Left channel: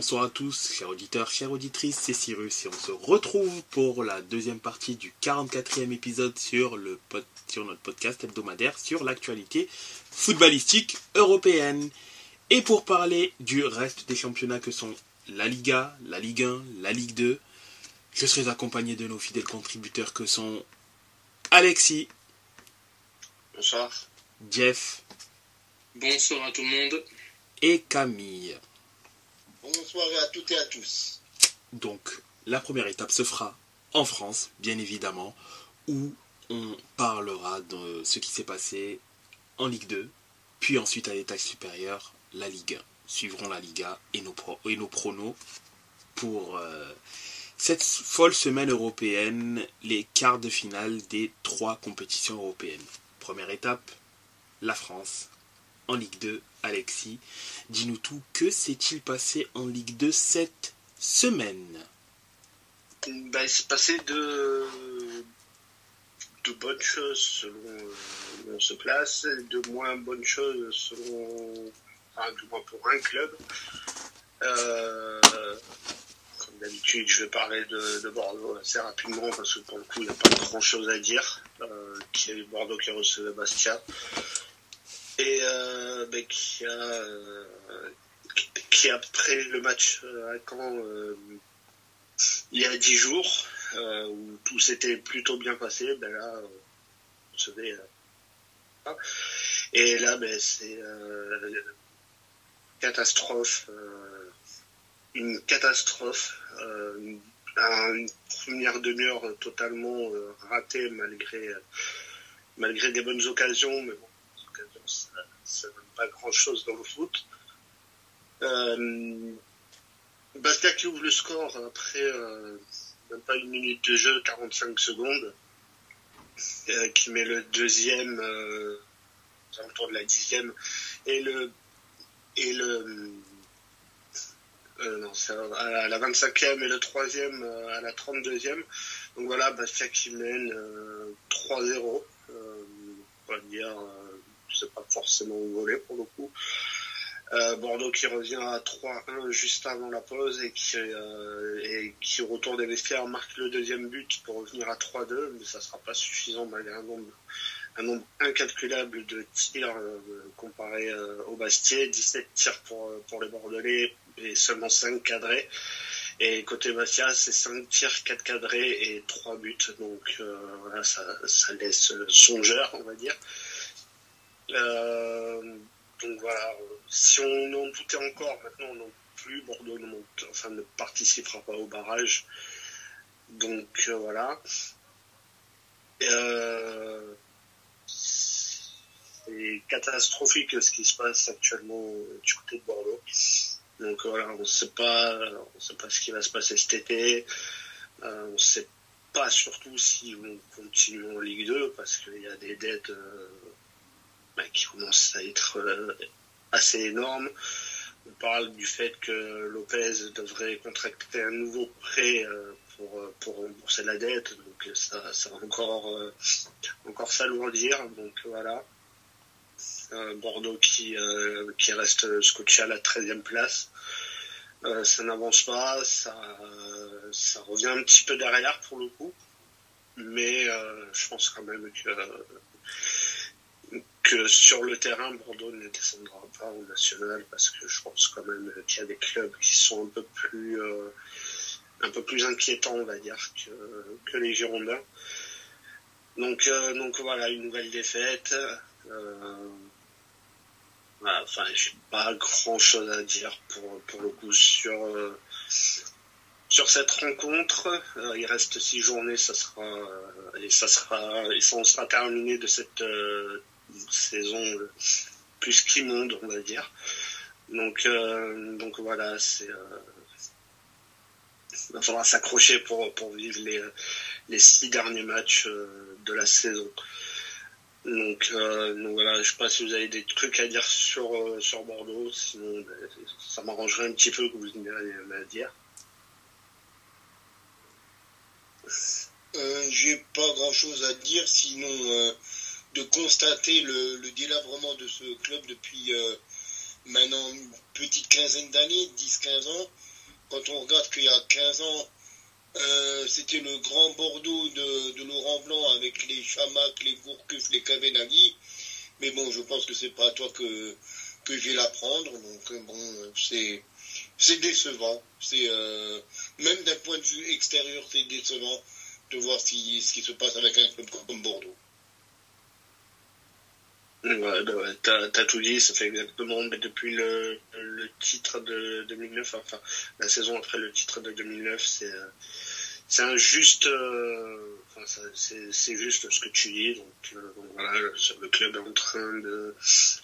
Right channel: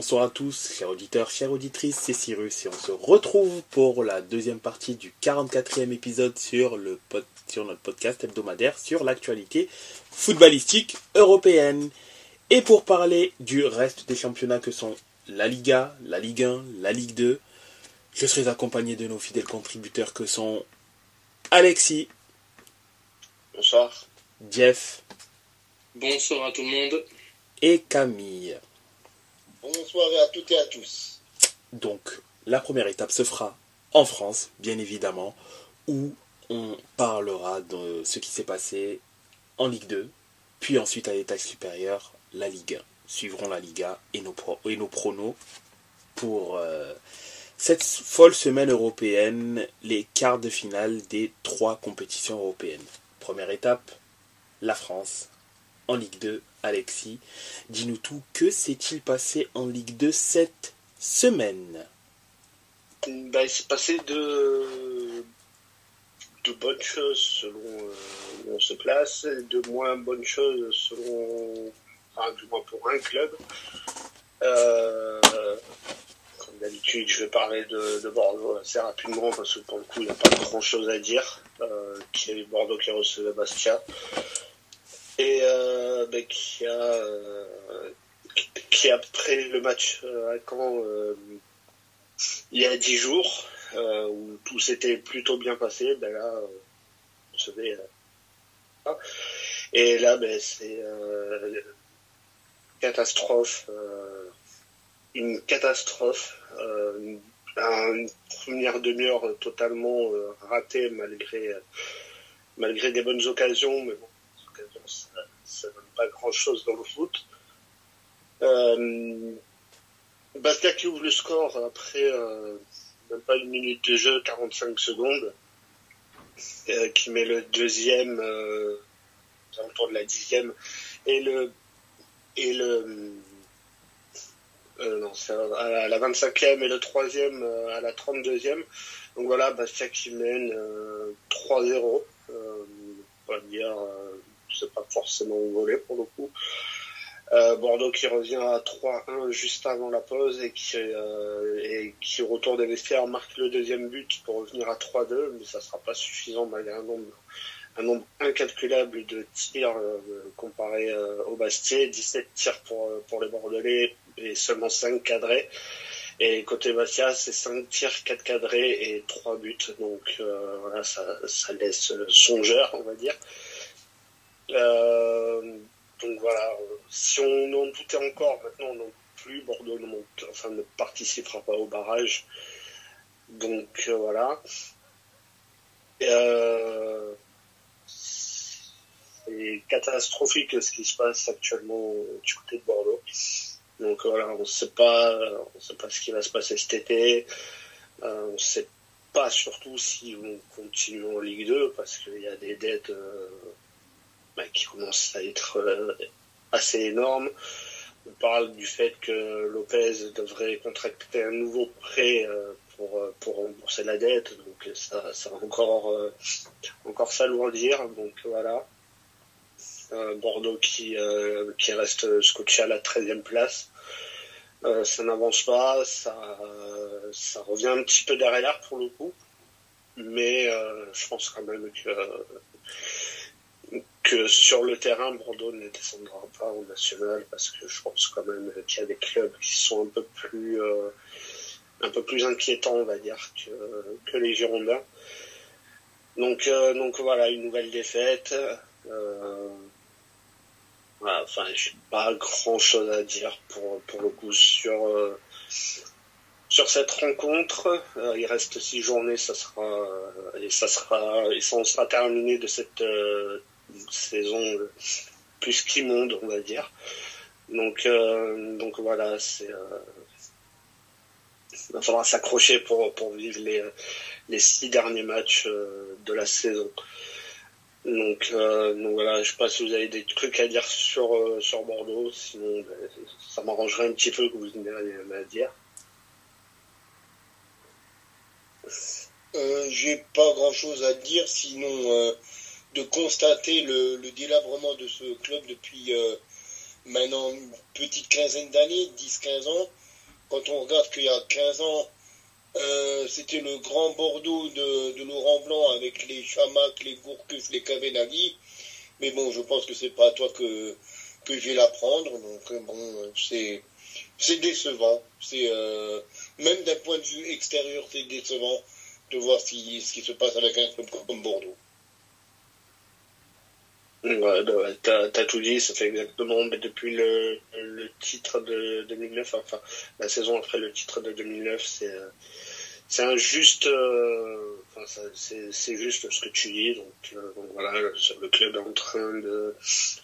Bonsoir à tous, chers auditeurs, chères auditrices, c'est Cyrus et on se retrouve pour la deuxième partie du 44e épisode sur notre podcast hebdomadaire sur l'actualité footballistique européenne. Et pour parler du reste des championnats que sont la Liga, la Ligue 1, la Ligue 2, je serai accompagné de nos fidèles contributeurs que sont Alexis. Bonsoir. Jeff. Bonsoir à tout le monde. Et Camille. Bonsoir à toutes et à tous. Donc, la première étape se fera en France, bien évidemment, où on parlera de ce qui s'est passé en Ligue 2, puis ensuite à l'étage supérieur, la Ligue 1. Suivront la Liga et nos pronos pour cette folle semaine européenne, les quarts de finale des 3 compétitions européennes. Première étape, la France. En Ligue 2, Alexis, dis-nous tout, que s'est-il passé en Ligue 2 cette semaine? Il s'est passé de bonnes choses selon où on se place, de moins bonnes choses selon, du moins pour un club. Comme d'habitude, je vais parler de Bordeaux assez rapidement parce que pour le coup, il n'y a pas grand-chose à dire. Qui est Bordeaux qui recevait Bastia. Et qui après le match à Caen il y a 10 jours où tout s'était plutôt bien passé, là on savait et là c'est une catastrophe, une première demi-heure totalement ratée malgré des bonnes occasions, mais bon, ça donne pas grand chose dans le foot. Bastia qui ouvre le score après même pas une minute de jeu, 45 secondes, qui met le deuxième autour de la 10e c'est à la 25e et le troisième à la 32e. Donc voilà, Bastia qui mène 3-0. On va dire c'est pas forcément volé pour le coup. Bordeaux qui revient à 3-1 juste avant la pause et qui retourne des vestiaires, marque le deuxième but pour revenir à 3-2, mais ça sera pas suffisant malgré un nombre incalculable de tirs comparé au Bastia, 17 tirs pour les Bordelais et seulement 5 cadrés. Et côté Bastia, c'est 5 tirs, 4 cadrés et 3 buts. Donc voilà, ça laisse songeur, on va dire. Donc voilà, si on en doutait encore, maintenant non plus, Bordeaux ne participera pas au barrage. Donc voilà. C'est catastrophique ce qui se passe actuellement du côté de Bordeaux. Donc voilà, on ne sait pas ce qui va se passer cet été. On ne sait pas surtout si on continue en Ligue 2 parce qu'il y a des dettes qui commencent à être assez énormes. On parle du fait que Lopez devrait contracter un nouveau prêt pour rembourser la dette, donc ça va encore s'alourdir. Donc voilà. Bordeaux qui reste scotché à la 13e place. Ça n'avance pas, ça revient un petit peu derrière pour le coup, mais je pense quand même que sur le terrain, Bordeaux ne descendra pas au national parce que je pense quand même qu'il y a des clubs qui sont un peu plus inquiétants, on va dire, que les Girondins. Donc voilà, une nouvelle défaite. Voilà, enfin, j'ai pas grand chose à dire pour le coup sur cette rencontre. Il reste 6 journées, ça sera terminé de cette saison plus qu'immonde, on va dire. Donc voilà, il va falloir s'accrocher pour vivre les 6 derniers matchs de la saison. Donc voilà, je sais pas si vous avez des trucs à dire sur Bordeaux, sinon ça m'arrangerait un petit peu que vous ayez à dire. J'ai pas grand chose à dire, sinon de constater le délabrement de ce club depuis maintenant une petite quinzaine d'années, 10-15 ans. quand on regarde qu'il y a 15 ans, c'était le grand Bordeaux de Laurent Blanc avec les Chamac, les Gourcuff, les Kavenaghi. Mais bon, je pense que c'est pas à toi que je vais l'apprendre. Donc bon, c'est décevant. Même d'un point de vue extérieur, c'est décevant de voir ce qui se passe avec un club comme Bordeaux. Ouais, t'as tout dit, ça fait exactement, mais depuis le titre de 2009, enfin, la saison après le titre de 2009, c'est injuste, c'est juste ce que tu dis, donc voilà, le club est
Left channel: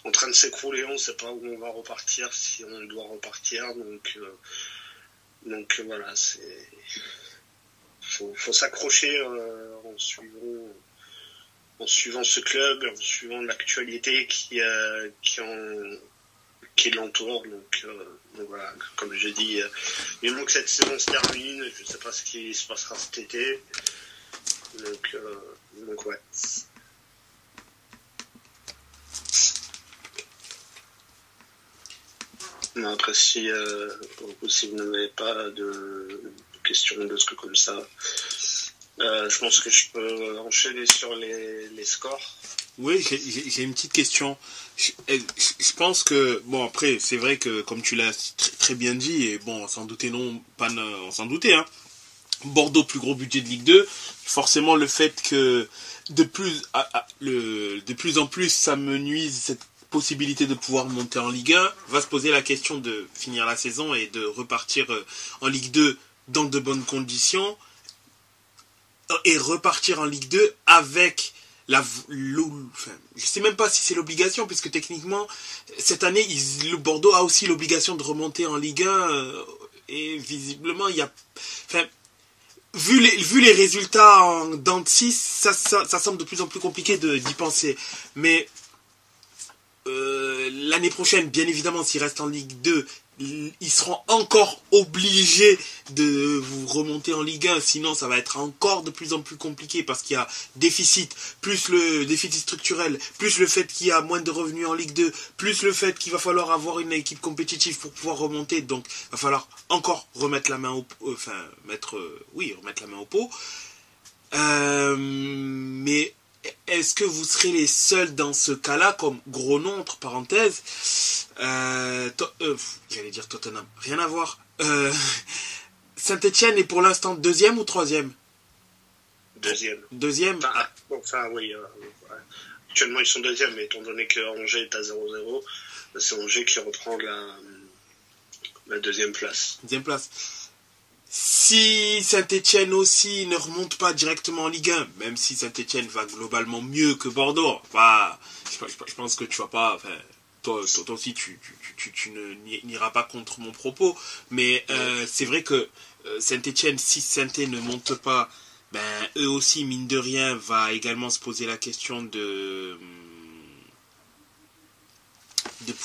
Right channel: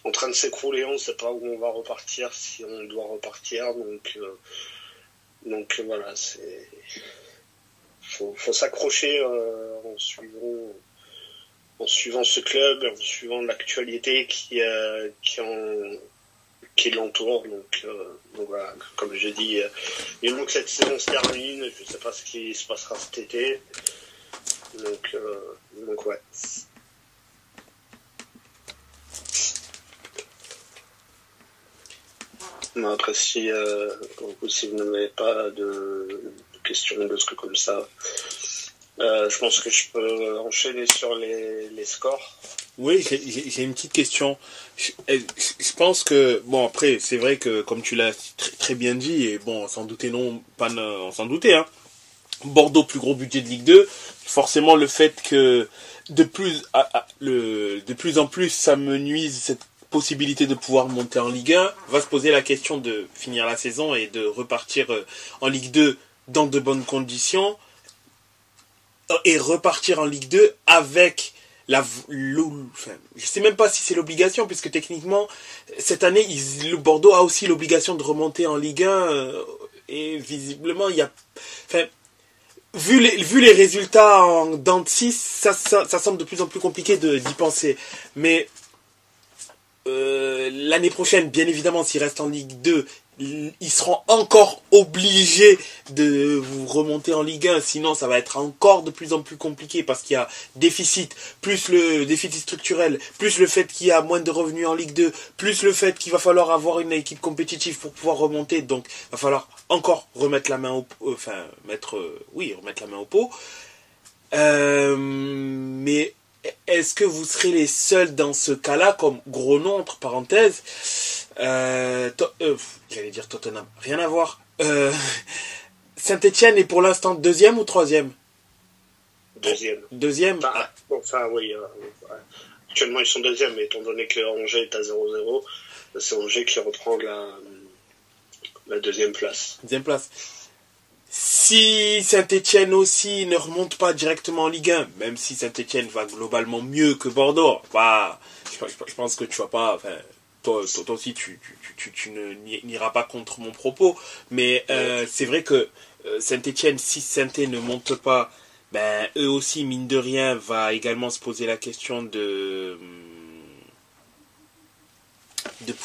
en train de s'écrouler, on ne sait pas où on va repartir, si on doit repartir, donc voilà, faut s'accrocher en suivant ce club, en suivant l'actualité qui l'entoure. Donc voilà, comme j'ai dit, il manque que cette saison se termine. Je ne sais pas ce qui se passera cet été. Donc ouais. Mais après, si vous n'avez pas de questions, de trucs comme ça, je pense que je peux enchaîner sur les scores. Oui, j'ai une petite question. Je pense que, bon, après, c'est vrai que, comme tu l'as très bien dit, et bon, sans douter on s'en doutait, hein. Bordeaux, plus gros budget de Ligue 2, forcément le fait que de plus en plus ça me nuise cette possibilité de pouvoir monter en Ligue 1, va se poser la question de finir la saison et de repartir en Ligue 2 dans de bonnes conditions, et repartir en Ligue 2 avec je sais même pas si c'est l'obligation, puisque techniquement cette année le Bordeaux a aussi l'obligation de remonter en Ligue 1, et visiblement il y a, vu les résultats en dents de 6, ça semble de plus en plus compliqué d'y penser. Mais l'année prochaine, bien évidemment, s'ils restent en Ligue 2, ils seront encore obligés de vous remonter en Ligue 1, sinon ça va être encore de plus en plus compliqué, parce qu'il y a déficit, plus le déficit structurel, plus le fait qu'il y a moins de revenus en Ligue 2, plus le fait qu'il va falloir avoir une équipe compétitive pour pouvoir remonter, donc il va falloir encore remettre la main au pot. Mais est-ce que vous serez les seuls dans ce cas-là, comme gros nom, entre parenthèses, j'allais dire Tottenham, rien à voir. Saint-Etienne est pour l'instant deuxième ou troisième? Deuxième. Oui. Actuellement, ils sont deuxième, mais étant donné que Angers est à 0-0, c'est Angers qui reprend la deuxième place. Deuxième place. Si Saint-Etienne aussi ne remonte pas directement en Ligue 1, même si Saint-Etienne va globalement mieux que Bordeaux, je pense que tu vas pas... Toi aussi, tu n'iras pas contre mon propos, mais c'est vrai que Saint-Etienne, si Saint-Etienne ne monte pas, eux aussi, mine de rien, va également se poser la question de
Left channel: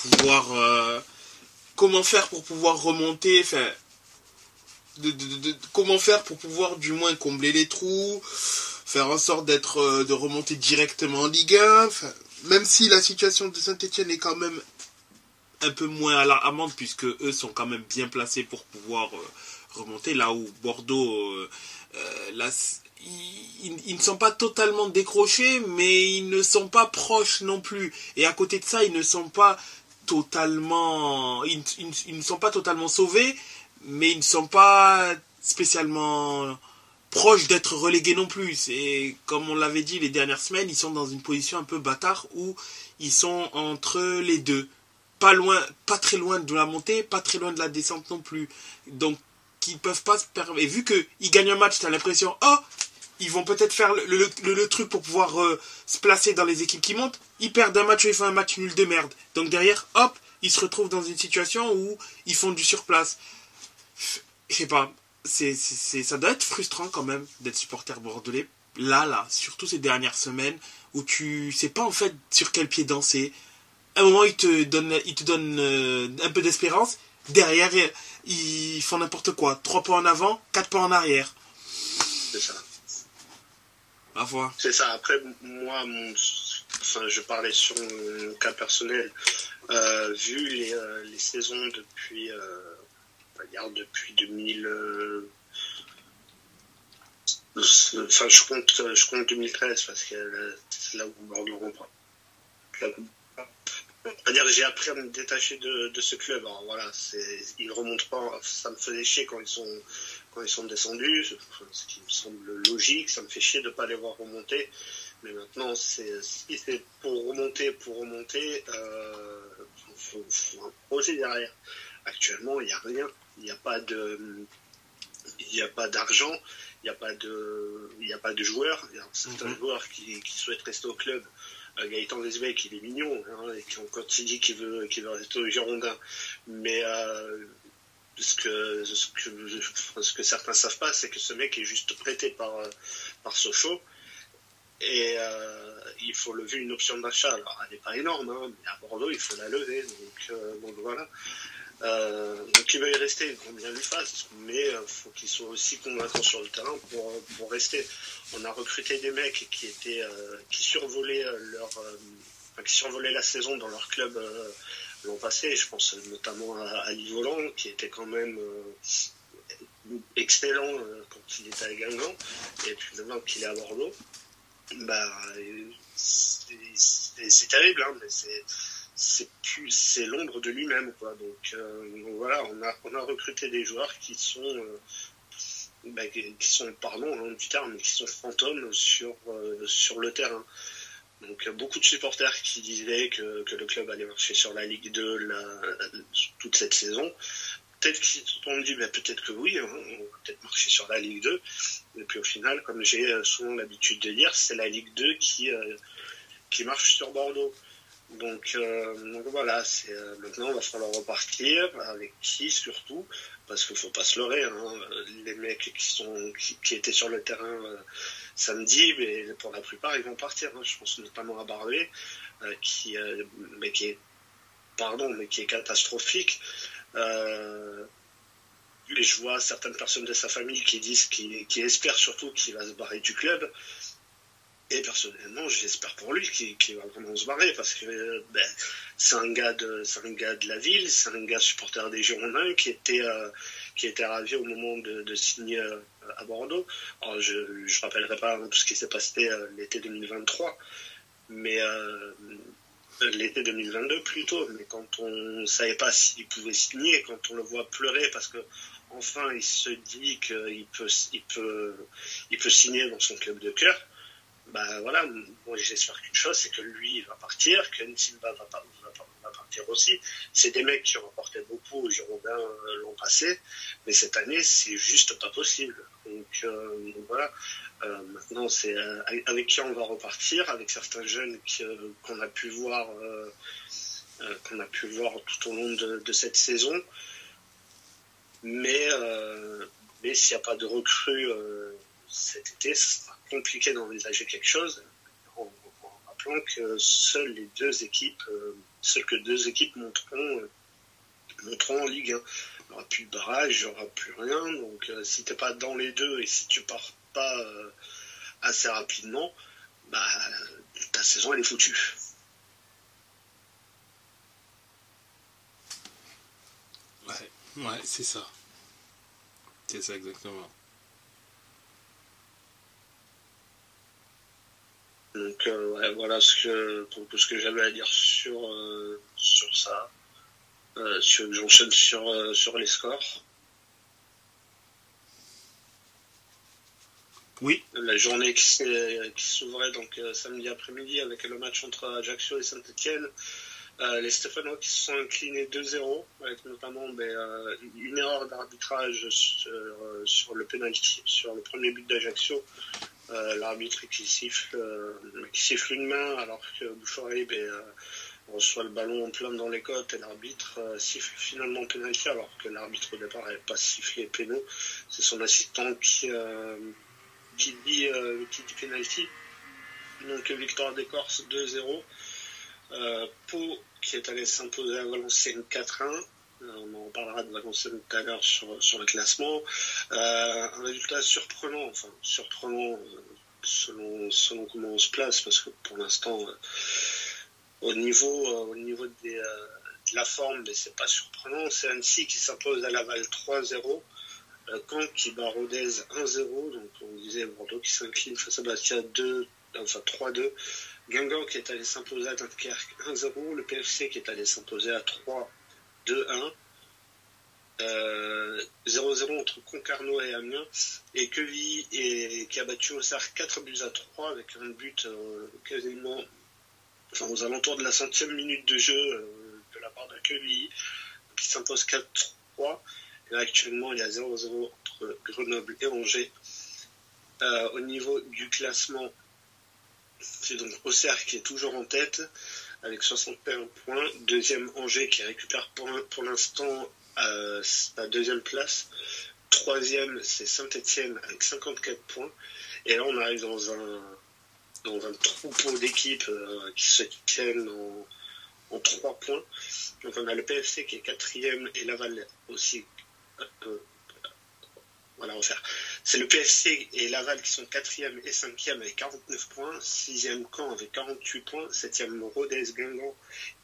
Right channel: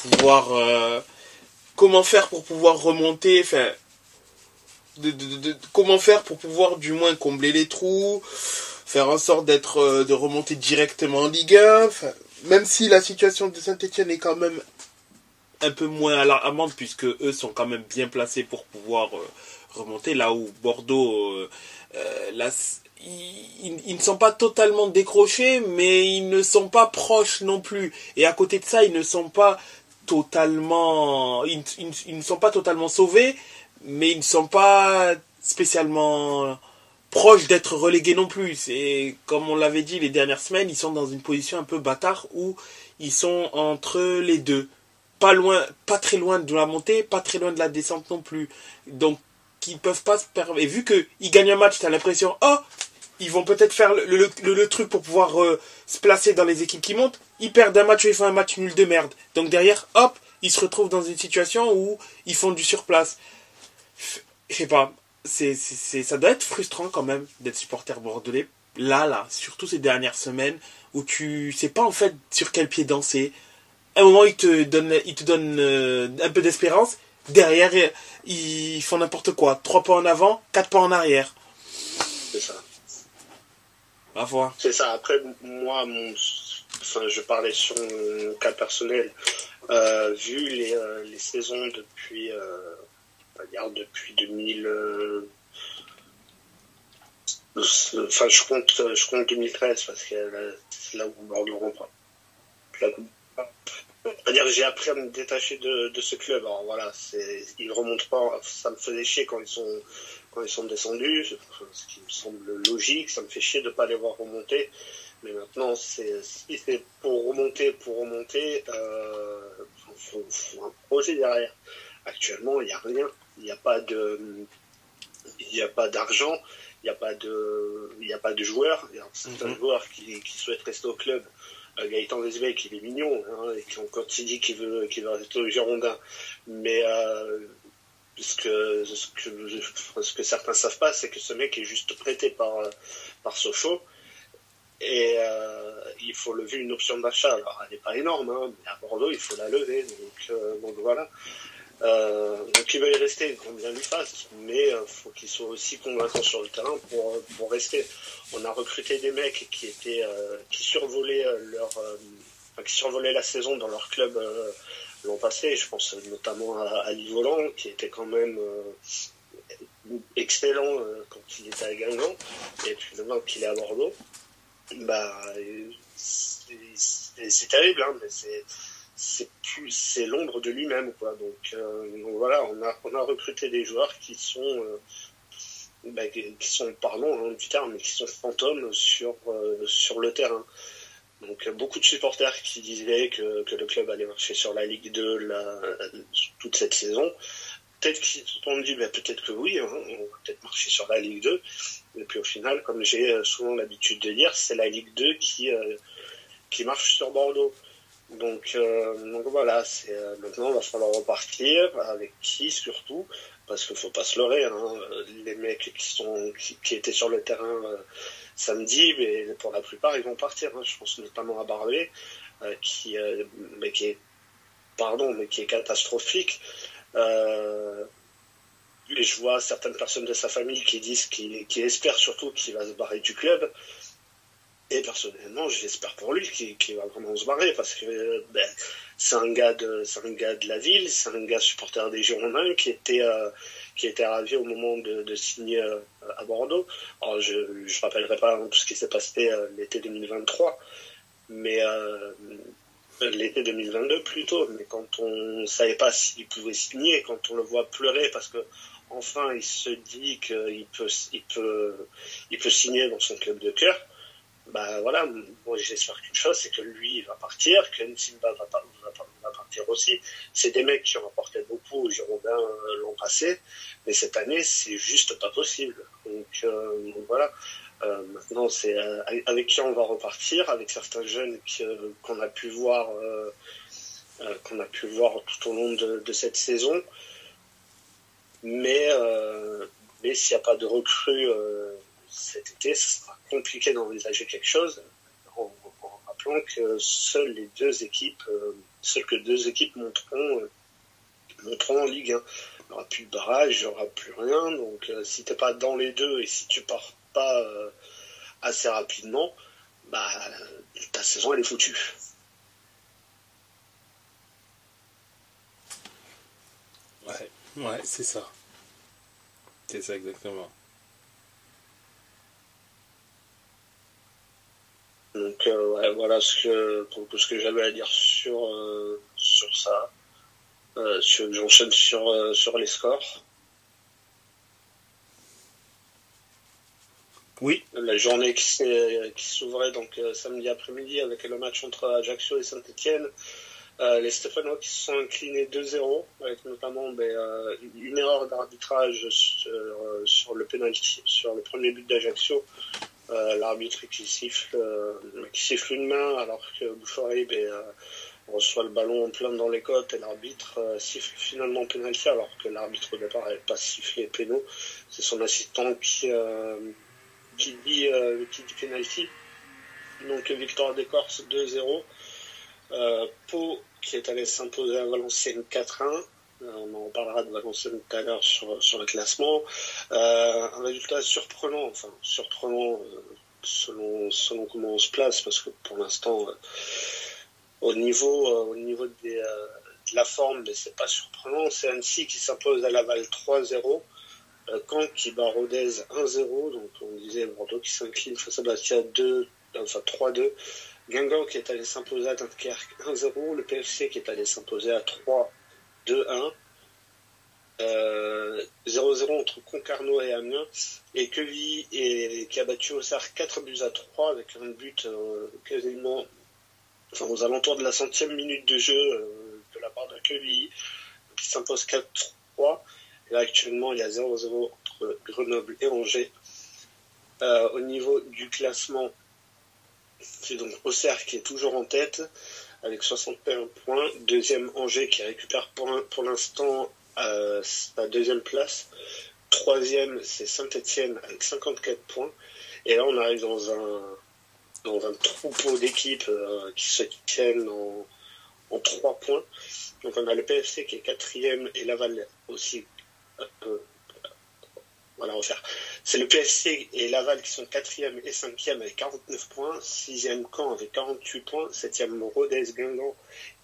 pouvoir... comment faire pour pouvoir remonter, comment faire pour pouvoir du moins combler les trous, faire en sorte de remonter directement en Ligue 1, même si la situation de Saint-Etienne est quand même un peu moins alarmante, puisque eux sont quand même bien placés pour pouvoir remonter, là où Bordeaux, ils ne sont pas totalement décrochés, mais ils ne sont pas proches non plus. Et à côté de ça, ils ne sont pas totalement sauvés, mais ils ne sont pas spécialement proches d'être relégués non plus. C'est comme on l'avait dit les dernières semaines, ils sont dans une position un peu bâtard où ils sont entre les deux. Pas très loin de la montée, pas très loin de la descente non plus. Donc, ils peuvent pas se permettre. Et vu qu'ils gagnent un match, tu as l'impression, ils vont peut-être faire le truc pour pouvoir se placer dans les équipes qui montent. Ils perdent un match et ils font un match nul de merde. Donc derrière, ils se retrouvent dans une situation où ils font du surplace. Je sais pas. Ça doit être frustrant quand même d'être supporter bordelais. Là, surtout ces dernières semaines où tu sais pas en fait sur quel pied danser. À un moment, ils te donnent un peu d'espérance. Derrière, ils font n'importe quoi. 3 pas en avant, 4 pas en arrière. C'est ça. À voir. C'est ça. Après, moi, je parlais sur mon cas personnel. Vu les saisons depuis on va dire depuis 2000. Enfin, je compte 2013 parce que c'est là où Bordeaux reprend. C'est-à-dire que j'ai appris à me détacher de ce club. Alors voilà, ils remontent pas. Ça me faisait chier quand ils sont descendus, ce qui me semble logique. Ça me fait chier de ne pas les voir remonter. Mais maintenant, si c'est pour remonter, faut un projet derrière. Actuellement, il n'y a rien. Il n'y a pas d'argent. Il n'y a pas de joueurs. Il y a certains joueurs qui souhaitent rester au club. Gaëtan Vesbeck, il est mignon, hein, et quand il dit qu'il veut rester au Girondin. Mais ce que certains savent pas, c'est que ce mec est juste prêté par Sochaux. Et il faut lever une option d'achat. Alors, elle n'est pas énorme, hein, mais à Bordeaux, il faut la lever. Donc voilà. Donc il va y rester, qu'on bien lui fasse, mais faut qu'il soit aussi convaincant sur le terrain pour rester. On a recruté des mecs qui survolaient qui survolaient la saison dans leur club l'an passé. Je pense notamment à Livolan, qui était quand même excellent quand il était à Guingamp, et puis maintenant qu'il est à Bordeaux, c'est terrible, hein, mais c'est l'ombre de lui-même, quoi. Donc voilà, on a recruté des joueurs qui sont pardon du terme, mais qui sont fantômes sur le terrain. Donc beaucoup de supporters qui disaient que le club allait marcher sur la Ligue 2 toute cette saison. Peut-être qu'ils se sont dit peut-être que oui, hein, on va peut-être marcher sur la Ligue 2. Et puis au final, comme j'ai souvent l'habitude de dire, c'est la Ligue 2 qui marche sur Bordeaux. Donc voilà, maintenant il va falloir repartir, avec qui surtout, parce qu'il ne faut pas se leurrer, hein, les mecs qui étaient sur le terrain samedi, mais pour la plupart ils vont partir, hein. Je pense notamment à Barbet, qui est catastrophique. Et je vois certaines personnes de sa famille qui espèrent surtout qu'il va se barrer du club. Et personnellement, j'espère pour lui qu'il va vraiment se barrer, parce que c'est un gars de la ville, c'est un gars supporter des Girondins qui était ravi au moment de signer à Bordeaux. Alors je rappellerai pas tout ce qui s'est passé l'été 2023, mais l'été 2022 plutôt. Mais quand on savait pas s'il pouvait signer, quand on le voit pleurer parce que enfin il se dit qu'il peut signer dans son club de cœur. Voilà, moi j'espère qu'une chose, c'est que lui il va partir, que Nsimba va partir aussi. C'est des mecs qui ont apporté beaucoup aux Girondins l'an passé, mais cette année c'est juste pas possible. Donc voilà, maintenant c'est avec qui on va repartir, avec certains jeunes qu'on a pu voir tout au long de cette saison. Mais s'il n'y a pas de recrue cet été, ce sera compliqué d'envisager quelque chose, en rappelant que seules deux équipes monteront en Ligue 1. Il n'y aura plus de barrage, il n'y aura plus rien. Donc si tu n'es pas dans les deux et si tu pars pas assez rapidement, ta saison elle est foutue. Ouais, c'est ça. C'est ça exactement. Donc voilà tout ce que j'avais à dire sur ça. J'enchaîne sur les scores. Oui. La journée qui s'ouvrait donc samedi après-midi avec le match entre Ajaccio et Saint-Etienne. Les Stéphanois qui se sont inclinés 2-0, avec notamment une erreur d'arbitrage sur le penalty, sur le premier but d'Ajaccio. L'arbitre qui siffle une main alors que Bouchard-Aïb reçoit le ballon en plein dans les côtes et l'arbitre siffle finalement penalty alors que l'arbitre au départ n'avait pas sifflé péno. C'est son assistant qui dit penalty. Donc victoire des Corses 2-0. Pau qui est allé s'imposer à Valenciennes 4-1. On en parlera de Valenciennes tout à l'heure sur le classement. Un résultat surprenant selon comment on se place, parce que pour l'instant, au niveau de la forme, mais c'est pas surprenant. C'est Annecy qui s'impose à Laval 3-0. Caen qui bat Rodez 1-0. Donc on disait Bordeaux qui s'incline face à Bastia 3-2. Guingamp qui est allé s'imposer à Dunkerque 1-0. Le PFC qui est allé s'imposer à 3-2-1. 0-0 entre Concarneau et Amiens, et Quevilly qui a battu Auxerre 4-3 avec un but quasiment aux alentours de la 100e minute de jeu de la part de Quevilly, qui s'impose 4-3. Et là actuellement il y a 0-0 entre Grenoble et Angers. Au niveau du classement, c'est donc Auxerre qui est toujours en tête avec 61 points, deuxième Angers qui récupère pour l'instant sa deuxième place. Troisième, c'est Saint-Etienne avec 54 points. Et là, on arrive dans un troupeau d'équipes qui se tiennent en 3 points. Donc, on a le PFC qui est quatrième et Laval aussi. Voilà, on va faire. C'est le PFC et Laval qui sont 4e et 5e avec 49 points. 6e Caen avec 48 points. 7e Rodez, Guingamp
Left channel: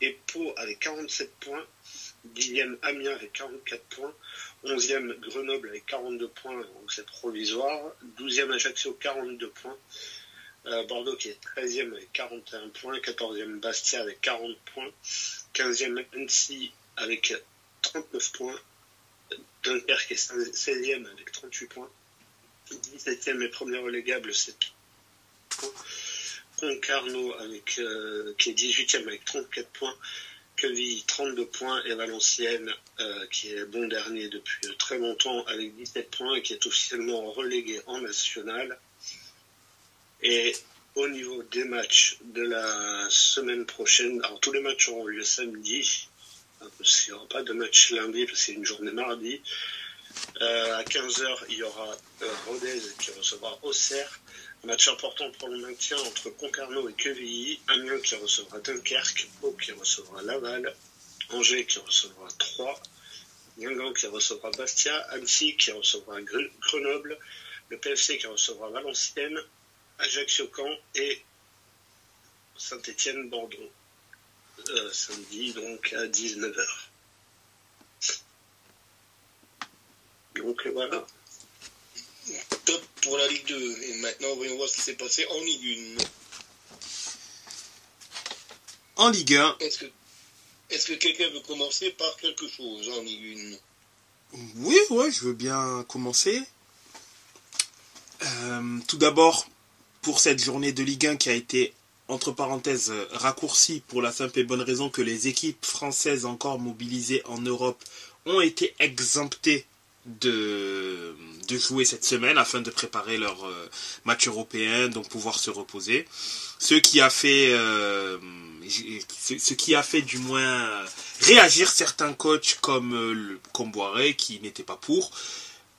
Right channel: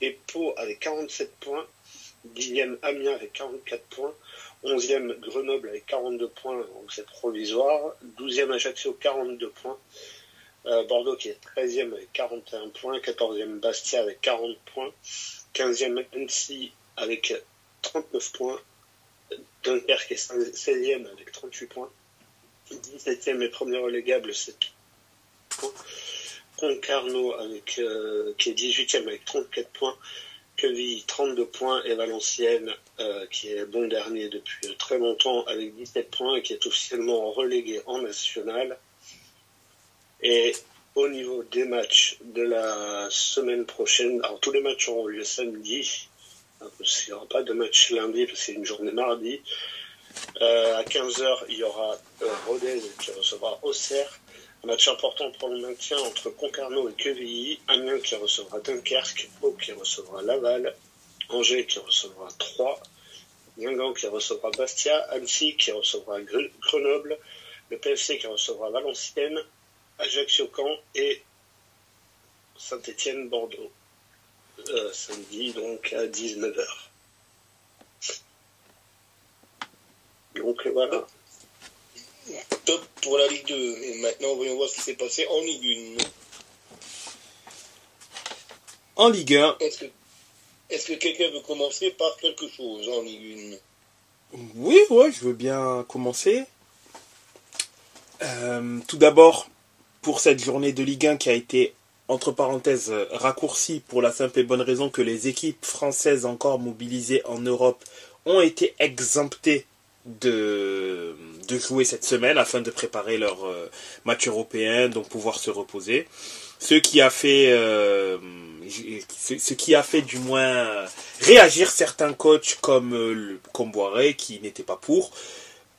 et Pau avec 47 points. 10e Amiens avec 44 points, 11e Grenoble avec 42 points, donc c'est provisoire, 12e Ajaccio 42 points, Bordeaux qui est 13e avec 41 points, 14e Bastia avec 40 points, 15e Annecy avec 39 points, Dunkerque est 16e avec 38 points, 17e et premier relégable c'est Concarneau qui est 18e avec 34 points, Quevilly 32 points et Valenciennes qui est bon dernier depuis très longtemps avec 17 points et qui est officiellement relégué en national. Et au niveau des matchs de la semaine prochaine, alors tous les matchs auront lieu samedi, parce qu'il n'y aura pas de match lundi parce que c'est une journée mardi. À 15h, il y aura Rodez qui recevra Auxerre. Un match important pour le maintien entre Concarneau et Quevilly, Amiens qui recevra Dunkerque, Pau qui recevra Laval, Angers qui recevra Troyes, Guingamp qui recevra Bastia, Annecy qui recevra Grenoble, le PFC qui recevra Valenciennes, Ajaccio-Caen et Saint-Etienne-Bordeaux. Samedi donc à 19h. Donc voilà. Top pour la Ligue 2. Et maintenant, voyons voir ce qui s'est passé en Ligue 1. En Ligue 1. Est-ce que quelqu'un veut commencer par quelque chose en Ligue 1? Oui, ouais, je veux bien commencer. Tout d'abord, pour cette journée de Ligue 1 qui a été, entre parenthèses, raccourcie pour la simple et bonne raison que les équipes françaises encore mobilisées en Europe ont été exemptées de jouer cette semaine afin de préparer leur match européen, donc pouvoir se reposer. Ce qui a fait du moins réagir certains coachs comme Boiré qui n'était pas pour.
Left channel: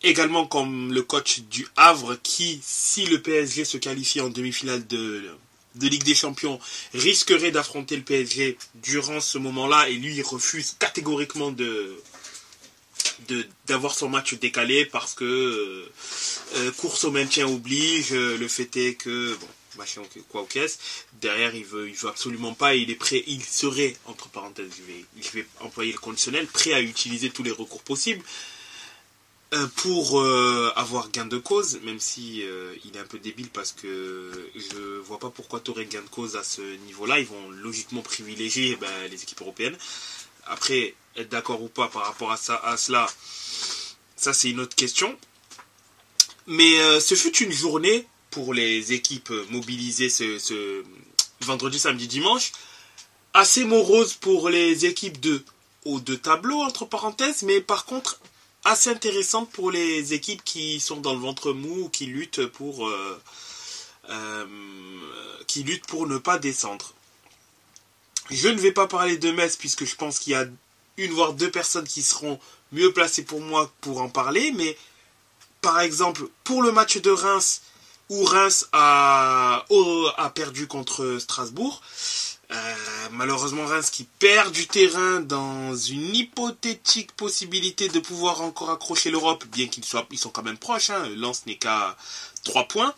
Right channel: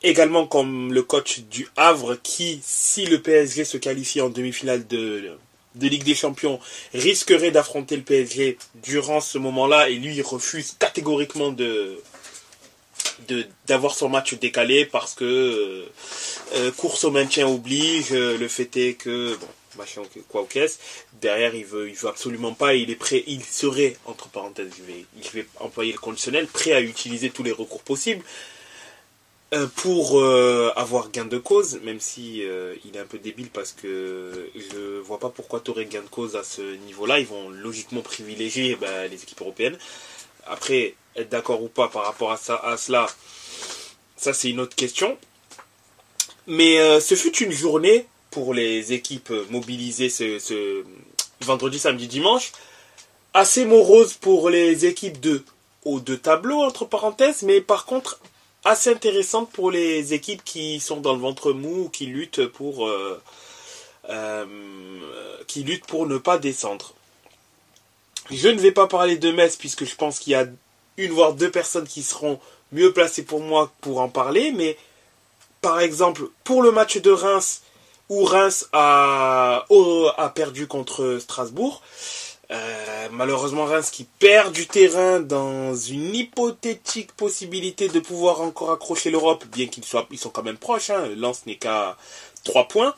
Également comme le coach du Havre qui, si le PSG se qualifie en demi-finale de Ligue des Champions, risquerait d'affronter le PSG durant ce moment-là et lui il refuse catégoriquement d'avoir son match décalé parce que course au maintien oblige, le fait est que bon, machin quoi au caisse, derrière il veut absolument pas, il est prêt, il serait, entre parenthèses, je vais employer le conditionnel, prêt à utiliser tous les recours possibles pour avoir gain de cause, même si il est un peu débile parce que je vois pas pourquoi tu aurais gain de cause à ce niveau-là. Ils vont logiquement privilégier les équipes européennes. Après, être d'accord ou pas par rapport à cela, ça c'est une autre question. Mais ce fut une journée pour les équipes mobilisées ce vendredi, samedi, dimanche, assez morose pour les équipes de haut de tableau, entre parenthèses, mais par contre assez intéressante pour les équipes qui sont dans le ventre mou, qui luttent pour ne pas descendre. Je ne vais pas parler de Metz puisque je pense qu'il y a une voire deux personnes qui seront mieux placées pour moi pour en parler, mais par exemple pour le match de Reims où Reims a perdu contre Strasbourg, malheureusement Reims qui perd du terrain dans une hypothétique possibilité de pouvoir encore accrocher l'Europe, bien qu'ils sont quand même proches, hein. Lens n'est qu'à 3 points.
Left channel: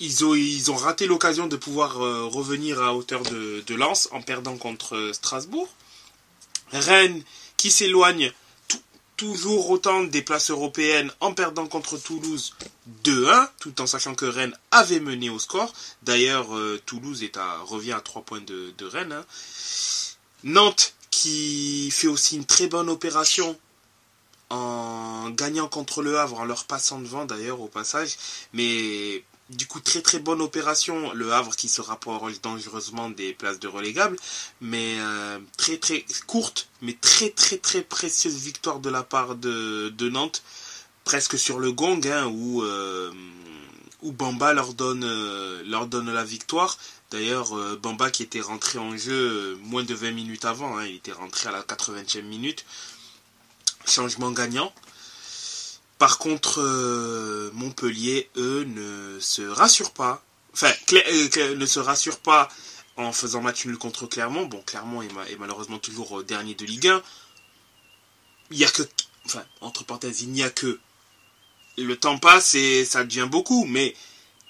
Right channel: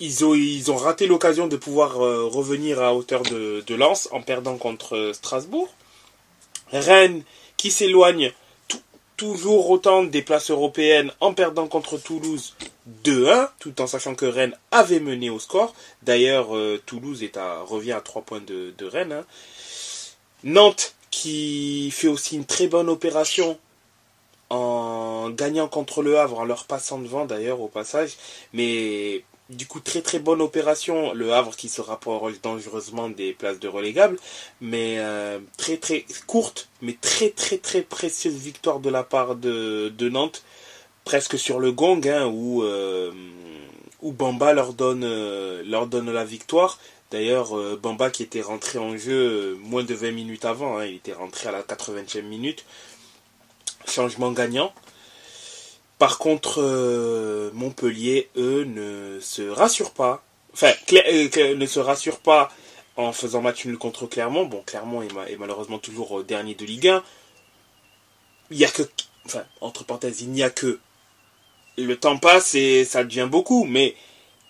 Ils ont raté l'occasion de pouvoir revenir à hauteur de Lens en perdant contre Strasbourg. Rennes qui s'éloigne toujours autant des places européennes en perdant contre Toulouse 2-1, tout en sachant que Rennes avait mené au score. D'ailleurs, Toulouse revient à 3 points de Rennes. Hein. Nantes qui fait aussi une très bonne opération en gagnant contre le Havre, en leur passant devant d'ailleurs au passage. Mais du coup, très très bonne opération. Le Havre qui se rapproche dangereusement des places de relégables. Mais très très courte, mais très très très précieuse victoire de la part de Nantes. Presque sur le gong, hein, où Bamba leur donne la victoire. D'ailleurs, Bamba qui était rentré en jeu moins de 20 minutes avant. Hein, il était rentré à la 80e minute. Changement gagnant. Par contre, Montpellier, eux, ne se rassurent pas. Enfin, ne se rassurent pas en faisant match nul contre Clermont. Bon, Clermont est malheureusement toujours dernier de Ligue 1. Il y a que... Enfin, entre parenthèses, il n'y a que... Le temps passe et ça devient beaucoup, mais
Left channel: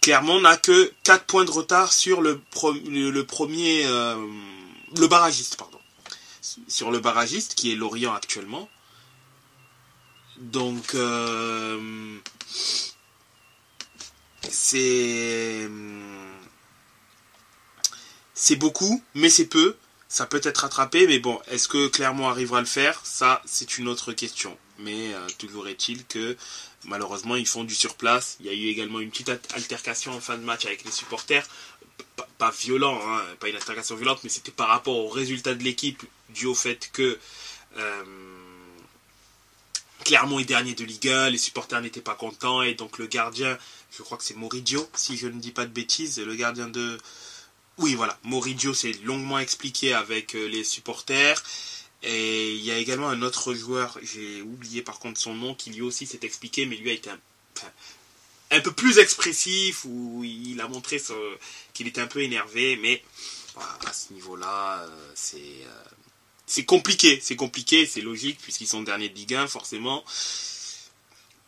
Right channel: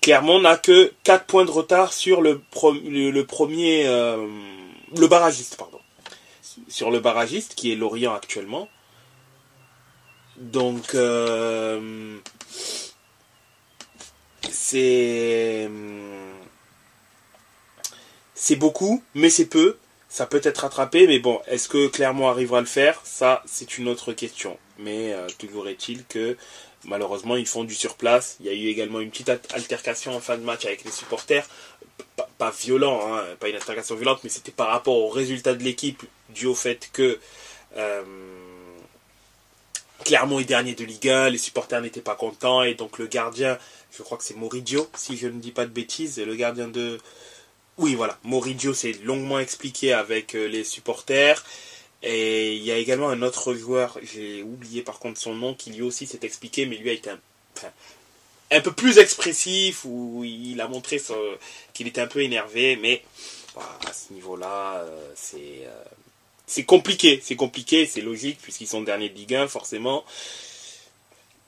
Clermont n'a que 4 points de retard sur le barragiste, pardon. Sur le barragiste, qui est Lorient actuellement. Donc, c'est beaucoup, mais c'est peu. Ça peut être rattrapé, mais bon, est-ce que Clermont arrivera à le faire? Ça, c'est une autre question. Mais toujours est-il que, malheureusement, ils font du surplace. Il y a eu également une petite altercation en fin de match avec les supporters. Pas violent, hein, pas une altercation violente, mais c'était par rapport au résultat de l'équipe, dû au fait que... Clermont est dernier de Ligue 1, les supporters n'étaient pas contents, et donc le gardien, je crois que c'est Moridio, si je ne dis pas de bêtises, le gardien de... Oui, voilà, Moridio s'est longuement expliqué avec les supporters, et il y a également un autre joueur, j'ai oublié par contre son nom, qui lui aussi s'est expliqué, mais lui a été un peu plus expressif, où il a montré qu'il était un peu énervé, mais à ce niveau-là, c'est compliqué, c'est logique, puisqu'ils sont derniers de Ligue 1, forcément,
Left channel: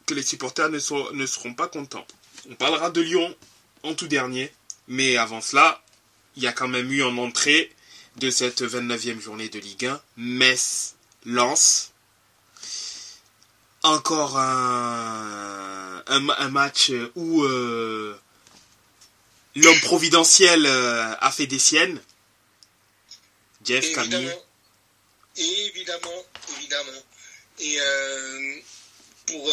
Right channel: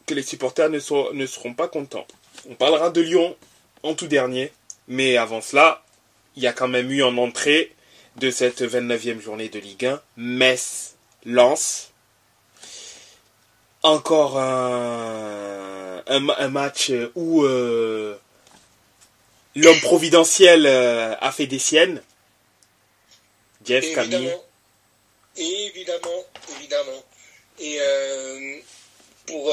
que les supporters ne seront pas contents. On parlera de Lyon en tout dernier, mais avant cela, il y a quand même eu en entrée de cette 29e journée de Ligue 1, Metz-Lens. Encore un match où l'homme providentiel a fait des siennes. Jeff, Camille. Évidemment. Et pour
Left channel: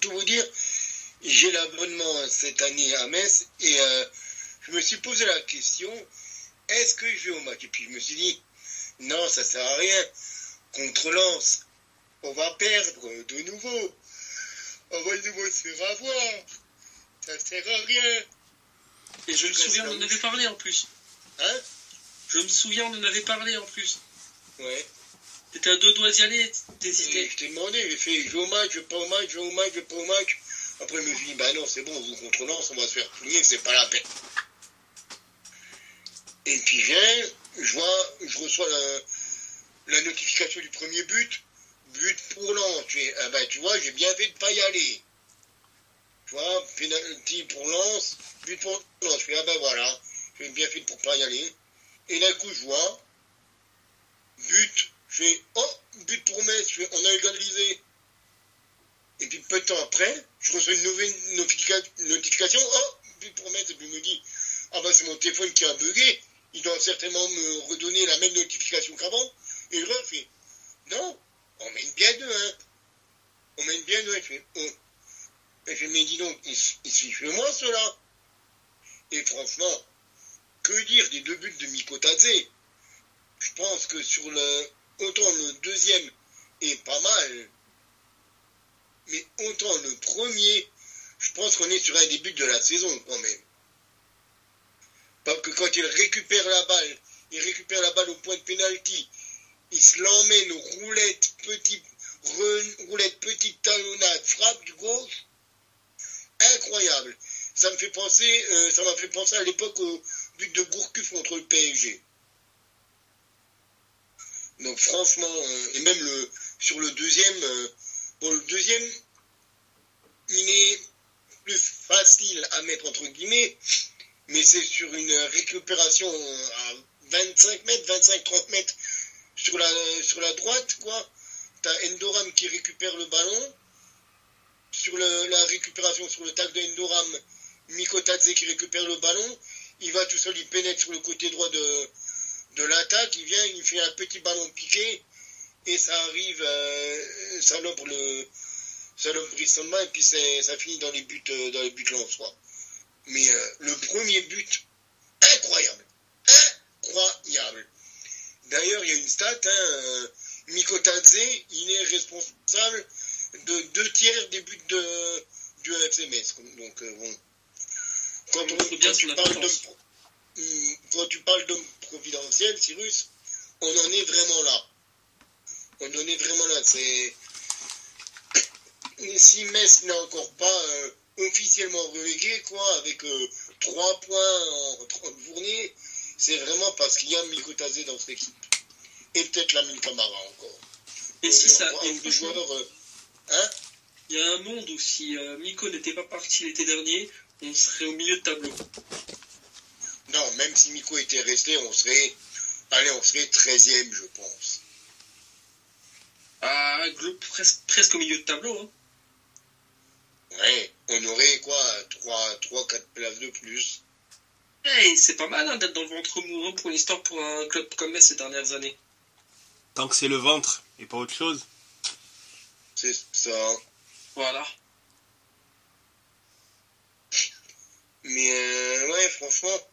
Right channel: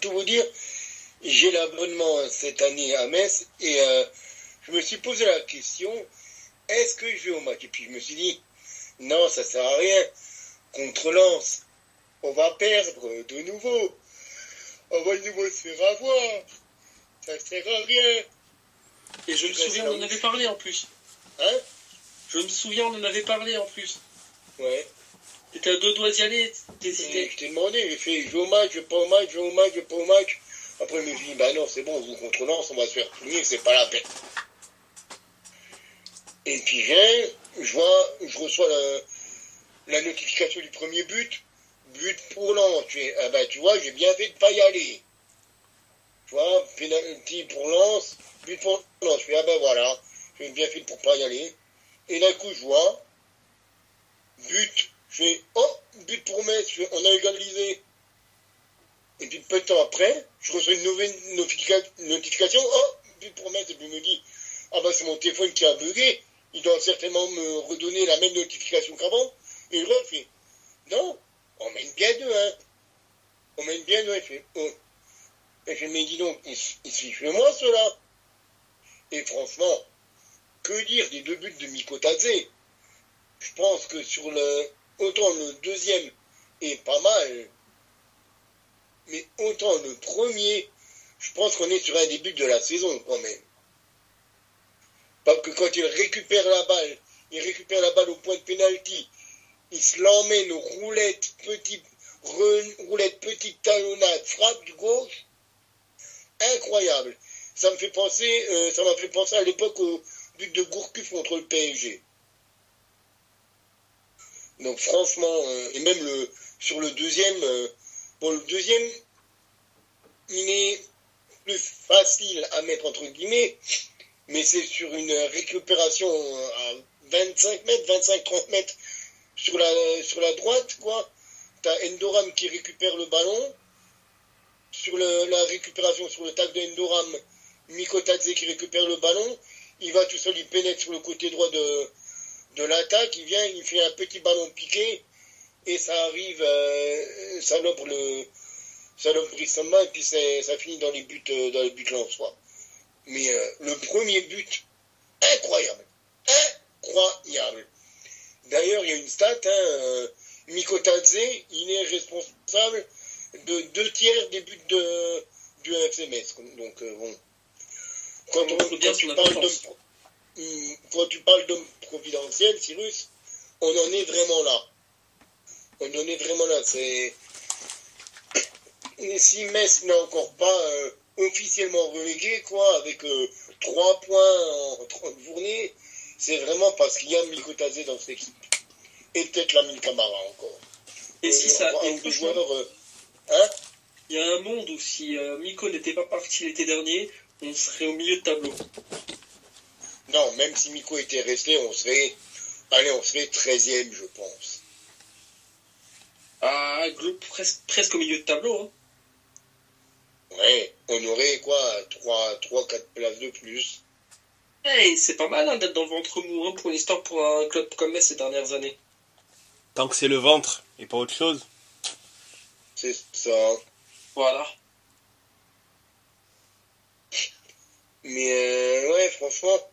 tout vous dire, j'ai l'abonnement cette année à Metz et je me suis posé la question, est-ce que je vais au match? Et puis je me suis dit, non, ça sert à rien. Contre Lens, on va perdre de nouveau. On va de nouveau se faire avoir. Ça sert à rien. Et je me souviens, on en avait parlé en plus. Hein? Je me souviens, on en avait parlé en plus. Ouais. T'étais à 2 doigts d'y aller, t'hésitais. Je t'ai demandé, j'ai fait, je vais au match, je vais pas au match, je vais au match, je vais pas au match. Après, je me suis dit, bah non, c'est bon, vous contre Lens, on va se faire punir, c'est pas la peine. Et puis je reçois la notification du premier but pour Lens. Tu vois, j'ai bien fait de pas y aller. Tu vois, penalty pour Lens, but pour Lens. Je fais, voilà, j'ai bien fait pour pas y aller. Et d'un coup, je vois, but, je fais, but pour Metz, on a égalisé. Et puis peu de temps après, je reçois une nouvelle notification, but pour Metz, et puis je me dis, c'est mon téléphone qui a bugué, il doit certainement me redonner la même notification qu'avant. Et je fais, non, on mène bien 2-1. On mène bien 2-1. Et je me dis donc, il suffit moi cela. Et franchement, que dire des 2 buts de Mikotadze? Je pense que autant le deuxième est pas mal, mais autant le premier, je pense qu'on est sur un des buts de la saison quand même. Parce que quand il récupère la balle au point de pénalty, il se l'emmène roulette, petite talonnade, frappe du gauche, incroyable. Ça m'a fait penser à l'époque au but de Gourcuff contre le PSG. Donc franchement, et même sur le deuxième, le deuxième, il est plus facile à mettre entre guillemets, mais c'est sur une récupération à 25-30 mètres sur la droite, quoi. T'as Endoram qui récupère le ballon. Sur la récupération, sur le tac de Endoram, Mikotadze qui récupère le ballon. Il va tout seul, il pénètre sur le côté droit de l'attaque. Il vient, il fait un petit ballon piqué. Et ça arrive, ça lobre Bristol et puis ça finit dans les buts lensois. Mais le premier but, incroyable. Incroyable. D'ailleurs, il y a une stat, Mikotadze, il est responsable de 2/3 des buts du FC Metz. Donc, bon. Quand tu parles d'homme providentiel, Cyrus, on en est vraiment là. Et si Metz n'est encore pas officiellement relégué, quoi, avec 3 points en 30 journées, c'est vraiment parce qu'il y a Mikotadze dans cette équipe. Et peut-être Lamine Camara encore. Et si ça. Il y a un monde où si Miko n'était pas parti l'été dernier, on serait au milieu de tableau. Non, même si Miko était resté, on serait 13e, je pense. Ah, presque au milieu de tableau. Hein. Ouais, on aurait quoi, 3-4 places de plus. Hey, c'est pas mal d'être dans le ventre mou pour l'histoire pour un club comme Metz ces dernières années. Tant que c'est le ventre et pas autre chose. C'est ça. Voilà. Mais ouais, franchement,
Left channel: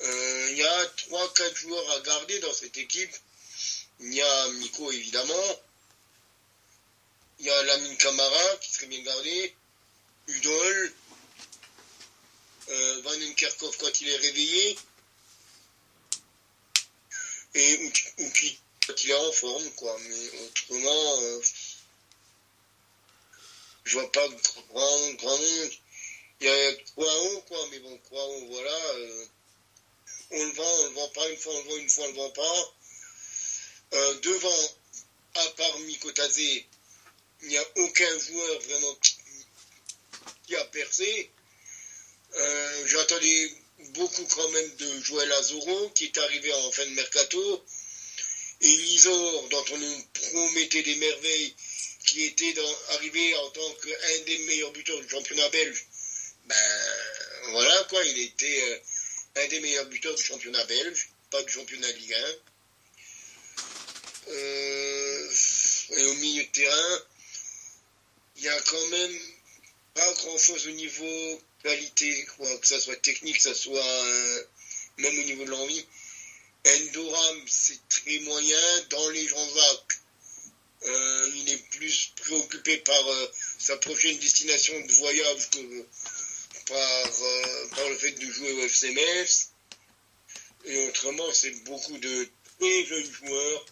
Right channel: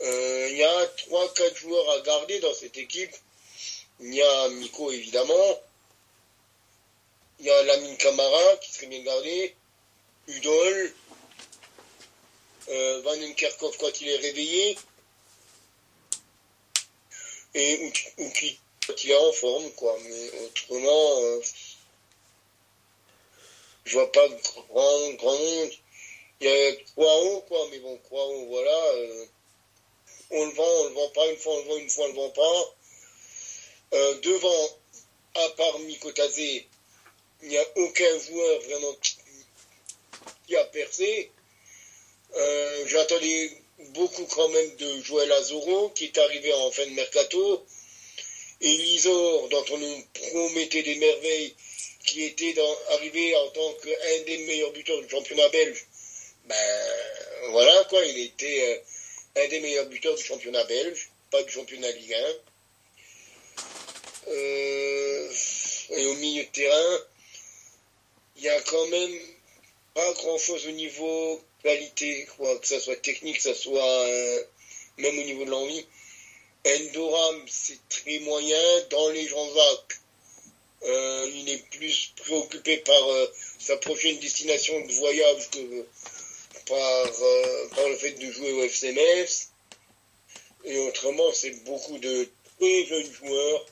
il y a 3-4 joueurs à garder dans cette équipe. Il y a Miko, évidemment. Il y a Lamine Camara, qui serait bien gardé. Udol. Van Enkerkhoff quand il est réveillé. Et Ouki quand il est en forme, quoi. Mais autrement, je vois pas grand monde. Il y a Kwao, quoi. Mais bon, Kwao, voilà. On le vend pas. Une fois, on le vend, une fois, on le vend pas. Devant, à part Mikotadze, il n'y a aucun joueur vraiment qui a percé. J'attendais beaucoup quand même de Joël Azoro, qui est arrivé en fin de mercato. Et Lisor, dont on nous promettait des merveilles, qui était arrivé en tant qu'un des meilleurs buteurs du championnat belge. Ben voilà quoi, il était un des meilleurs buteurs du championnat belge, pas du championnat Ligue 1. Et au milieu de terrain, il y a quand même pas grand chose au niveau qualité, quoi, que ça soit technique, que ça soit même au niveau de l'envie. Endoram, c'est très moyen. Dans les Jean-Jacques, il est plus préoccupé par sa prochaine destination de voyage que par le fait de jouer au FC Metz. Et autrement, c'est beaucoup de très jeunes joueurs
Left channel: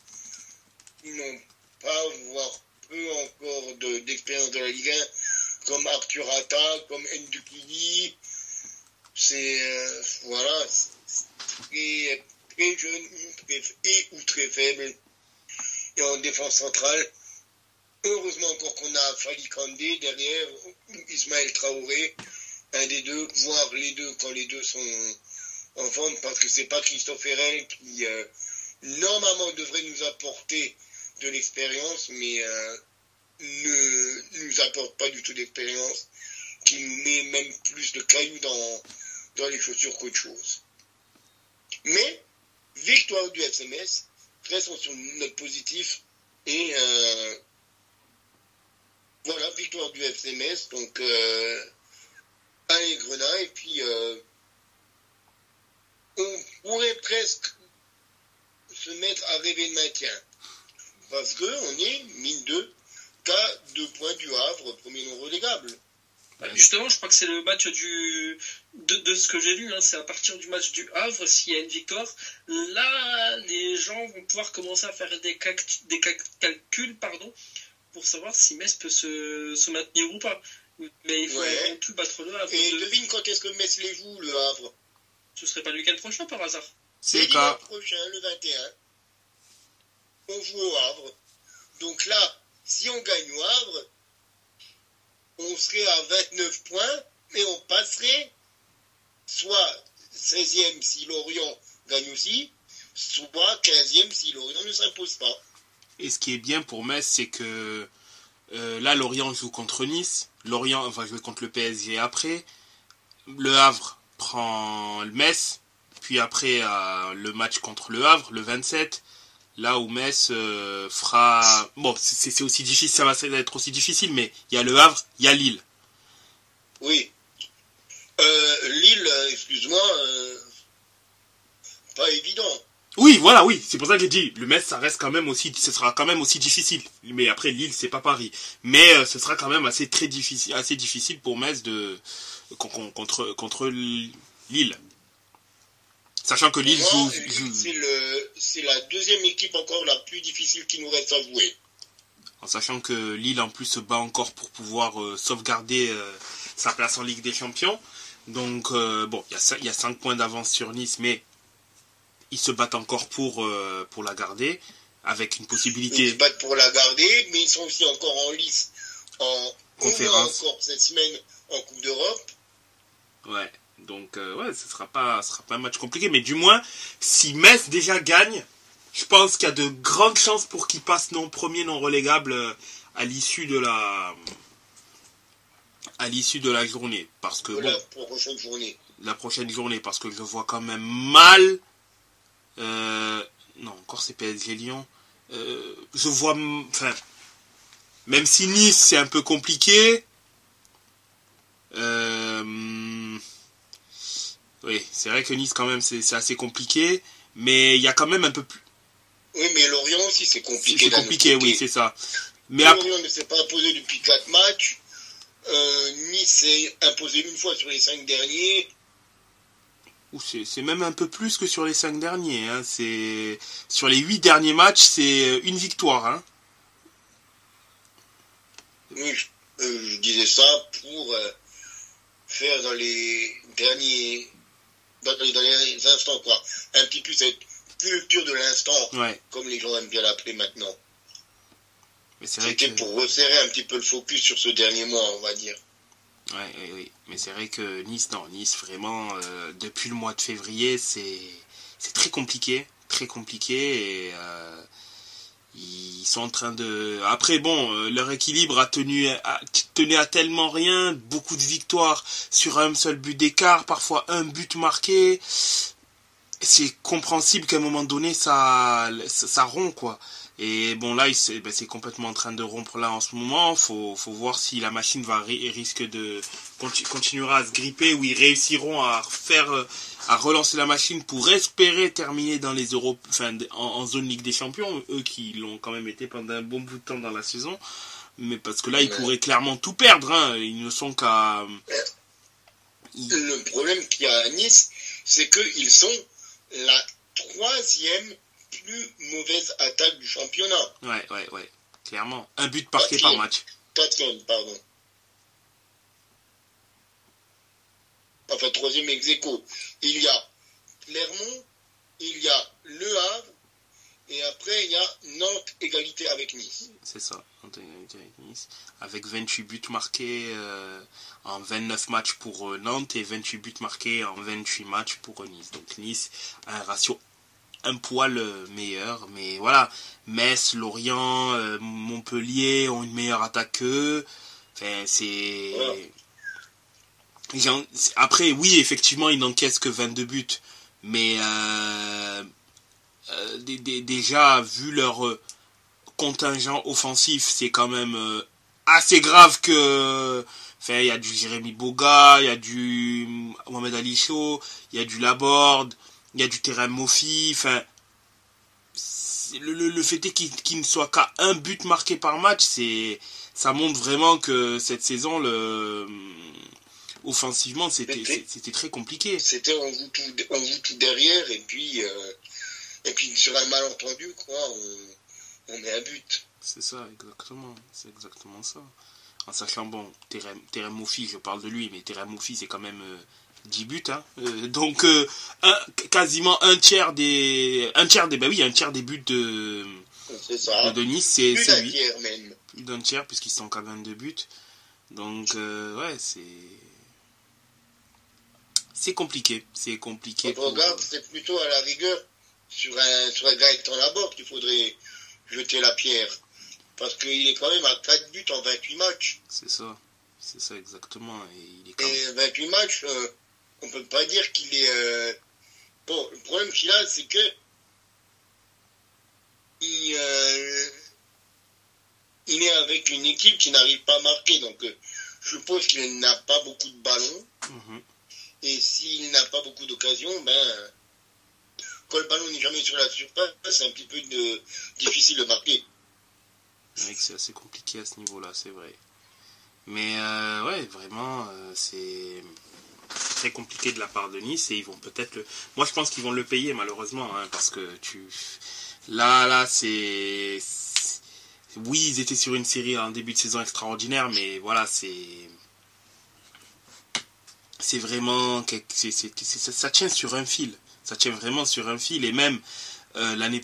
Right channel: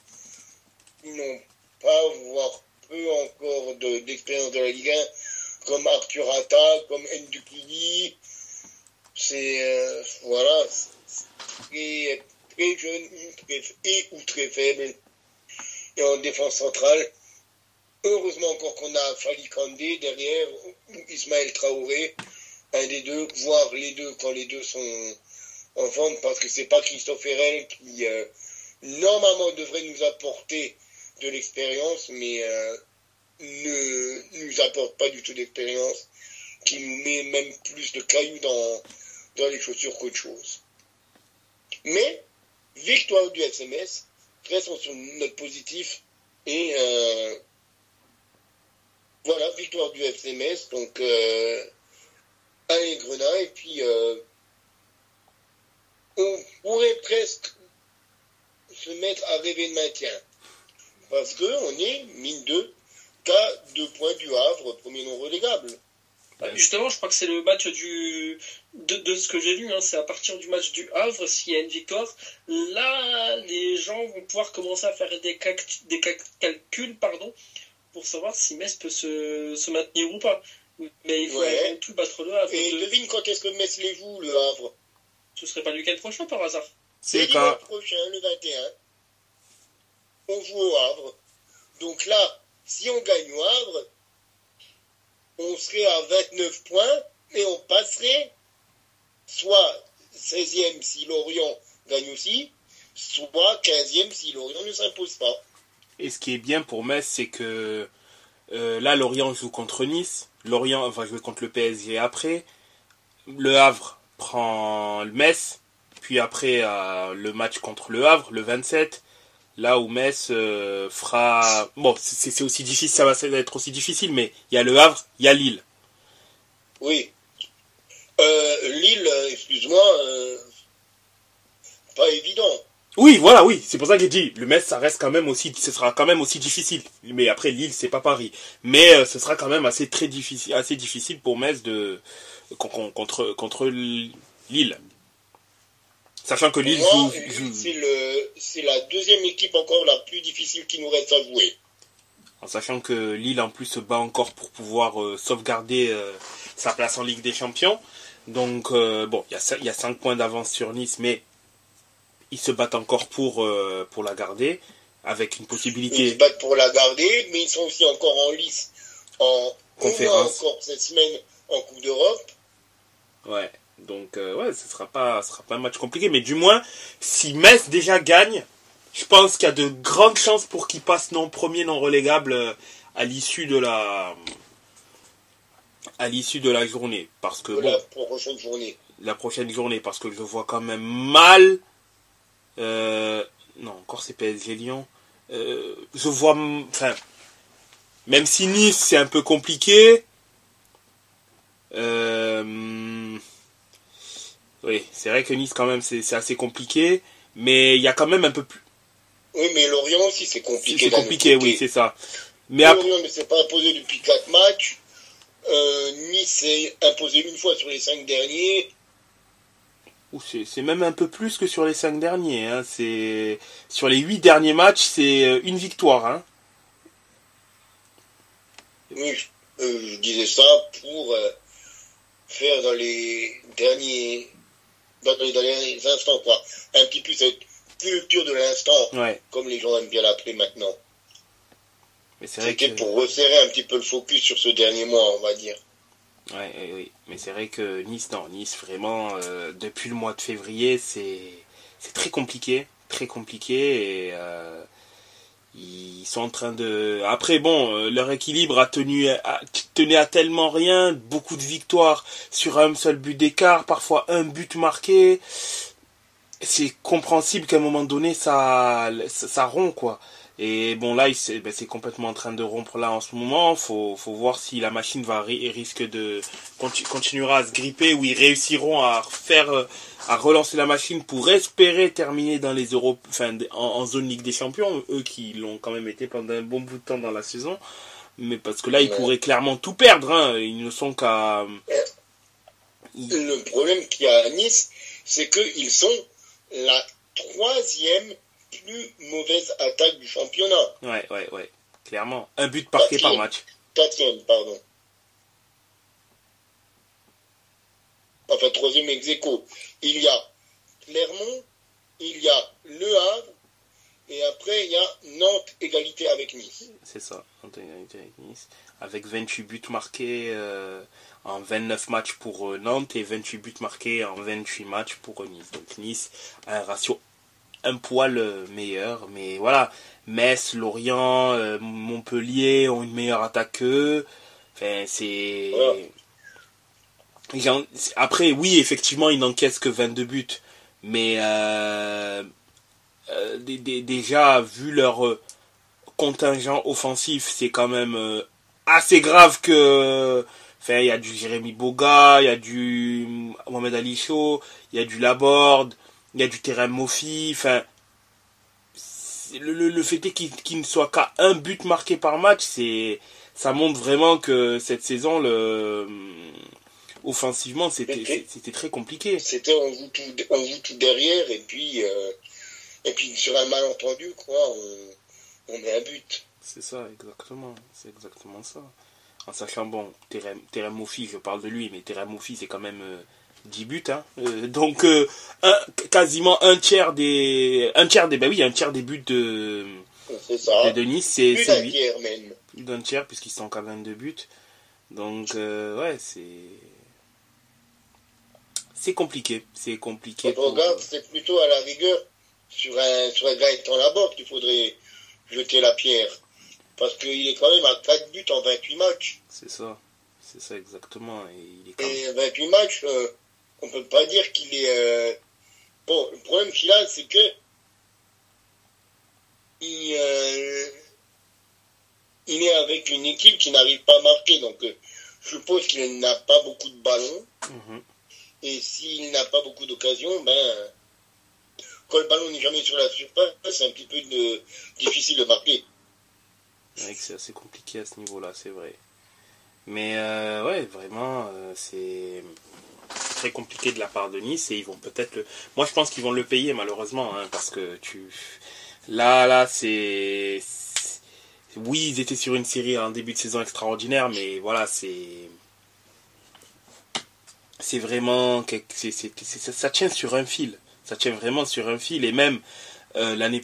qui n'ont pas, voire peu encore d'expérience de la Ligue 1, comme Arthur Atta, comme Ndukili. C'est voilà, c'est très jeune ou très faible. Et en défense centrale, heureusement encore qu'on a Fali Kandé derrière, ou Ismaël Traoré, un des deux, voire les deux quand les deux sont en forme, parce que c'est pas Christophe Herrel qui normalement devrait nous apporter de l'expérience, mais ne nous apporte pas du tout d'expérience, qui nous met même plus de cailloux dans les chaussures qu'autre chose. Mais, victoire du FC Metz, restons sur une note positive, et voilà, victoire du FC Metz, donc allez Grenat, et puis on pourrait presque se mettre à rêver de maintien, parce qu'on est, mine de, qu'à 2 points du Havre, premier non relégable. Justement, je crois que c'est le match de ce que j'ai lu, c'est à partir du match du Havre, s'il y a une victoire, là, les gens vont pouvoir commencer à faire des calculs, pour savoir si Metz peut se maintenir ou pas. Mais il faut non plus battre le Havre. Et devine quand est-ce que Metz les joue, le Havre? Ce serait pas le week-end prochain, par hasard? C'est le week-end prochain, le 21. On joue au Havre. Donc là, si on gagne au Havre, on serait à 29 points, et on passerait soit 16e si Lorient gagne aussi, soit 15e si Lorient ne s'impose pas. Et ce qui est bien pour Metz, c'est que là, Lorient joue contre Nice. Lorient va jouer contre le PSG après. Le Havre prend le Metz. Puis après, le match contre le Havre, le 27. Là où Metz fera... Bon, c'est aussi difficile, ça va être aussi difficile, mais il y a le Havre, il y a Lille. Oui. Lille, excuse-moi, pas évident. Oui, voilà, oui, c'est pour ça que j'ai dit, le Metz, ça reste quand même aussi, ce sera quand même aussi difficile. Mais après, Lille, c'est pas Paris. Mais ce sera quand même assez difficile pour Metz contre Lille. Sachant que Lille joue... C'est la deuxième équipe encore la plus difficile qui nous reste à jouer. En sachant que Lille, en plus, se bat encore pour pouvoir sauvegarder sa place en Ligue des Champions. Donc, bon, il y a 5 points d'avance sur Nice, mais ils se battent encore pour la garder, avec une possibilité... Ils se battent pour la garder, mais ils sont aussi encore en lice. Conférence. Encore cette semaine en Coupe d'Europe. Ouais, donc, ce sera pas un match compliqué, mais du moins, si Metz déjà gagne, je pense qu'il y a de grandes chances pour qu'ils passent non premier, non relégable à l'issue de la journée. Parce que, La prochaine journée. La prochaine journée, parce que je vois quand même mal... non, encore c'est PSG Lyon. Je vois... Enfin, même si Nice, c'est un peu compliqué... oui, c'est vrai que Nice, quand même, c'est assez compliqué. Mais il y a quand même un peu plus... Oui, mais Lorient aussi, c'est compliqué. C'est compliqué, oui, c'est ça. Mais Lorient ne s'est pas imposé depuis 4 matchs. Nice s'est imposé une fois sur les 5 derniers. C'est même un peu plus que sur les 5 derniers. Hein. Sur les 8 derniers matchs, c'est une victoire. Hein. Oui, je disais ça pour faire dans les derniers instants, quoi. Un petit peu cette culture de l'instant, ouais. Comme les gens aiment bien l'appeler maintenant. C'était que... pour resserrer un petit peu le focus sur ce dernier mois, on va dire. Oui. Mais c'est vrai que Nice, vraiment, depuis le mois de février, c'est très compliqué. Très compliqué. Et ils sont en train de... Après, bon, leur équilibre tenait à tellement rien. Beaucoup de victoires sur un seul but d'écart. Parfois, un but marqué. C'est compréhensible qu'à un moment donné, ça rompt, quoi. Et bon, là, c'est complètement en train de rompre là en ce moment. Faut voir si la machine continuera à se gripper, ou ils réussiront à relancer la machine pour espérer terminer dans les en zone Ligue des Champions, eux qui l'ont quand même été pendant un bon bout de temps dans la saison. Mais parce que là, ils pourraient clairement tout perdre, hein. Ils ne sont qu'à... Le problème qu'il y a à Nice, c'est qu'ils sont la 3e plus mauvaise attaque du championnat. Ouais. Clairement. Un but marqué par match. 4e, pardon. Enfin, 3e ex-aequo. Il y a Clermont, il y a Le Havre, et après, il y a Nantes, égalité avec Nice. C'est ça, Nantes, égalité avec Nice. Avec 28 buts marqués en 29 matchs pour Nantes et 28 buts marqués en 28 matchs pour Nice. Donc Nice a un ratio un poil meilleur, mais voilà, Metz, Lorient, Montpellier ont une meilleure attaque qu'eux. Enfin, c'est... Après, oui, effectivement, ils n'encaissent que 22 buts, mais déjà, vu leur contingent offensif, c'est quand même assez grave que... Enfin, il y a du Jérémy Boga, il y a du Mohamed Ali Chaud, il y a du Laborde, il y a du Terem Moffi. Enfin, le fait est qu'il ne soit qu'à un but marqué par match, ça montre vraiment que cette saison, offensivement, c'était très compliqué. On joue tout derrière, et puis sur un malentendu, quoi, on met un but. C'est ça, exactement. C'est exactement ça. En sachant, bon, Terem Moffi, je parle de lui, mais Terem Moffi, c'est quand même 10 buts. Hein. Donc, quasiment un tiers des buts de Nice, c'est lui. Tiers même. Plus d'un tiers, puisqu'ils sont qu'à 22 buts. Donc, ouais, c'est compliqué. C'est compliqué. Quand on regarde, c'est plutôt à la rigueur sur un Gaëtan Laborde qu'il faudrait jeter la pierre. Parce qu'il est quand même à 4 buts en 28 matchs. C'est ça exactement. Et 28 matchs, on peut pas dire qu'il est... Bon, le problème qu'il a, c'est que il est avec une équipe qui n'arrive pas à marquer. Donc, je suppose qu'il n'a pas beaucoup de ballons. Et s'il n'a pas beaucoup d'occasions, ben, quand le ballon n'est jamais sur la surface, c'est un petit peu difficile de marquer. C'est assez compliqué à ce niveau-là, c'est vrai. Mais ouais, vraiment, c'est très compliqué de la part de Nice et ils vont peut-être Moi, je pense qu'ils vont le payer malheureusement, hein, parce que Là, c'est... Oui, ils étaient sur une série en début de saison extraordinaire, mais voilà, c'est vraiment... Ça tient sur un fil. Ça tient vraiment sur un fil. Et même l'année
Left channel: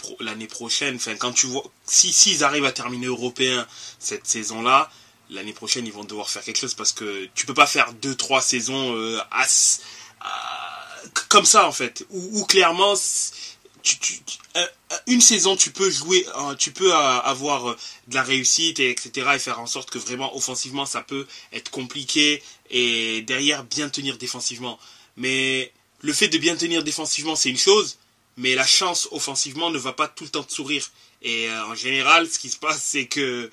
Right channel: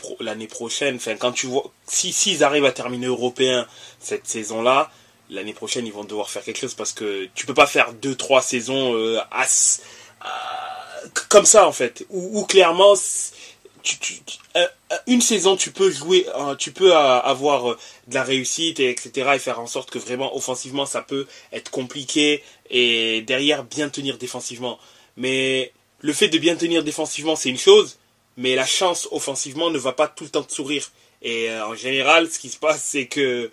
prochaine, quand tu vois... S'ils arrivent à terminer européen cette saison-là, l'année prochaine, ils vont devoir faire quelque chose parce que tu peux pas faire 2-3 saisons comme ça, en fait. Où clairement... Une saison tu peux jouer, tu peux avoir de la réussite etc. et faire en sorte que vraiment offensivement ça peut être compliqué et derrière bien tenir défensivement. Mais le fait de bien tenir défensivement c'est une chose, mais la chance offensivement ne va pas tout le temps te sourire. Et en général ce qui se passe c'est que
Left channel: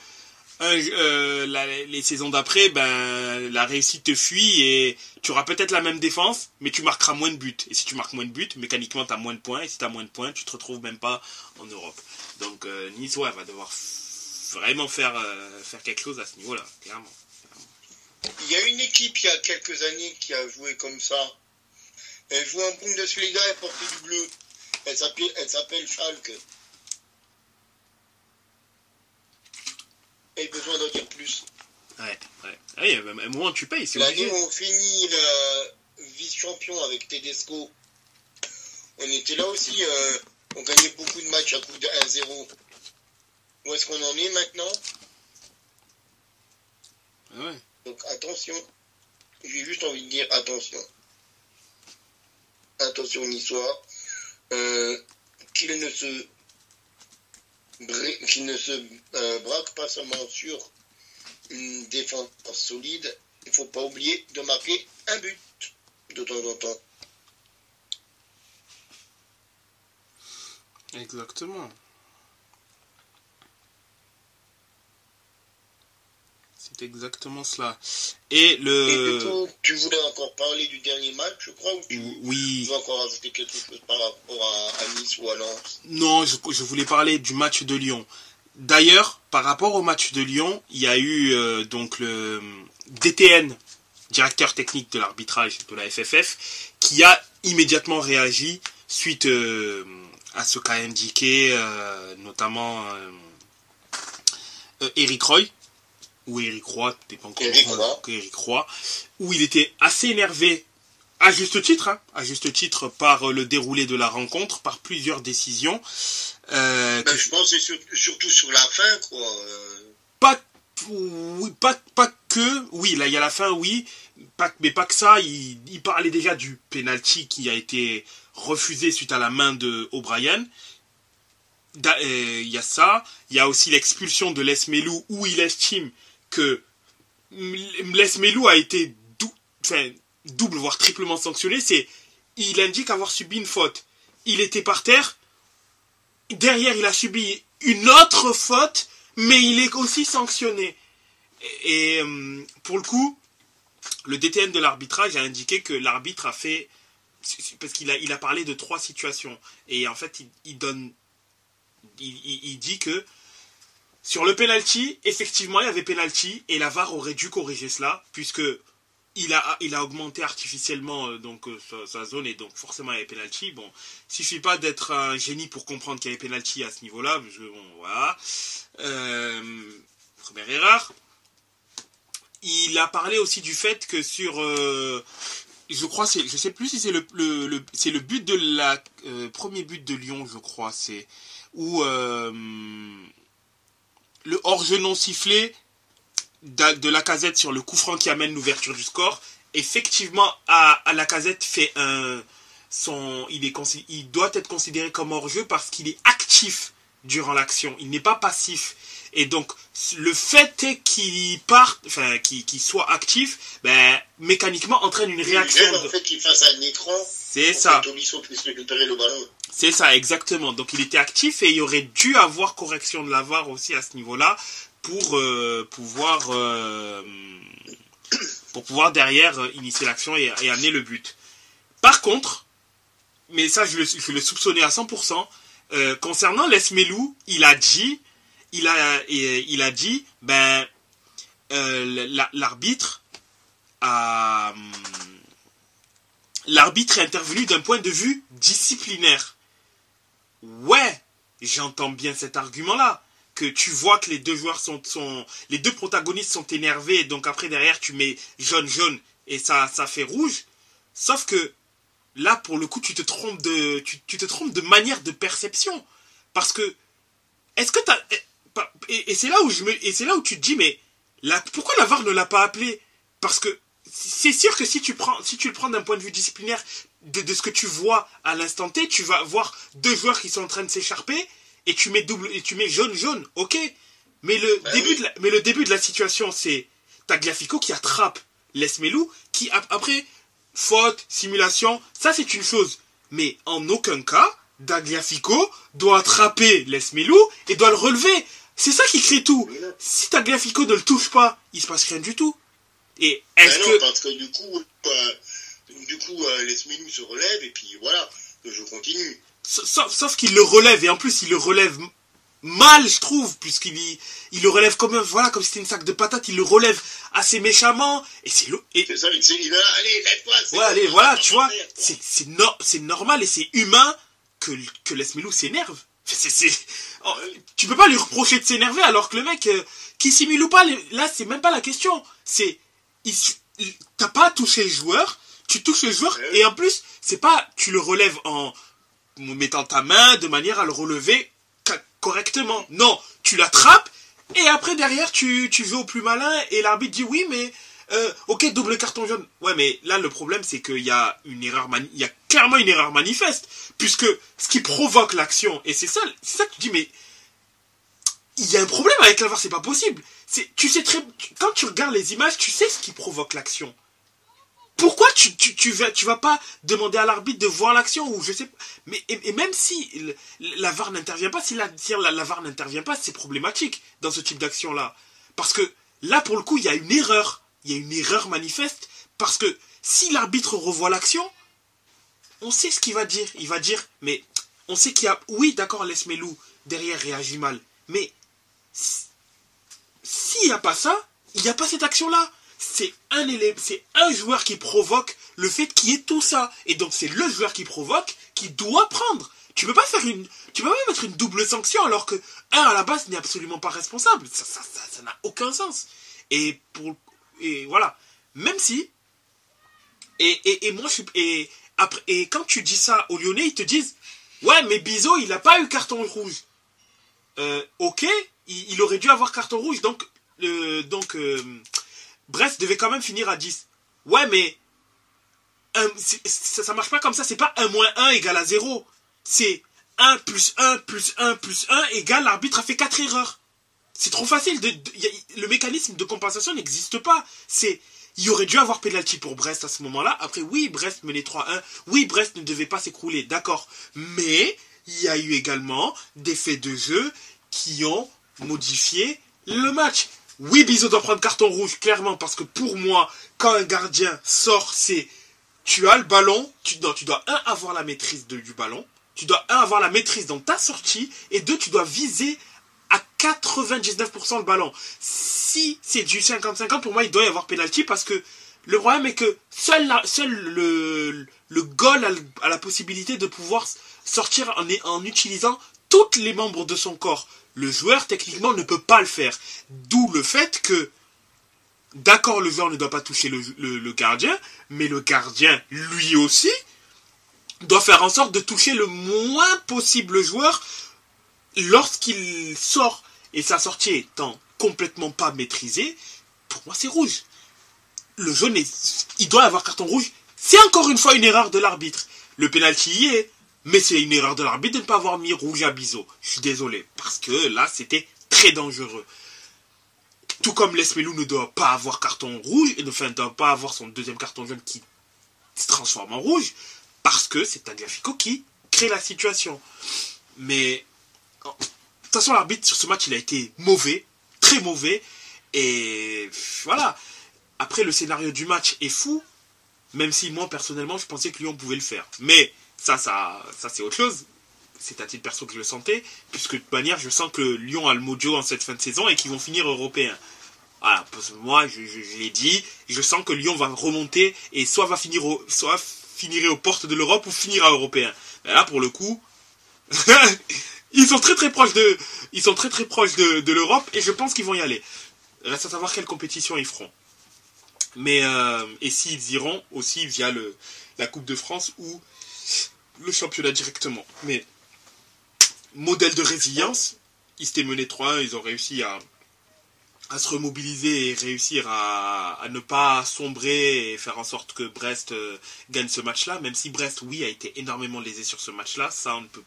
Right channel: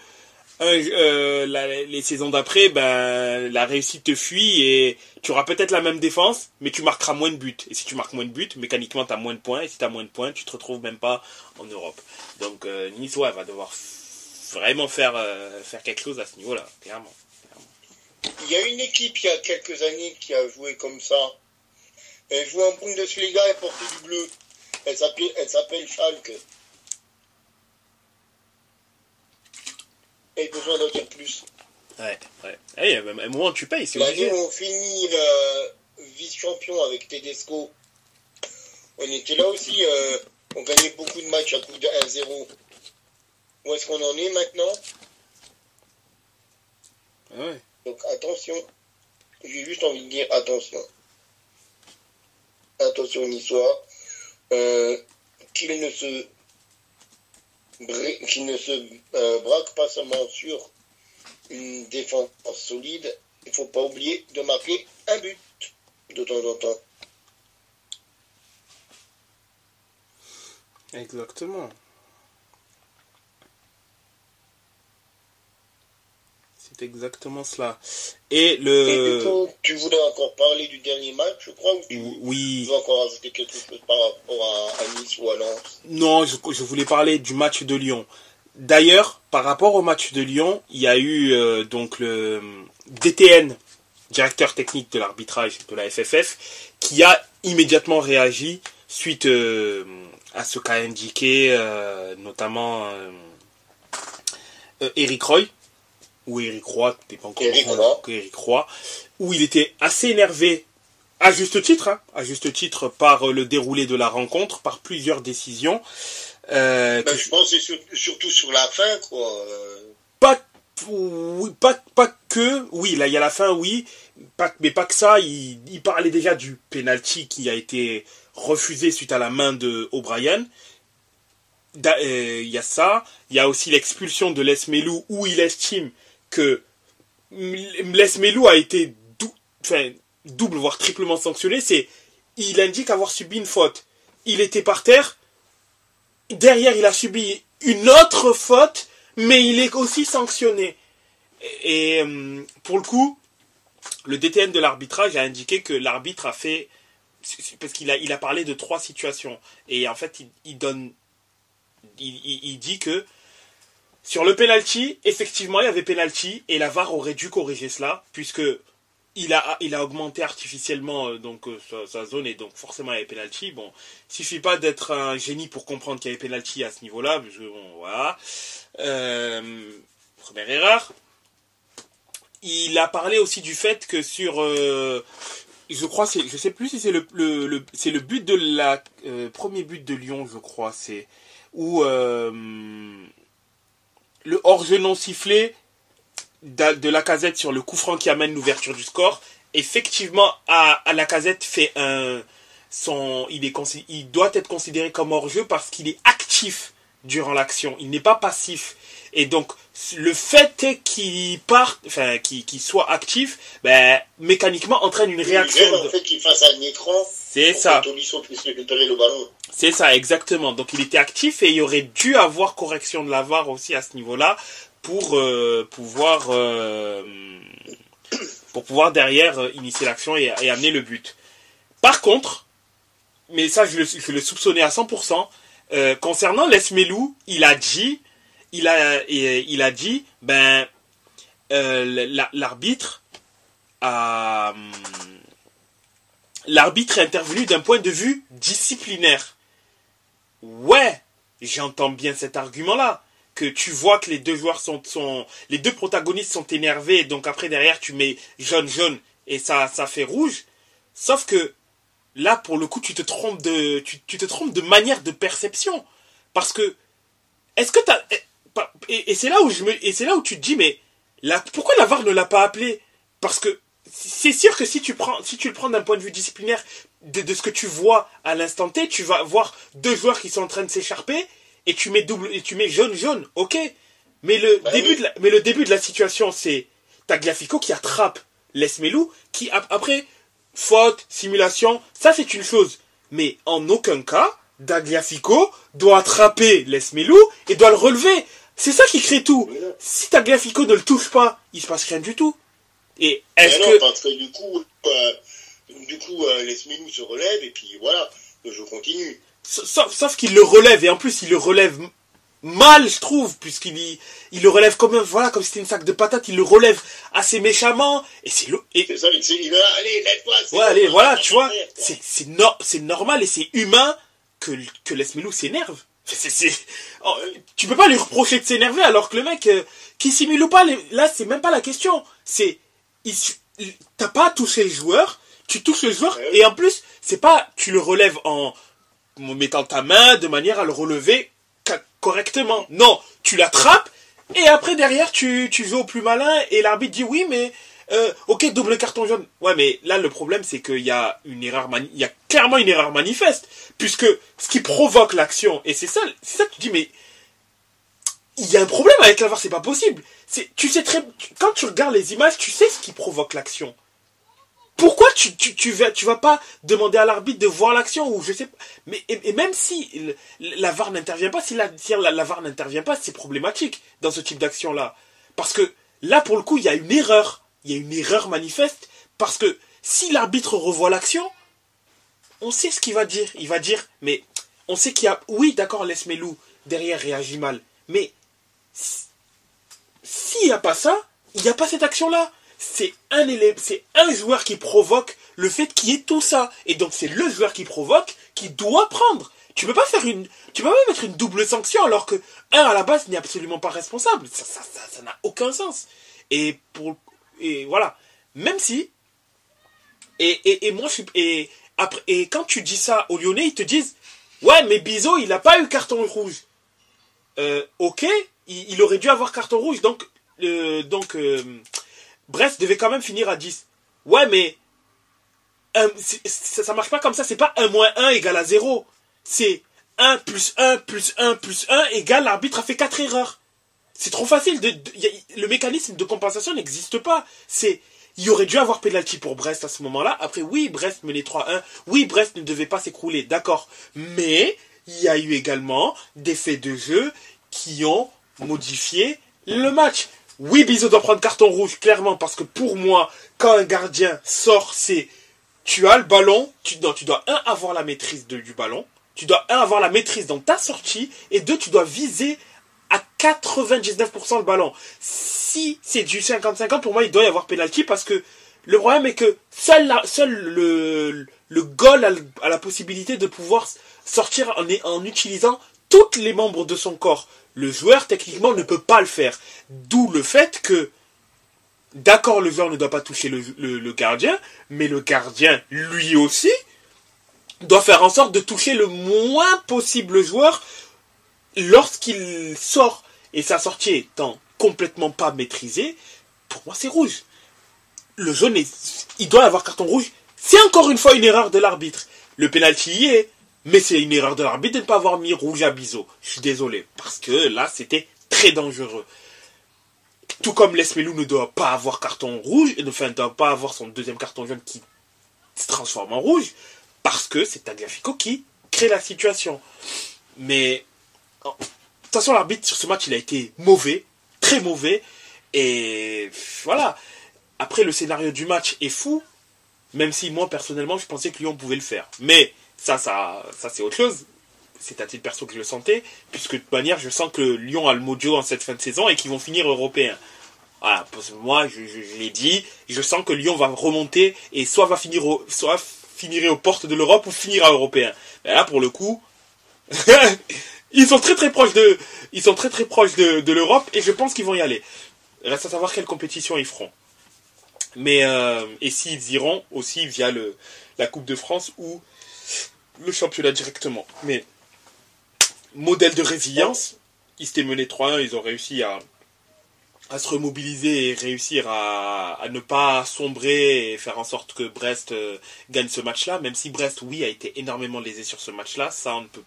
les saisons d'après, ben, la réussite te fuit et tu auras peut-être la même défense, mais tu marqueras moins de buts. Et si tu marques moins de buts, mécaniquement, tu as moins de points. Et si tu as moins de points, tu te retrouves même pas en Europe. Donc, Nice, ouais, va devoir vraiment faire quelque chose à ce niveau-là, clairement. Il y a une équipe, il y a quelques années, qui a joué comme ça. Elle jouait en Bundesliga et portait du bleu. Elle s'appelle Schalke. Et besoin d'en dire plus. Ouais. Il y a même un moment où tu payes, c'est l'année où on finit vice-champion avec Tedesco, on était là aussi, on gagnait beaucoup de matchs à coup de 1-0. Où est-ce qu'on en est maintenant? Ouais. Donc attention, j'ai juste envie de dire attention. Attention Niçois, qu'il ne se braque pas seulement sur une défense solide, il ne faut pas oublier de marquer un but de temps en temps. Exactement. C'est exactement cela. Et du coup, tu voulais encore parler du dernier match, je crois, ou tu veux encore ajouter quelque chose par rapport à Nice ou à Lens? Non, je voulais parler du match de Lyon. D'ailleurs, par rapport au match de Lyon, il y a eu donc le DTN, directeur technique de l'arbitrage de la FFF, qui a immédiatement réagi suite à ce qu'a indiqué notamment Eric Roy, ou Eric Roy, dépend comment Eric Roy, où il était assez énervé, à juste titre, par le déroulé de la rencontre, par plusieurs décisions. Je pense que c'est surtout sur la fin, quoi. Pas que, oui, là il y a la fin, oui, mais pas que ça, il parlait déjà du penalty qui a été refusé suite à la main de O'Brien. Il y a ça, il y a aussi l'expulsion de Les Melou où il estime que Les Melou a été double voire triplement sanctionné. Il indique avoir subi une faute. Il était par terre, derrière il a subi une autre faute, mais il est aussi sanctionné. Et pour le coup, le DTN de l'arbitrage a indiqué que l'arbitre a fait, parce qu'il a parlé de 3 situations, et en fait il dit que sur le penalty, effectivement il y avait penalty, et la VAR aurait dû corriger cela, puisque il a augmenté artificiellement sa zone, et donc forcément il y avait penalty. Bon, il suffit pas d'être un génie pour comprendre qu'il y avait penalty à ce niveau-là, parce que bon, voilà. Première erreur. Il a parlé aussi du fait que sur, je crois, je sais plus si c'est c'est le but de la premier but de Lyon, je crois, c'est où le hors-jeu non sifflé de Lacazette sur le coup franc qui amène l'ouverture du score. Effectivement, Lacazette fait il doit être considéré comme hors-jeu parce qu'il est actif durant l'action. Il n'est pas passif. Et donc, le fait qu'il soit actif, ben, mécaniquement entraîne une réaction. En fait, qu'il fasse un écran. C'est ça. Tolisso puisse récupérer le ballon. C'est ça, exactement. Donc, il était actif et il aurait dû avoir correction de la VAR aussi à ce niveau-là pour pouvoir derrière initier l'action et amener le but. Par contre, mais ça, je le soupçonnais à 100%, concernant Les Melou, il a dit, ben, l'arbitre est intervenu d'un point de vue disciplinaire. Ouais, j'entends bien cet argument-là, que tu vois que les deux joueurs les deux protagonistes sont énervés, donc après derrière tu mets jaune et ça fait rouge. Sauf que là, pour le coup, tu te trompes de manière de perception, parce que est-ce que et c'est là où tu te dis, mais pourquoi la VAR ne l'a pas appelé? Parce que c'est sûr que si tu le prends d'un point de vue disciplinaire de ce que tu vois à l'instant T, tu vas voir deux joueurs qui sont en train de s'écharper et tu mets jaune, ok. Mais le début de la situation, c'est Tagliafico qui attrape Les Melou, qui après faute, simulation, ça c'est une chose. Mais en aucun cas, Tagliafico doit attraper Les Melou et doit le relever. C'est ça qui crée tout. Si Tagliafico ne le touche pas, il se passe rien du tout. Et est-ce que... parce que du coup, Les Melou se relève et puis voilà, le jeu continue. Sauf qu'il le relève, et en plus il le relève mal, je trouve, puisqu'il le relève comme si c'était une sac de patates, il le relève assez méchamment, et c'est ça, il a, allez, lève-toi. Ouais, allez, voilà, tu vois, c'est normal et c'est humain que Les Melou s'énerve. Tu peux pas lui reprocher de s'énerver alors que le mec qui simule ou pas, là c'est même pas la question, c'est t'as pas touché le joueur, tu touches le joueur, et en plus c'est pas tu le relèves en mettant ta main de manière à le relever correctement. Non, tu l'attrapes et après derrière tu joues au plus malin et l'arbitre dit oui mais ok, double carton jaune. Ouais, mais là le problème c'est qu'il y a il y a clairement une erreur manifeste, puisque ce qui provoque l'action, et c'est ça que tu dis, mais il y a un problème avec la VAR, c'est pas possible. Tu sais quand tu regardes les images, tu sais ce qui provoque l'action. Pourquoi tu vas pas demander à l'arbitre de voir l'action, ou je sais pas. Mais et même si la VAR n'intervient pas, si la VAR n'intervient pas, c'est problématique dans ce type d'action là, parce que là pour le coup il y a une erreur manifeste, parce que si l'arbitre revoit l'action, on sait ce qu'il va dire. Il va dire, mais on sait qu'il y a, oui d'accord, Les Melou derrière réagit mal, mais s'il n'y a pas ça, il n'y a pas cette action là. C'est un joueur qui provoque le fait qu'il y ait tout ça. Et donc c'est le joueur qui provoque qui doit prendre. Tu peux pas mettre une double sanction alors que à la base n'est absolument pas responsable. Ça n'a aucun sens. Et voilà. Même si et quand tu dis ça aux Lyonnais, ils te disent ouais, mais Bizot, il n'a pas eu carton rouge. Ok, il aurait dû avoir carton rouge, donc Brest devait quand même finir à 10. Ouais, mais ça marche pas comme ça, c'est pas 1 moins 1 égale à 0. C'est 1 plus 1 plus 1 plus 1 égale l'arbitre a fait 4 erreurs. C'est trop facile. Le mécanisme de compensation n'existe pas. Il y aurait dû avoir pénalty pour Brest à ce moment-là. Après, oui, Brest menait 3-1. Oui, Brest ne devait pas s'écrouler, d'accord. Mais il y a eu également des faits de jeu qui ont modifié le match. Oui, Bizot doit prendre carton rouge, clairement, parce que pour moi, quand un gardien sort, c'est... Tu as le ballon, tu dois, avoir la maîtrise du ballon, tu dois, avoir la maîtrise dans ta sortie, et 2, tu dois viser à 99% le ballon. Si c'est du 50-50, pour moi, il doit y avoir pénalty, parce que le problème est que seul le goal a la possibilité de pouvoir sortir en utilisant tous les membres de son corps. Le joueur, techniquement, ne peut pas le faire. D'où le fait que, d'accord, le joueur ne doit pas toucher le gardien, mais le gardien, lui aussi, doit faire en sorte de toucher le moins possible le joueur lorsqu'il sort. Et sa sortie étant complètement pas maîtrisée, pour moi, c'est rouge. Le jaune, il doit avoir carton rouge. C'est encore une fois une erreur de l'arbitre. le penalty y est. Mais c'est une erreur de l'arbitre de ne pas avoir mis rouge à Bizot. Je suis désolé. Parce que là, c'était très dangereux. Tout comme Lesmelou ne doit pas avoir carton rouge, enfin ne doit pas avoir son deuxième carton jaune qui se transforme en rouge, parce que c'est Tagliafico qui crée la situation. Mais de toute façon, l'arbitre sur ce match, il a été mauvais, très mauvais, et voilà. Après, le scénario du match est fou, même si moi, personnellement, je pensais que Lyon pouvait le faire. Mais ça c'est autre chose. C'est à titre perso que je le sentais, puisque de toute manière, je sens que Lyon a le mojo en cette fin de saison et qu'ils vont finir européens. Voilà, parce que moi, je l'ai dit, je sens que Lyon va remonter et soit finirait aux portes de l'Europe ou finira européen. Mais là, pour le coup, ils sont très très proches de l'Europe et je pense qu'ils vont y aller. Reste à savoir quelle compétition ils feront. Mais et s'ils iront aussi via la Coupe de France ou le championnat directement. Mais modèle de résilience, ils s'étaient menés 3-1, ils ont réussi à se remobiliser et réussir à ne pas sombrer et faire en sorte que Brest gagne ce match-là, même si Brest, oui, a été énormément lésé sur ce match-là, ça on ne peut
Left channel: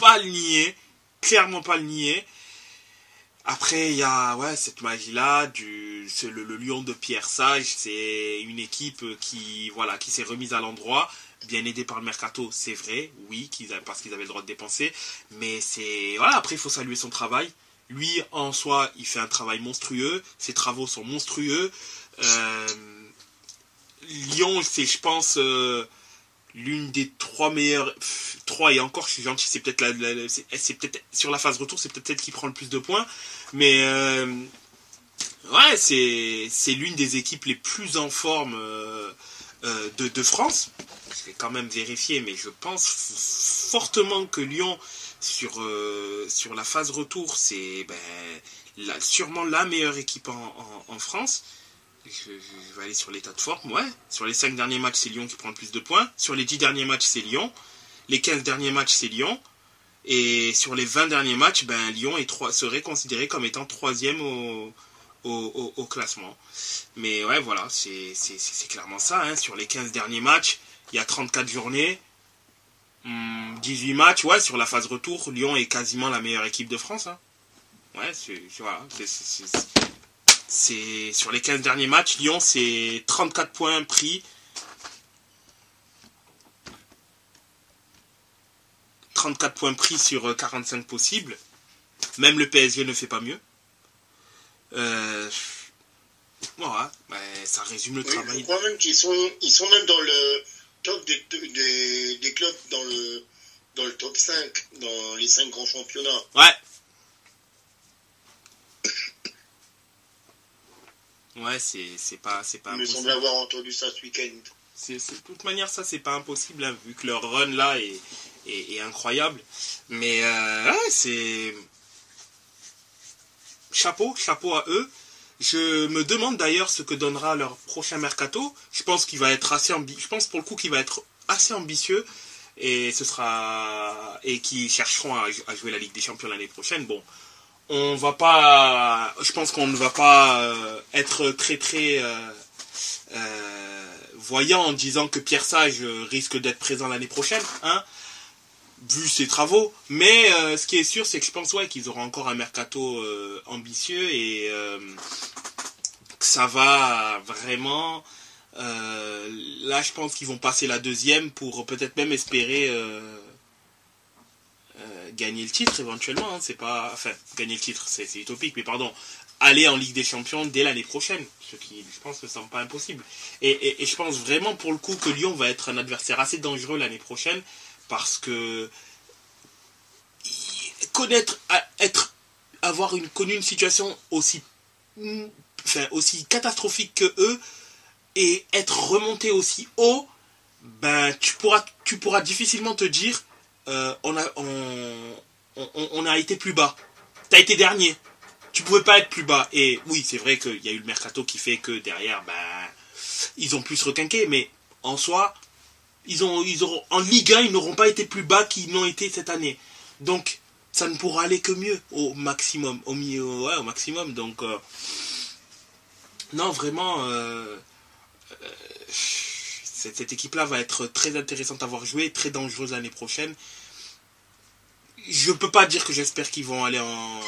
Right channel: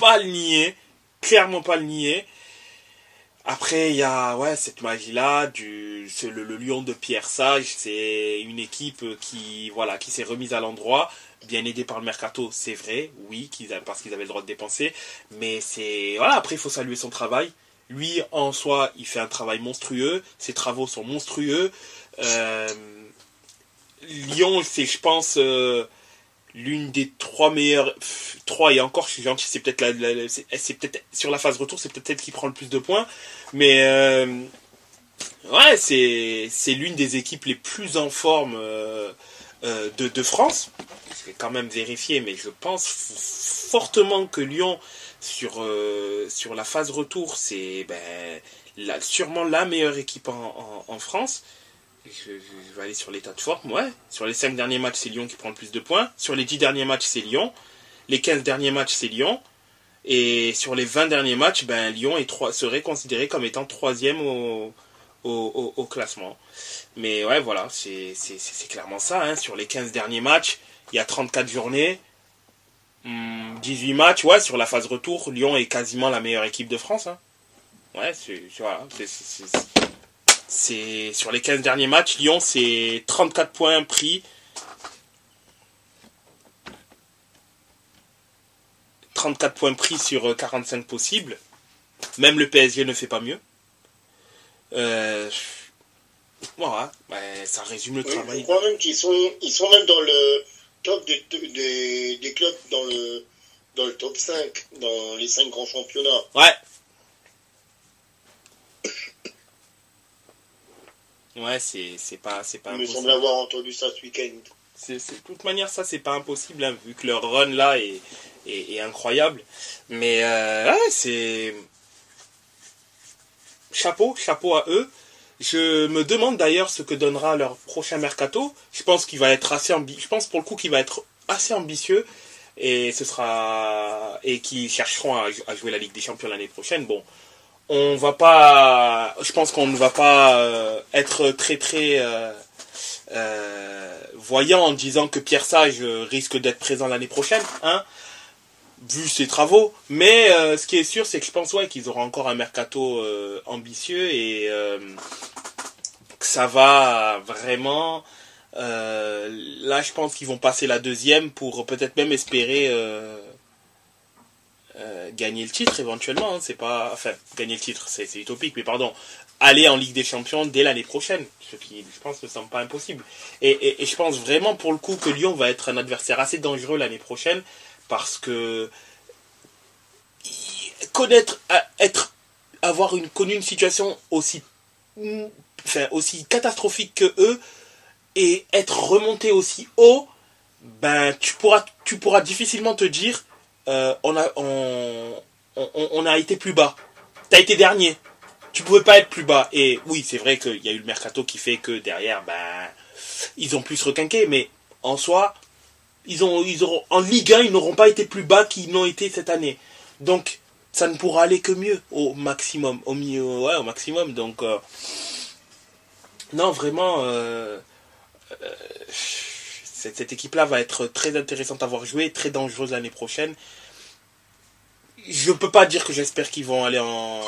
pas le nier, clairement pas le nier. Après, il y a cette magie-là, c'est le Lyon de Pierre Sage, c'est une équipe qui s'est remise à l'endroit, bien aidé par le mercato, c'est vrai, oui, parce qu'ils avaient le droit de dépenser, mais après il faut saluer son travail. Lui, en soi, il fait un travail monstrueux, ses travaux sont monstrueux. Lyon, c'est, je pense, l'une des 3 meilleures, 3 et encore, je suis gentil, c'est peut-être c'est peut-être sur la phase retour, c'est peut-être elle qui prend le plus de points, mais c'est l'une des équipes les plus en forme de France. Je vais quand même vérifier, mais je pense fortement que Lyon, sur la phase retour, c'est sûrement la meilleure équipe en France. Je vais aller sur l'état de forme, Sur les 5 derniers matchs, c'est Lyon qui prend le plus de points. Sur les 10 derniers matchs, c'est Lyon. Les 15 derniers matchs, c'est Lyon. Et sur les 20 derniers matchs, Lyon serait considéré comme étant 3e au classement. Mais voilà, c'est clairement ça. Hein. Sur les 15 derniers matchs, il y a 34 journées. 18 matchs, sur la phase retour, Lyon est quasiment la meilleure équipe de France. Hein. C'est sur les 15 derniers matchs, Lyon, c'est 34 points pris. 34 points pris sur 45 possibles. Même le PSG ne fait pas mieux. Ça résume le travail. Je crois même qu'ils sont même dans le top des clubs dans le top 5, dans les 5 grands championnats. C'est pas impossible. Il me semble avoir entendu ça ce week-end. De toute manière, ça, c'est pas impossible, hein, vu que leur run, là, est incroyable. Mais, c'est... Chapeau à eux. Je me demande d'ailleurs ce que donnera leur prochain mercato. Je pense qu'il va être je pense pour le coup qu'il va être assez ambitieux et qu'ils chercheront à jouer la Ligue des Champions l'année prochaine. Bon, je pense qu'on ne va pas être très très voyant en disant que Pierre Sage risque d'être présent l'année prochaine, hein, vu ses travaux. Mais ce qui est sûr, c'est que je pense qu'ils auront encore un mercato ambitieux et que ça va vraiment... là, je pense qu'ils vont passer la 2e pour peut-être même espérer gagner le titre éventuellement. Hein. C'est pas... Enfin, gagner le titre, c'est utopique, mais pardon. Aller en Ligue des Champions dès l'année prochaine, ce qui, je pense, ne semble pas impossible. Et je pense vraiment pour le coup que Lyon va être un adversaire assez dangereux l'année prochaine, parce que avoir connu une situation aussi catastrophique que eux et être remonté aussi haut, tu pourras difficilement te dire on a été plus bas. T'as été dernier. Tu pouvais pas être plus bas. Et oui, c'est vrai qu'il y a eu le mercato qui fait que derrière, ils ont pu se requinquer, mais en soi, ils auront en Ligue 1, ils n'auront pas été plus bas qu'ils n'ont été cette année. Donc, ça ne pourra aller que mieux au maximum, au maximum. Donc, non, vraiment, cette équipe-là va être très intéressante à voir jouer, très dangereuse l'année prochaine. Je peux pas dire que j'espère qu'ils vont aller en...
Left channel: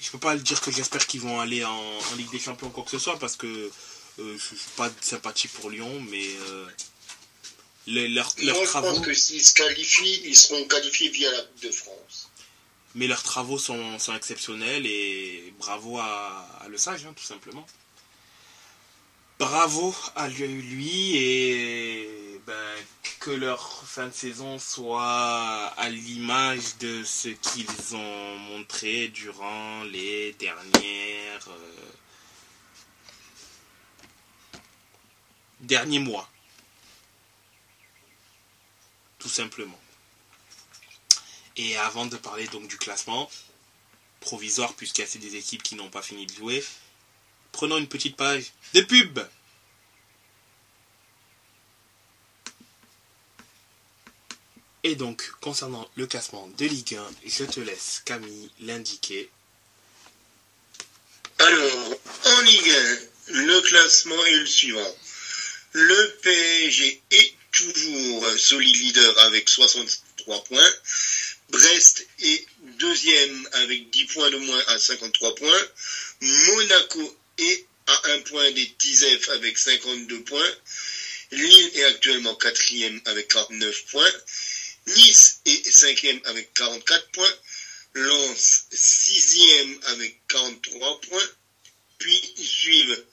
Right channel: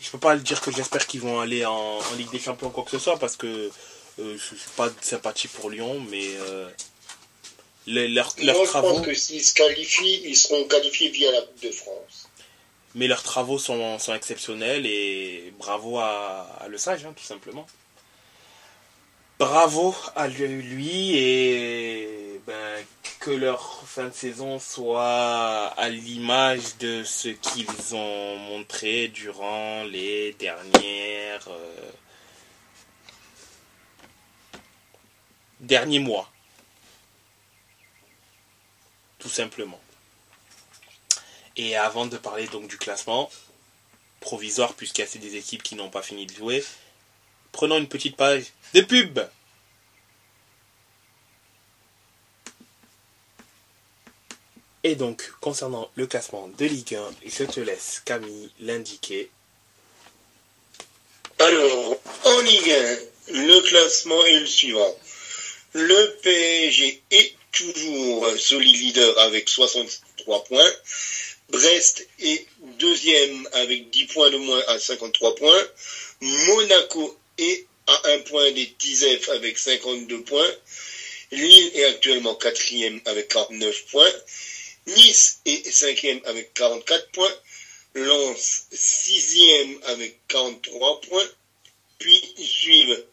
Je peux pas dire que j'espère qu'ils vont aller en Ligue des Champions ou quoi que ce soit, parce que je suis pas sympathique pour Lyon, mais leurs Moi, je travaux... pense que s'ils se qualifient, ils seront qualifiés via la Coupe de France. Mais leurs travaux sont exceptionnels et bravo à Le Sage, hein, tout simplement. Bravo à lui et que leur fin de saison soit à l'image de ce qu'ils ont montré durant les derniers mois. Tout simplement. Et avant de parler donc du classement provisoire, puisqu'il y a des équipes qui n'ont pas fini de jouer, prenons une petite page de pub. Et donc, concernant le classement de Ligue 1, je te laisse, Camille, l'indiquer. Alors, en Ligue 1, le classement est le suivant. Le PSG est toujours solide leader avec 63 points. Brest est deuxième avec 10 points de moins à 53 points. Monaco est à 1 point des TISEF avec 52 points. Lille est actuellement quatrième avec 49 points. Nice est cinquième avec 44 points. Lens sixième avec 43 points. Puis ils suivent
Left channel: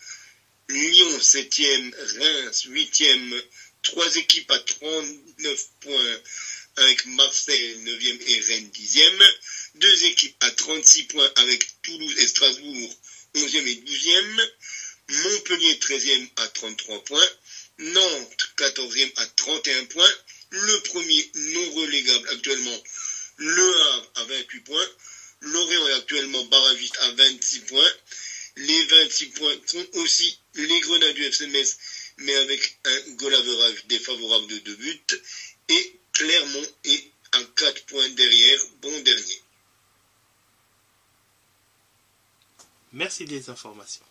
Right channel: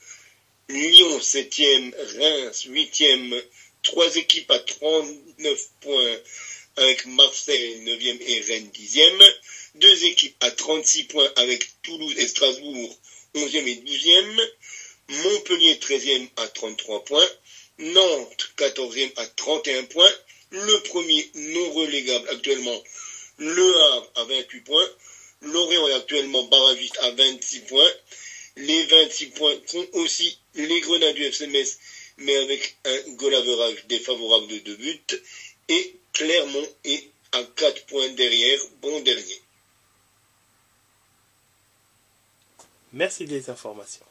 Lyon 7e, Reims 8e, 3 équipes à 39 points avec Marseille 9e et Rennes 10e, 2 équipes à 36 points avec Toulouse et Strasbourg 11e et 12e, Montpellier 13e à 33 points, Nantes 14e à 31 points, le premier non relégable actuellement, Le Havre à 28 points, Lorient est actuellement barragiste à 26 points, les 26 points sont aussi les Grenades du FC Metz, mais avec un goal average défavorable de 2 buts, et Clermont est à 4 points derrière, bon dernier. Merci des informations.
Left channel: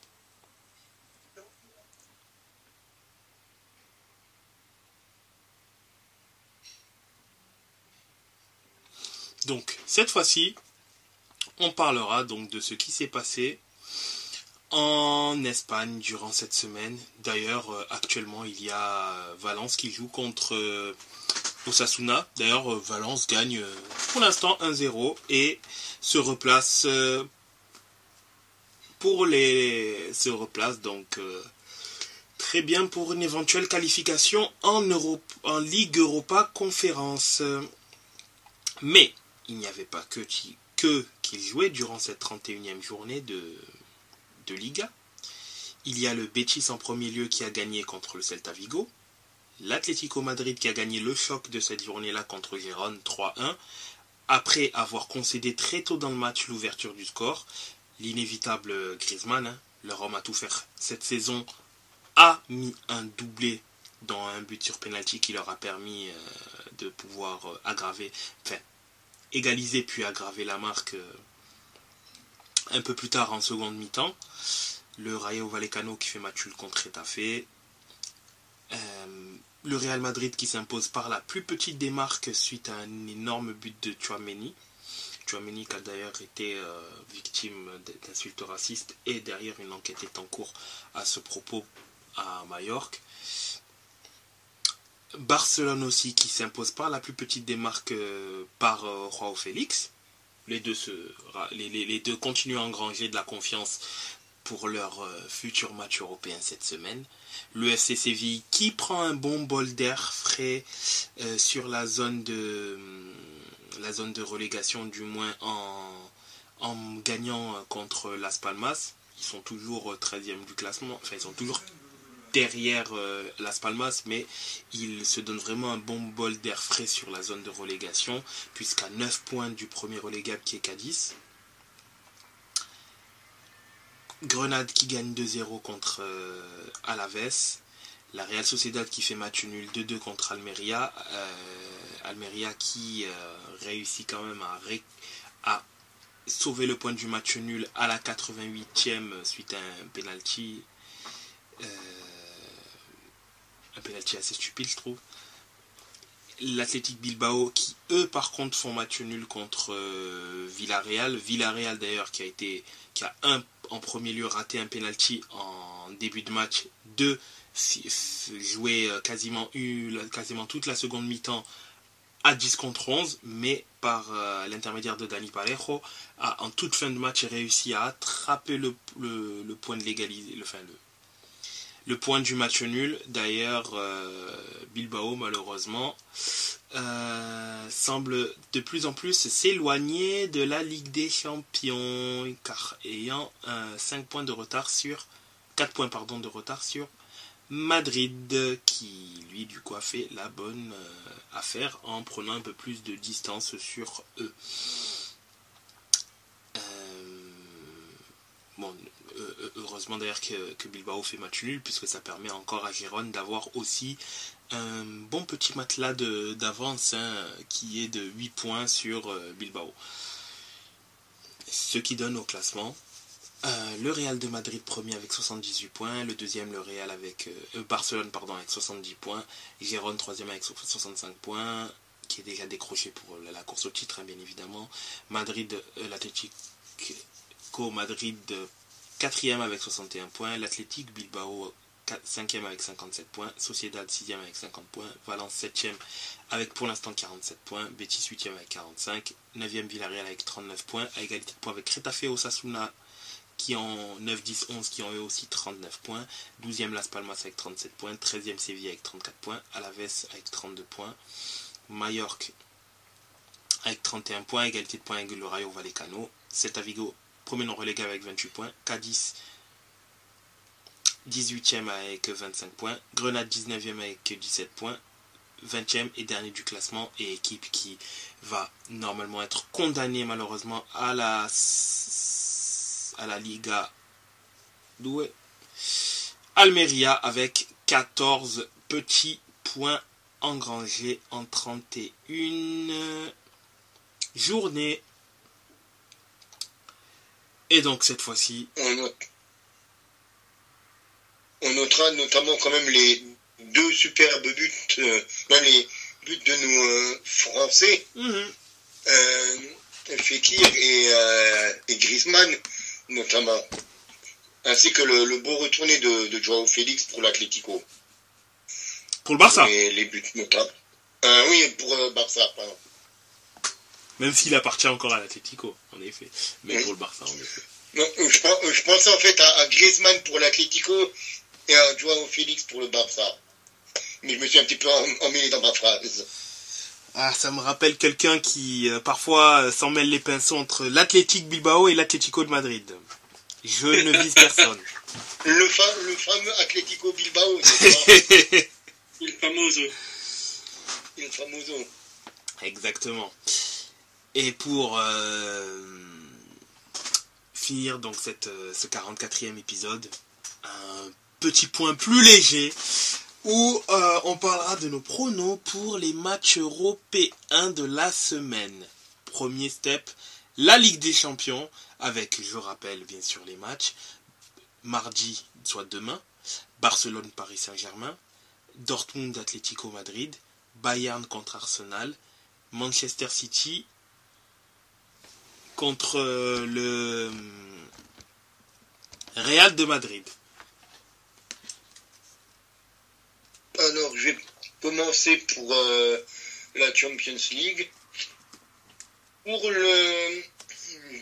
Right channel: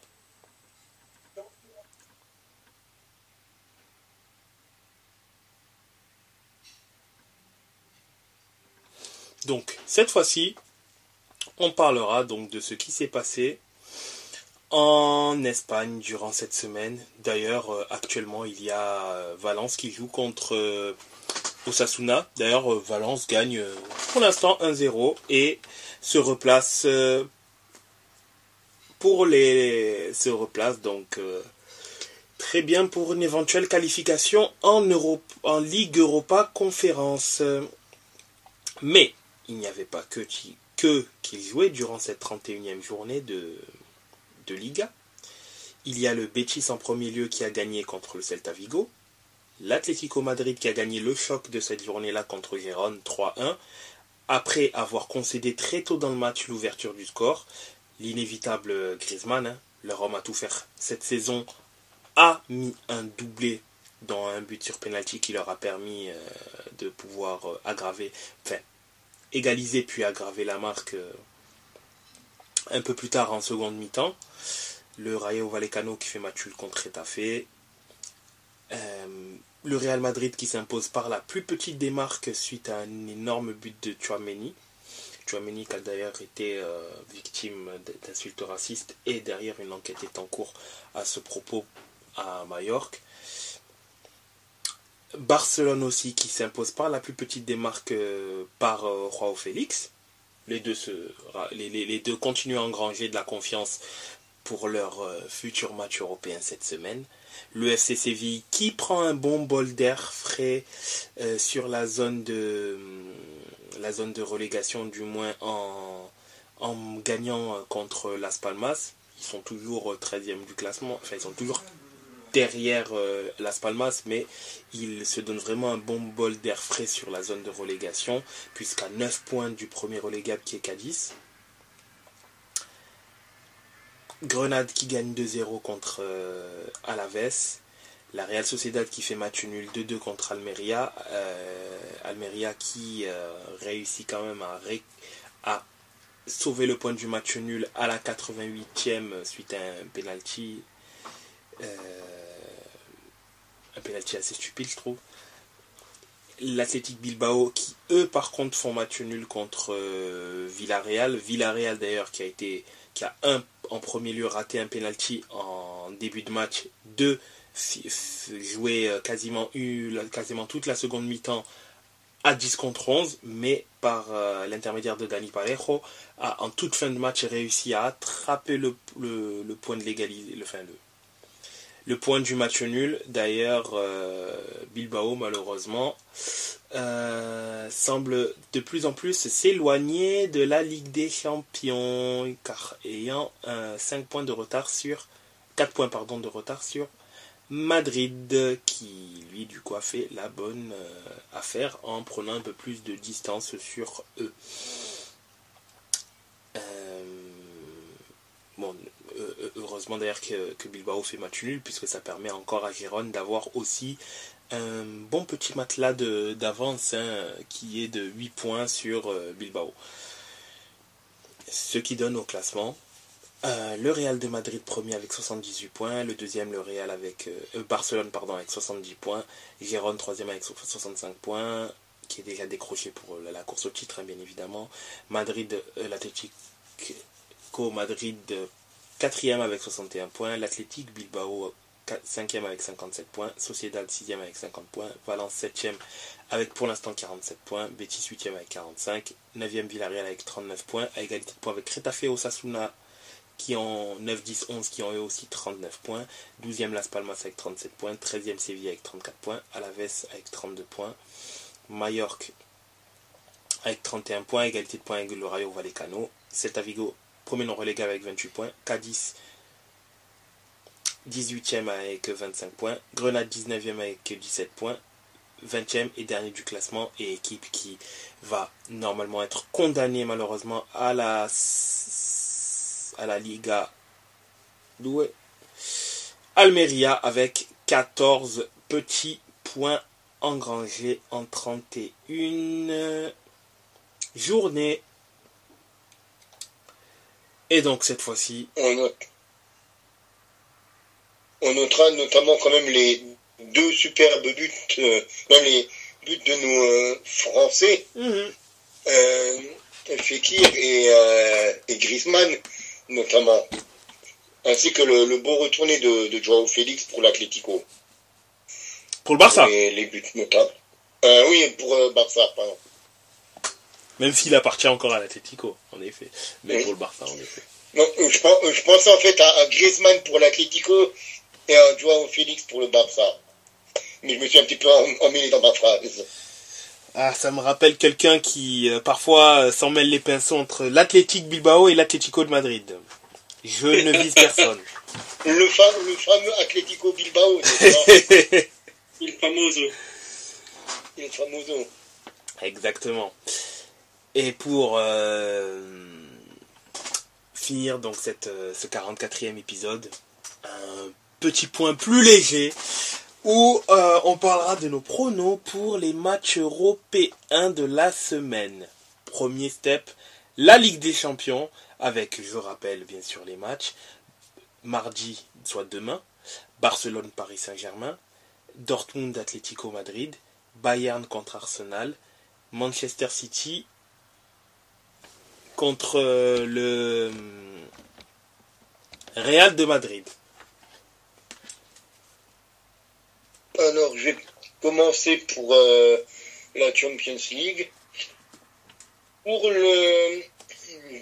Donc, cette fois-ci, on parlera donc de ce qui s'est passé en Espagne durant cette semaine. D'ailleurs, actuellement, il y a Valence qui joue contre Osasuna. D'ailleurs, Valence gagne pour l'instant 1-0 et se replace donc très bien pour une éventuelle qualification en Ligue Europa Conférence. Mais il n'y avait pas qu'ils jouaient durant cette 31e journée de Liga. Il y a le Betis en premier lieu qui a gagné contre le Celta Vigo, l'Atlético Madrid qui a gagné le choc de cette journée-là contre Gérone 3-1, après avoir concédé très tôt dans le match l'ouverture du score. L'inévitable Griezmann, leur homme à tout faire cette saison, a mis un doublé dans un but sur penalty qui leur a permis de pouvoir égaliser puis aggraver la marque un peu plus tard en seconde mi-temps. Le Rayo Vallecano qui fait match nul contre Getafe. Le Real Madrid qui s'impose par la plus petite des marques suite à un énorme but de Tchouaméni. Tchouaméni qui a d'ailleurs été victime d'insultes racistes et derrière une enquête est en cours à ce propos à Majorque. Barcelone aussi qui s'impose par la plus petite des marques par Joao Félix. Les deux continuent à engranger de la confiance pour leur futur match européen cette semaine. Le FC Séville qui prend un bon bol d'air frais sur la zone de relégation, du moins en gagnant contre Las Palmas. Ils sont toujours 13e du classement, enfin ils sont toujours derrière Las Palmas, mais ils se donnent vraiment un bon bol d'air frais sur la zone de relégation, puisqu'à 9 points du premier relégable qui est Cadiz. Grenade qui gagne 2-0 contre Alaves. La Real Sociedad qui fait match nul 2-2 contre Almeria. Almeria qui réussit quand même à sauvé le point du match nul à la 88e suite à un penalty. Un penalty assez stupide, je trouve. L'Athletic Bilbao qui, eux, par contre, font match nul contre Villarreal. Villarreal, d'ailleurs, qui a en premier lieu raté un penalty en début de match. 2, joué quasiment toute la seconde mi-temps à 10 contre 11, mais par l'intermédiaire de Dani Parejo, a en toute fin de match réussi à attraper le point de l'égalité, le point du match nul. D'ailleurs, Bilbao, malheureusement, semble de plus en plus s'éloigner de la Ligue des Champions, car ayant 4 points de retard sur Madrid, qui lui du coup a fait la bonne affaire en prenant un peu plus de distance sur eux. Heureusement d'ailleurs que Bilbao fait match nul, puisque ça permet encore à Gérone d'avoir aussi un bon petit matelas d'avance, qui est de 8 points sur Bilbao. Ce qui donne au classement le Real de Madrid premier avec 78 points, le deuxième le Real avec Barcelone avec 70 points, Gérone troisième avec 65 points, qui est déjà décroché pour la course au titre, bien évidemment. L'Atlético Madrid 4e avec 61 points, l'Athletic Bilbao 5e avec 57 points, Sociedad 6e avec 50 points, Valence 7e avec pour l'instant 47 points, Betis 8e avec 45, 9e Villarreal avec 39 points, à égalité de points avec Getafe et Osasuna qui ont 9, 10, 11, qui ont eux aussi 39 points, 12e Las Palmas avec 37 points, 13e Séville avec 34 points, Alaves avec 32 points, Mallorca avec 31 points, égalité de points avec le Rayo Vallecano, Celta Vigo premier non relégué avec 28 points, Cadiz 18e avec 25 points, Grenade 19e avec 17 points, 20e et dernier du classement, et équipe qui va normalement être condamnée malheureusement à la Liga douée, Almeria avec 14 petits points engrangés en 31 journées. Et donc cette fois-ci, on notera notamment quand même les 2 superbes buts, même les buts de nos Français, Fekir et Griezmann notamment, ainsi que le beau retourné de Joao Félix pour l'Atlético. Pour le Barça. Les buts notables. Oui, pour Barça, pardon. Même s'il appartient encore à l'Atlético, en effet. Mais oui. Pour le Barça, en effet. Non, je pensais en fait à Griezmann pour l'Atlético et à Joao Félix pour le Barça. Mais je me suis un petit peu emmêlé dans ma phrase. Ah, ça me rappelle quelqu'un qui parfois s'en mêle les pinceaux entre l'Athletic Bilbao et l'Atlético de Madrid. Je ne vise personne. Le fameux Atlético Bilbao, n'est-ce pas? Il famoso. Exactement. Et pour finir donc ce 44e épisode, un petit point plus léger où on parlera de nos pronos pour les matchs européens de la semaine. Premier step, la Ligue des Champions, avec, je rappelle bien sûr les matchs, mardi, soit demain, Barcelone-Paris Saint-Germain, Dortmund-Atlético Madrid, Bayern contre Arsenal, Manchester City contre le Real de Madrid. Alors, je vais commencer pour la Champions League. Pour le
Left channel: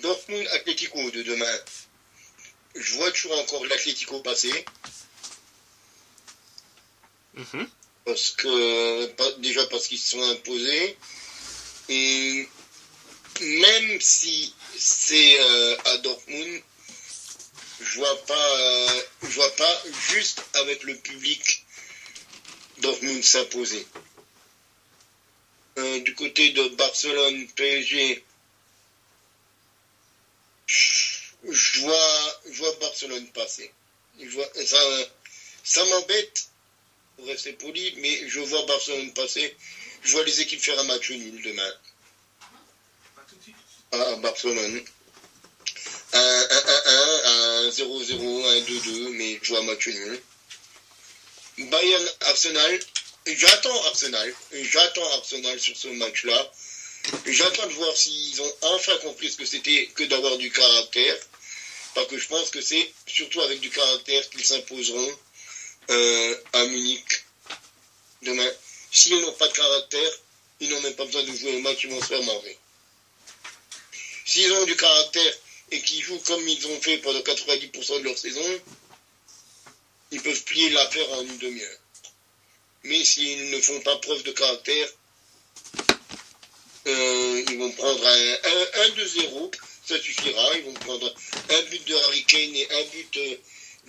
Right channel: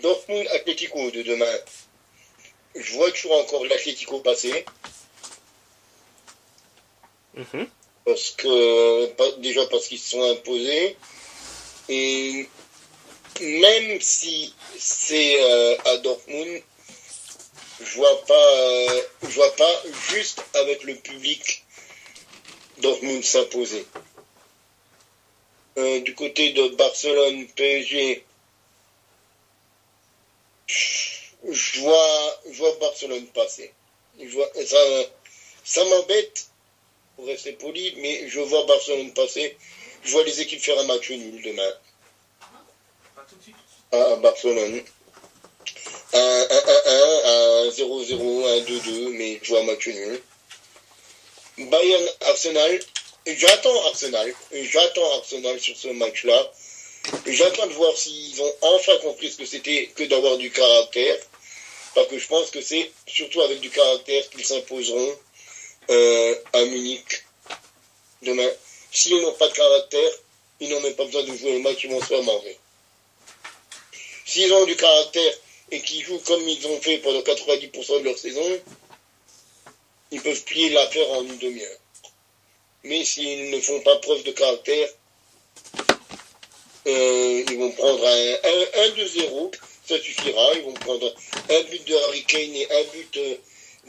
Dortmund Atlético de demain, je vois toujours encore l'Atlético passer. Parce qu'ils se sont imposés. Et même si c'est à Dortmund, je vois pas juste avec le public Dortmund s'imposer. Du côté de Barcelone, PSG, je vois Barcelone passer. Ça m'embête, pour rester poli, mais je vois Barcelone passer. Je vois les équipes faire un match nul demain. À Barcelone. un 0-0, un 2-2, mais je vois un match nul. Bayern-Arsenal, j'attends Arsenal sur ce match-là. J'attends de voir s'ils ont enfin compris ce que c'était que d'avoir du caractère. Parce que je pense que c'est surtout avec du caractère qu'ils s'imposeront à Munich demain. S'ils n'ont pas de caractère, ils n'ont même pas besoin de jouer le match, ils vont se faire manger. S'ils ont du caractère et qu'ils jouent comme ils ont fait pendant 90% de leur saison, ils peuvent plier l'affaire en une demi-heure. Mais s'ils ne font pas preuve de caractère, ils vont prendre un 2-0, ça suffira. Ils vont prendre un but de Harry Kane et un but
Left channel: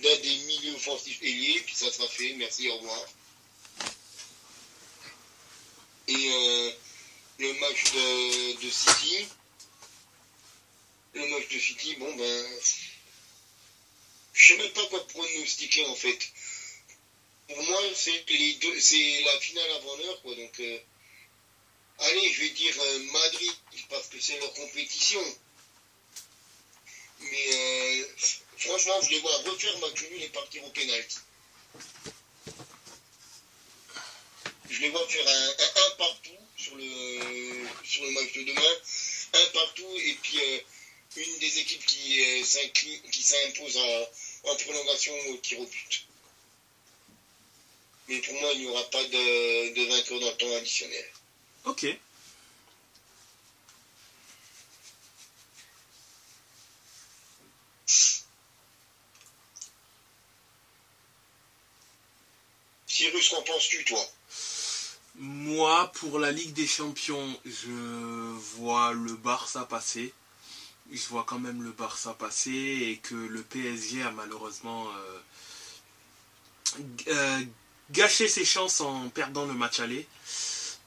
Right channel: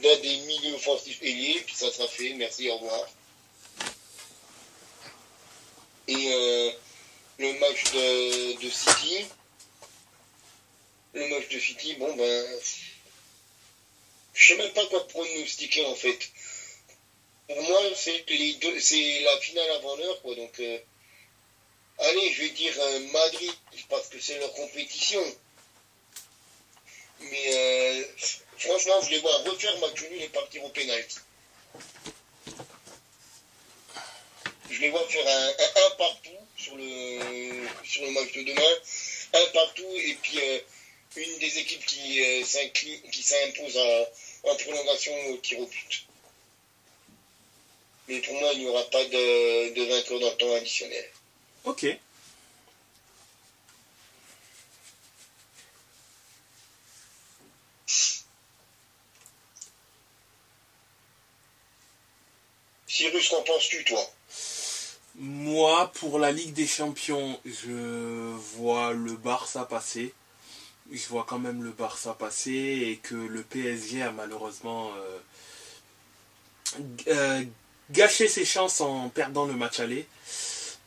d'un des milieux offensifs ailiers, puis ça sera fait. Merci, au revoir. Et le match de City, bon ben, je sais même pas quoi pronostiquer en fait. Pour moi, c'est la finale avant l'heure, quoi. Donc, allez, je vais dire Madrid parce que c'est leur compétition. Mais franchement, je les vois refaire match nul et partir au pénalty. Je les vois faire un partout sur le match de demain, un partout et puis une des équipes qui s'impose en prolongation au tir au but. Mais pour moi, il n'y aura pas de vainqueur dans le temps additionnel. Ok. Cyrus, qu'en penses-tu, toi? Moi, pour la Ligue des Champions, je vois le Barça passer. Je vois quand même le Barça passer et que le PSG a malheureusement gâché ses chances en perdant le match aller.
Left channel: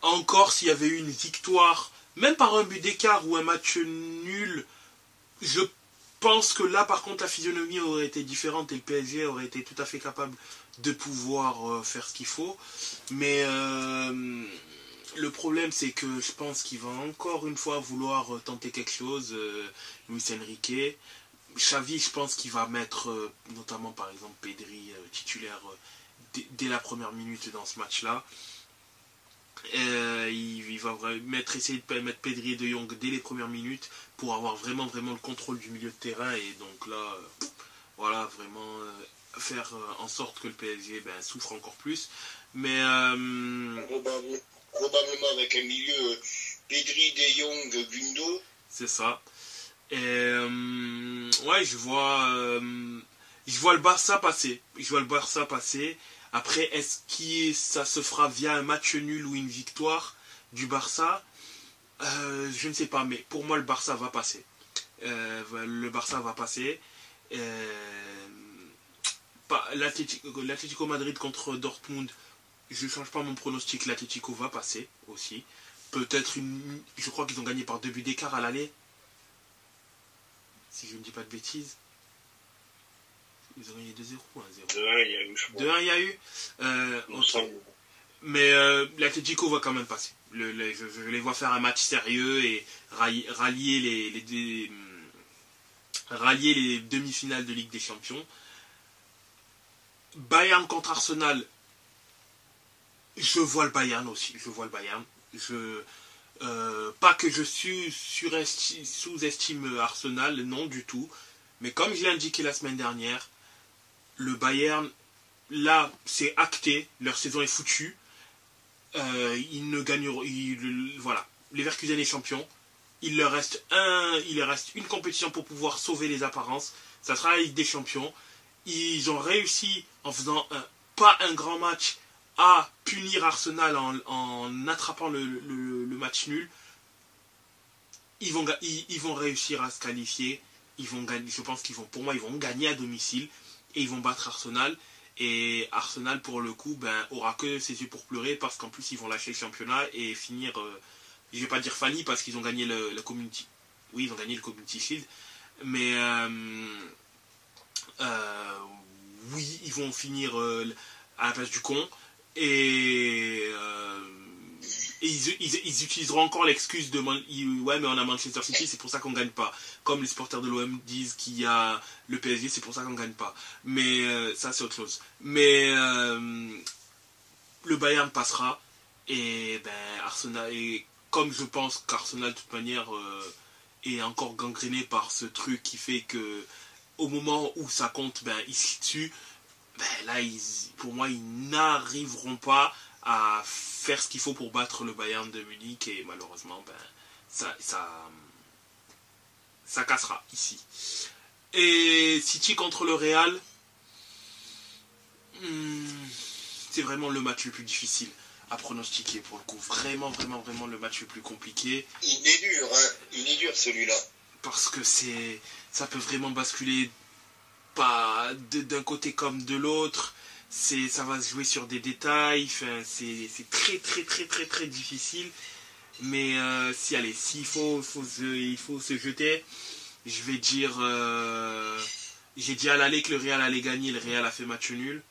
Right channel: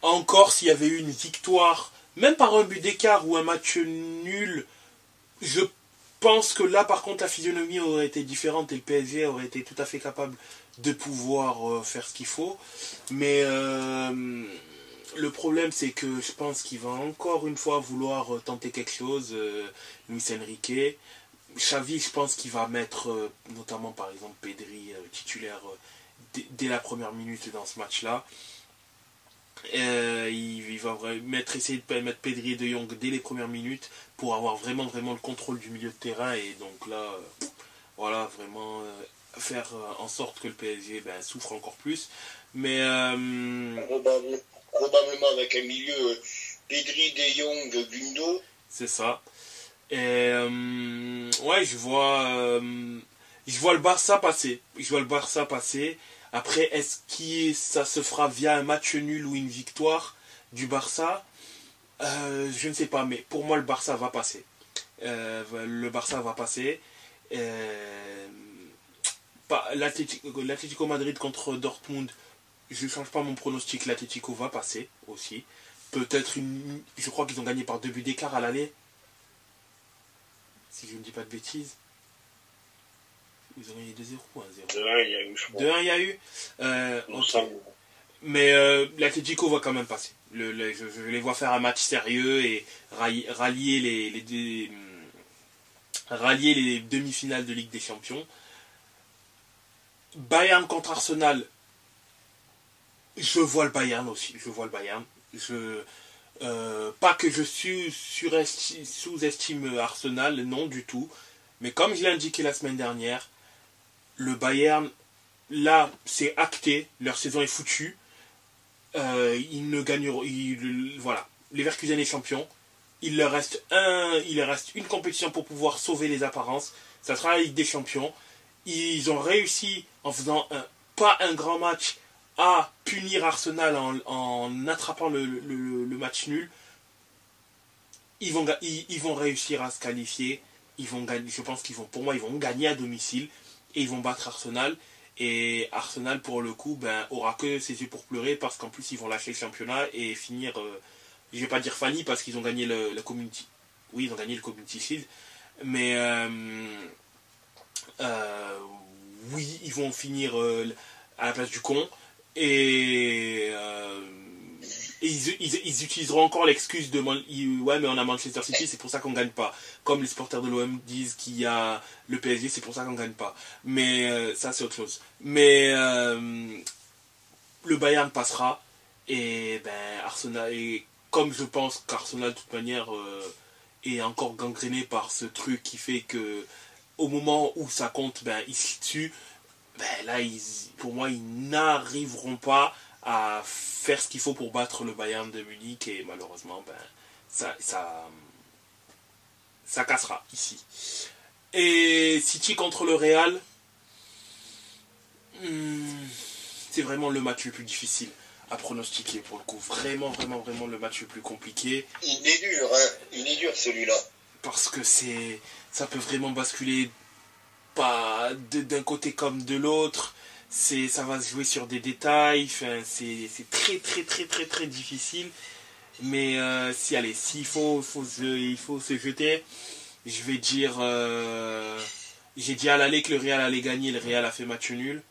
Encore s'il y avait eu une victoire, même par un but d'écart ou un match nul, je pense que là par contre la physionomie aurait été différente et le PSG aurait été tout à fait capable de pouvoir faire ce qu'il faut. Mais le problème c'est que je pense qu'il va encore une fois vouloir tenter quelque chose, Luis Enrique. Xavi, je pense qu'il va mettre notamment par exemple Pedri titulaire dès la première minute dans ce match-là. Il va essayer de mettre Pedri et De Jong dès les premières minutes pour avoir vraiment le contrôle du milieu de terrain et donc là voilà vraiment faire en sorte que le PSG souffre encore plus, mais probablement avec un milieu Pedri, De Jong, Gundo, c'est ça. Et ouais, je vois le Barça passer. Après, est-ce que ça se fera via un match nul ou une victoire du Barça? Je ne sais pas, mais pour moi, le Barça va passer. L'Atlético Madrid contre Dortmund, je ne change pas mon pronostic, l'Atlético va passer aussi. Peut-être je crois qu'ils ont gagné par 2 buts d'écart à l'aller. Si je ne dis pas de bêtises. Ils ont gagné 2-0 ou 1-0. 2-1, il y a eu, je crois. 2-1, il y a eu. Mais l'Atlético va quand même passer. Je les vois faire un match sérieux et rallier les demi-finales de Ligue des Champions. Bayern contre Arsenal, je vois le Bayern aussi. Pas que je sous-estime Arsenal, non du tout. Mais comme je l'ai indiqué la semaine dernière, le Bayern, là, c'est acté, leur saison est foutue. Ils ne gagneront. Voilà, Leverkusen est champion. Il leur reste une compétition pour pouvoir sauver les apparences. Ça sera la Ligue des Champions. Ils ont réussi, en faisant pas un grand match, à punir Arsenal en attrapant le match nul. Ils vont réussir à se qualifier. Je pense qu'ils vont gagner à domicile et ils vont battre Arsenal. Et Arsenal, pour le coup, aura que ses yeux pour pleurer parce qu'en plus, ils vont lâcher le championnat et finir, je vais pas dire Fanny parce qu'ils ont gagné le Community. Oui, ils ont gagné le Community Shield. Mais, oui, ils vont finir à la place du con. Et Et ils utiliseront encore l'excuse de ouais, mais on a Manchester City, c'est pour ça qu'on gagne pas. Comme les supporters de l'OM disent qu'il y a le PSG, c'est pour ça qu'on gagne pas. Mais ça, c'est autre chose. Mais le Bayern passera. Et Arsenal, et comme je pense qu'Arsenal, de toute manière, est encore gangréné par ce truc qui fait que au moment où ça compte, ils se tuent. Là, pour moi, ils n'arriveront pas à faire ce qu'il faut pour battre le Bayern de Munich et malheureusement ça cassera ici. Et City contre le Real, c'est vraiment le match le plus difficile à pronostiquer pour le coup. Vraiment le match le plus compliqué. Il est dur, hein. Il est dur celui-là. Parce que ça peut vraiment basculer pas d'un côté comme de l'autre. Ça va se jouer sur des détails, c'est très difficile. Mais s'il faut se jeter, je vais dire, j'ai dit à l'aller que le Real allait gagner, le Real a fait match nul.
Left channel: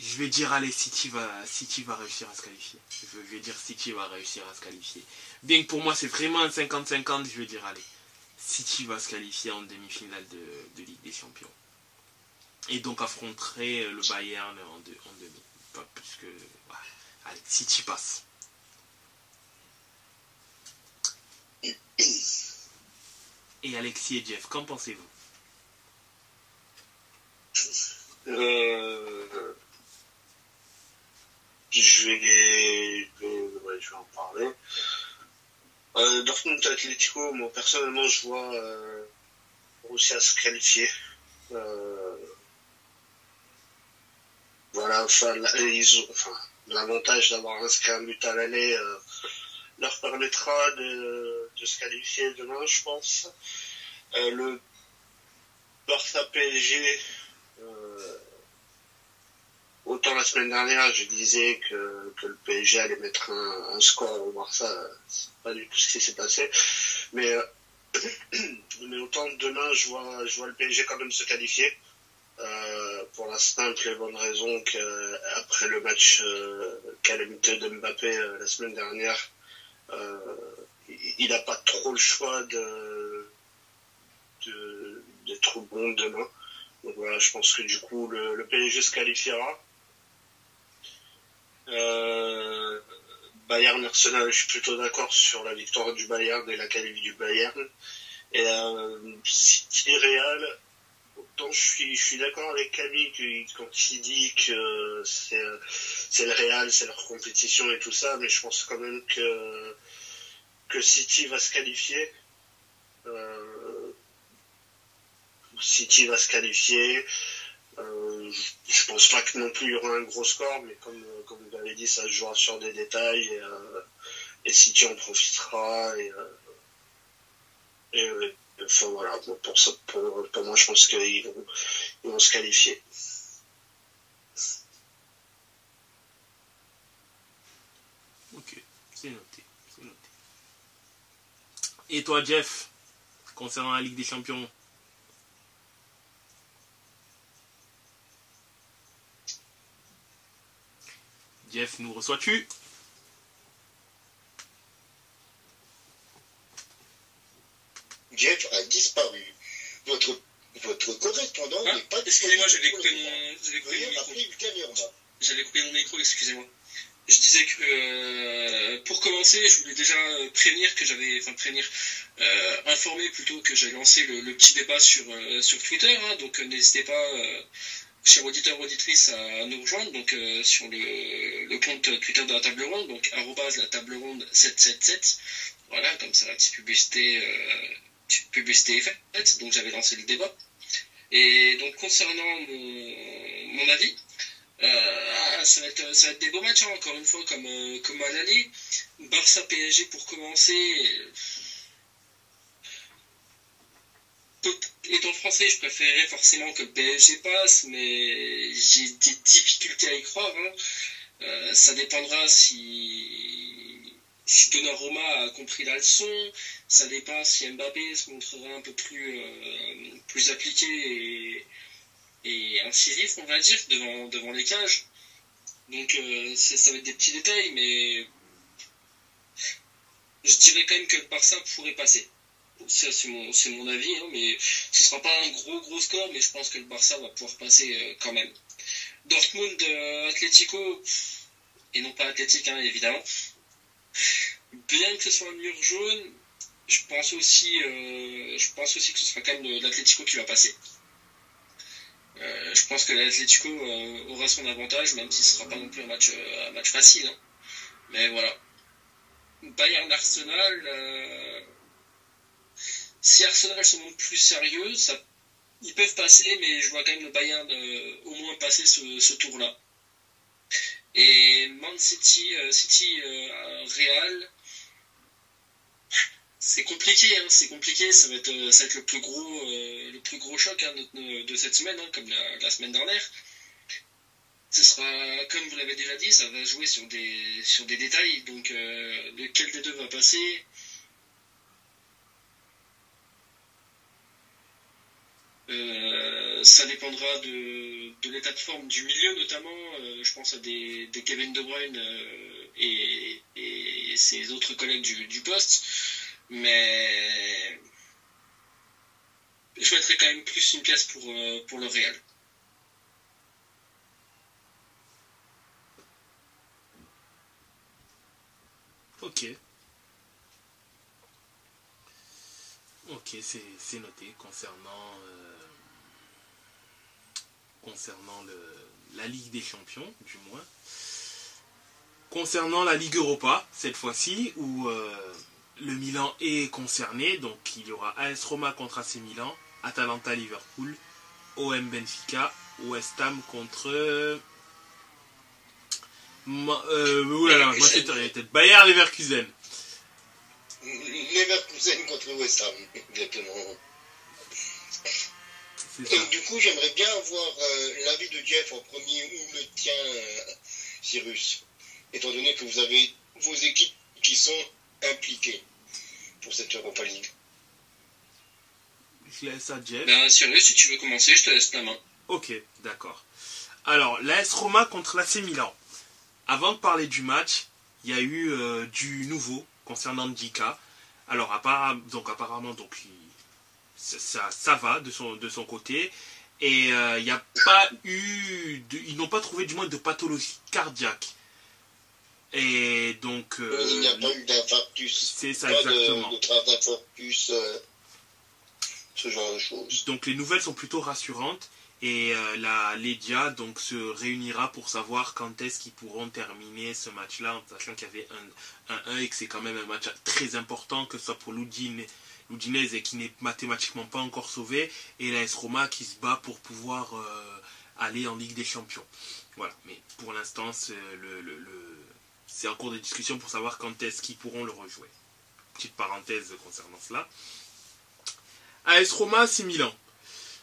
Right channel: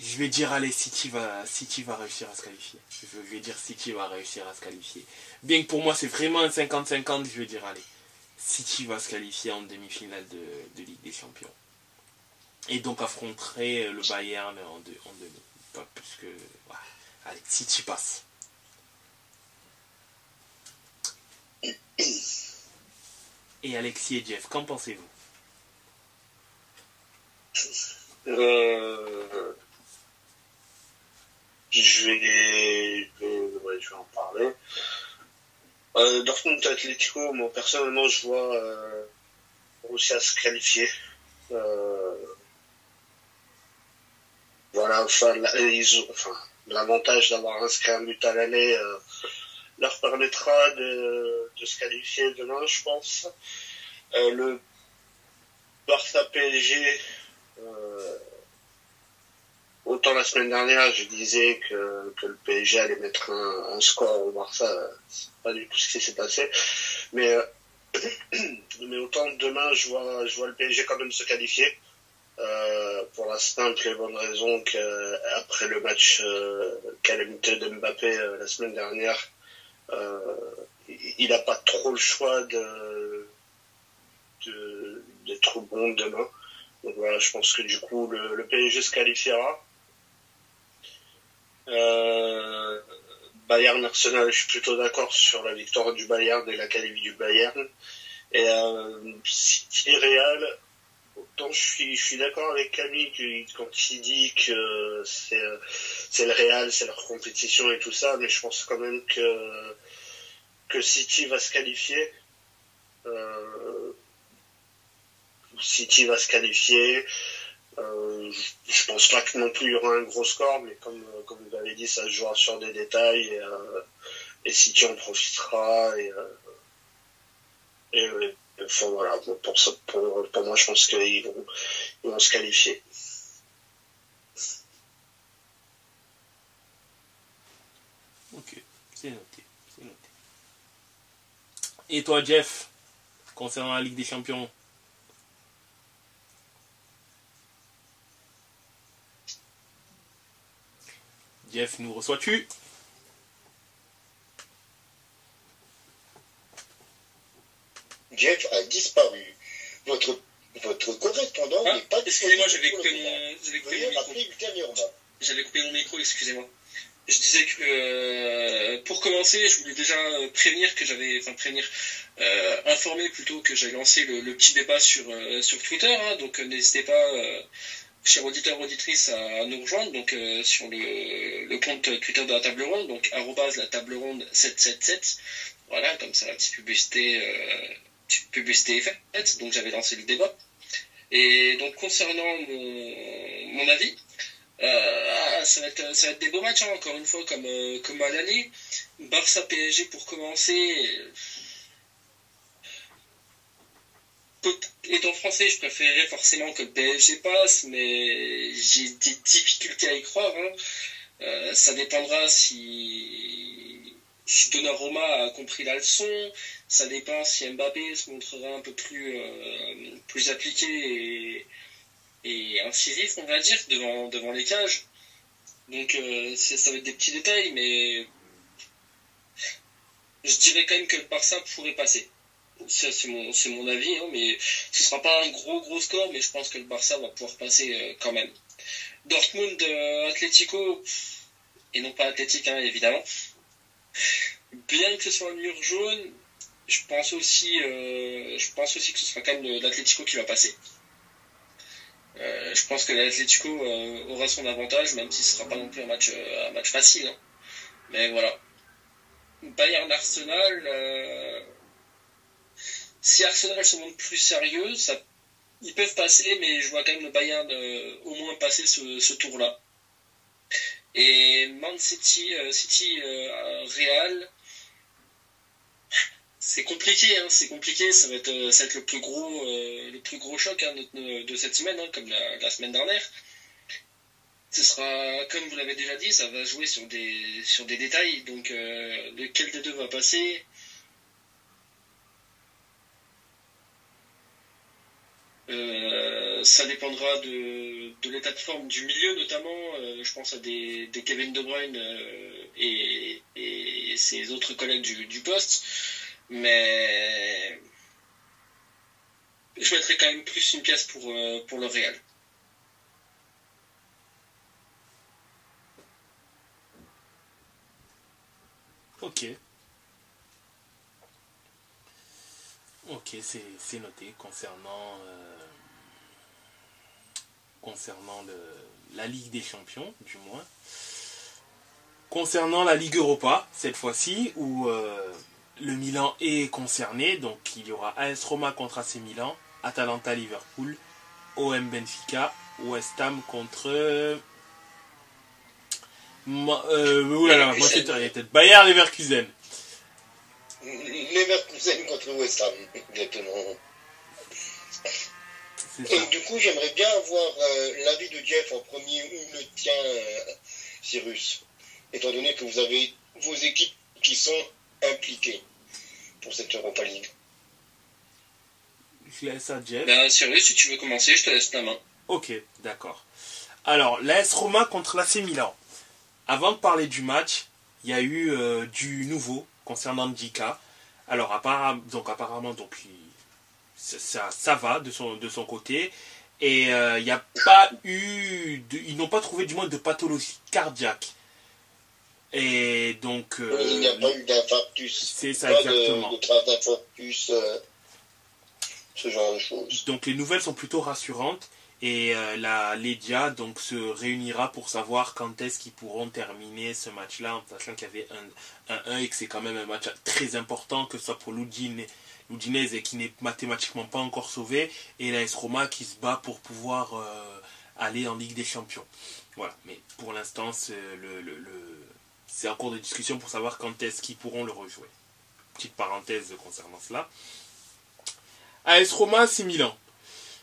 Je vais dire, allez, City va réussir à se qualifier. Je vais dire City va réussir à se qualifier. Bien que pour moi c'est vraiment un 50-50, je vais dire, allez, City va se qualifier en demi-finale de Ligue des Champions. Et donc affronterait le Bayern en demi. Pas plus que... Ouais. Allez, City passe. Et Alexis et Jeff, qu'en pensez-vous? Je vais en parler. Dortmund Atlético, moi personnellement je vois Borussia à se qualifier. Voilà, l'avantage d'avoir inscrit un but à l'aller leur permettra de se qualifier demain, je pense. Le Barça PSG, autant la semaine dernière, je disais que le PSG allait mettre un score au Barça, c'est pas du tout ce qui s'est passé. Mais autant demain, je vois le PSG quand même se qualifier. Pour la simple et bonne raison qu'après le match calamiteux de Mbappé la semaine dernière, il n'a pas trop le choix d'être bon demain. Donc voilà, je pense que du coup le PSG se qualifiera. Bayern Arsenal, je suis plutôt d'accord sur la victoire du Bayern et la qualif du Bayern. Et City Real, autant je suis d'accord avec Camille quand il dit que c'est le Real, c'est leur compétition et tout ça, mais je pense quand même que City va se qualifier. City va se qualifier. Je pense pas que non plus il y aura un gros score, mais comme vous l'avez dit, ça se jouera sur des détails et City en profitera. Enfin voilà, pour moi, je pense qu'ils vont se qualifier. Ok, c'est noté. Et toi, Jeff, concernant la Ligue des Champions? Jeff, nous reçois-tu? Jeff a disparu. Votre correspondant n'est pas disponible. Excusez-moi, j'avais coupé mon micro. J'avais coupé mon micro, excusez-moi. Je disais que pour commencer, je voulais déjà informer plutôt que j'avais lancé le petit débat sur Twitter. Donc n'hésitez pas, chers auditeurs, auditrices, à nous rejoindre donc sur le compte Twitter de la table ronde, donc @ la table ronde 777. Voilà, comme ça, la petite publicité est faite. Donc j'avais lancé le débat. Et donc concernant mon avis, ça va être des beaux matchs, encore une fois, comme à l'aller. Barça PSG pour commencer. Étant français, je préférerais forcément que le PSG passe, mais j'ai des difficultés à y croire. Ça dépendra si Donnarumma a compris la leçon. Ça dépend si Mbappé se montrera un peu plus appliqué et incisif, on va dire, devant les cages. Donc ça va être des petits détails, mais je dirais quand même que le Barça pourrait passer. Ça, c'est mon avis, hein, mais ce sera pas un gros score, mais je pense que le Barça va pouvoir passer quand même. Dortmund, Atlético, et non pas Athletic, hein, évidemment. Bien que ce soit un mur jaune, je pense aussi que ce sera quand même l'Atlético qui va passer. Je pense que l'Atlético aura son avantage, même si ce ne sera pas non plus un match facile. Hein. Mais voilà. Bayern-Arsenal, si Arsenal se montre plus sérieux, ils peuvent passer, mais je vois quand même le Bayern au moins passer ce tour-là. Et Man City, Real, c'est compliqué, hein, ça va être le plus gros choc hein, de cette semaine, hein, comme la semaine dernière. Ce sera, comme vous l'avez déjà dit, ça va jouer sur des détails, donc lequel des deux va passer. Ça dépendra de l'état de forme du milieu notamment. Je pense à des Kevin De Bruyne et ses autres collègues du poste. Mais je mettrais quand même plus une pièce pour le Real. Ok. Ok, c'est noté concernant la Ligue des Champions, du moins. Concernant la Ligue Europa, cette fois-ci, où le Milan est concerné, donc il y aura AS Roma contre AC Milan, Atalanta Liverpool, OM Benfica, West Ham contre moi c'est peut-être Bayer Leverkusen. Leverkusen contre West Ham, exactement. Et du coup, j'aimerais bien avoir l'avis de Jeff en premier ou le tien, Cyrus, étant donné que vous avez vos équipes qui sont impliquées pour cette Europa League. Je laisse à Jeff. Ben, Cyrus, si tu veux commencer, je te laisse la main. Ok, d'accord. Alors, l'AS Roma contre l'AC Milan. Avant de parler du match, il y a eu du nouveau concernant Ndjika. Alors, apparemment, ça va de son côté. Et il n'y a pas eu... ils n'ont pas trouvé du moins de pathologie cardiaque. Et donc... il n'y a pas eu d'infarctus. C'est ça, exactement. De trace d'infarctus, ce genre de choses. Donc les nouvelles sont plutôt rassurantes. Et la Ledia donc, se réunira pour savoir quand est-ce qu'ils pourront terminer ce match-là, en sachant qu'il y avait un 1 et que c'est quand même un match très important, que ce soit pour l'Udinese et qui n'est mathématiquement pas encore sauvé, et l'AS Roma qui se bat pour pouvoir aller en Ligue des Champions. Voilà, mais pour l'instant, c'est en cours de discussion pour savoir quand est-ce qu'ils pourront le rejouer. Petite parenthèse concernant cela. AS Roma, AC Milan.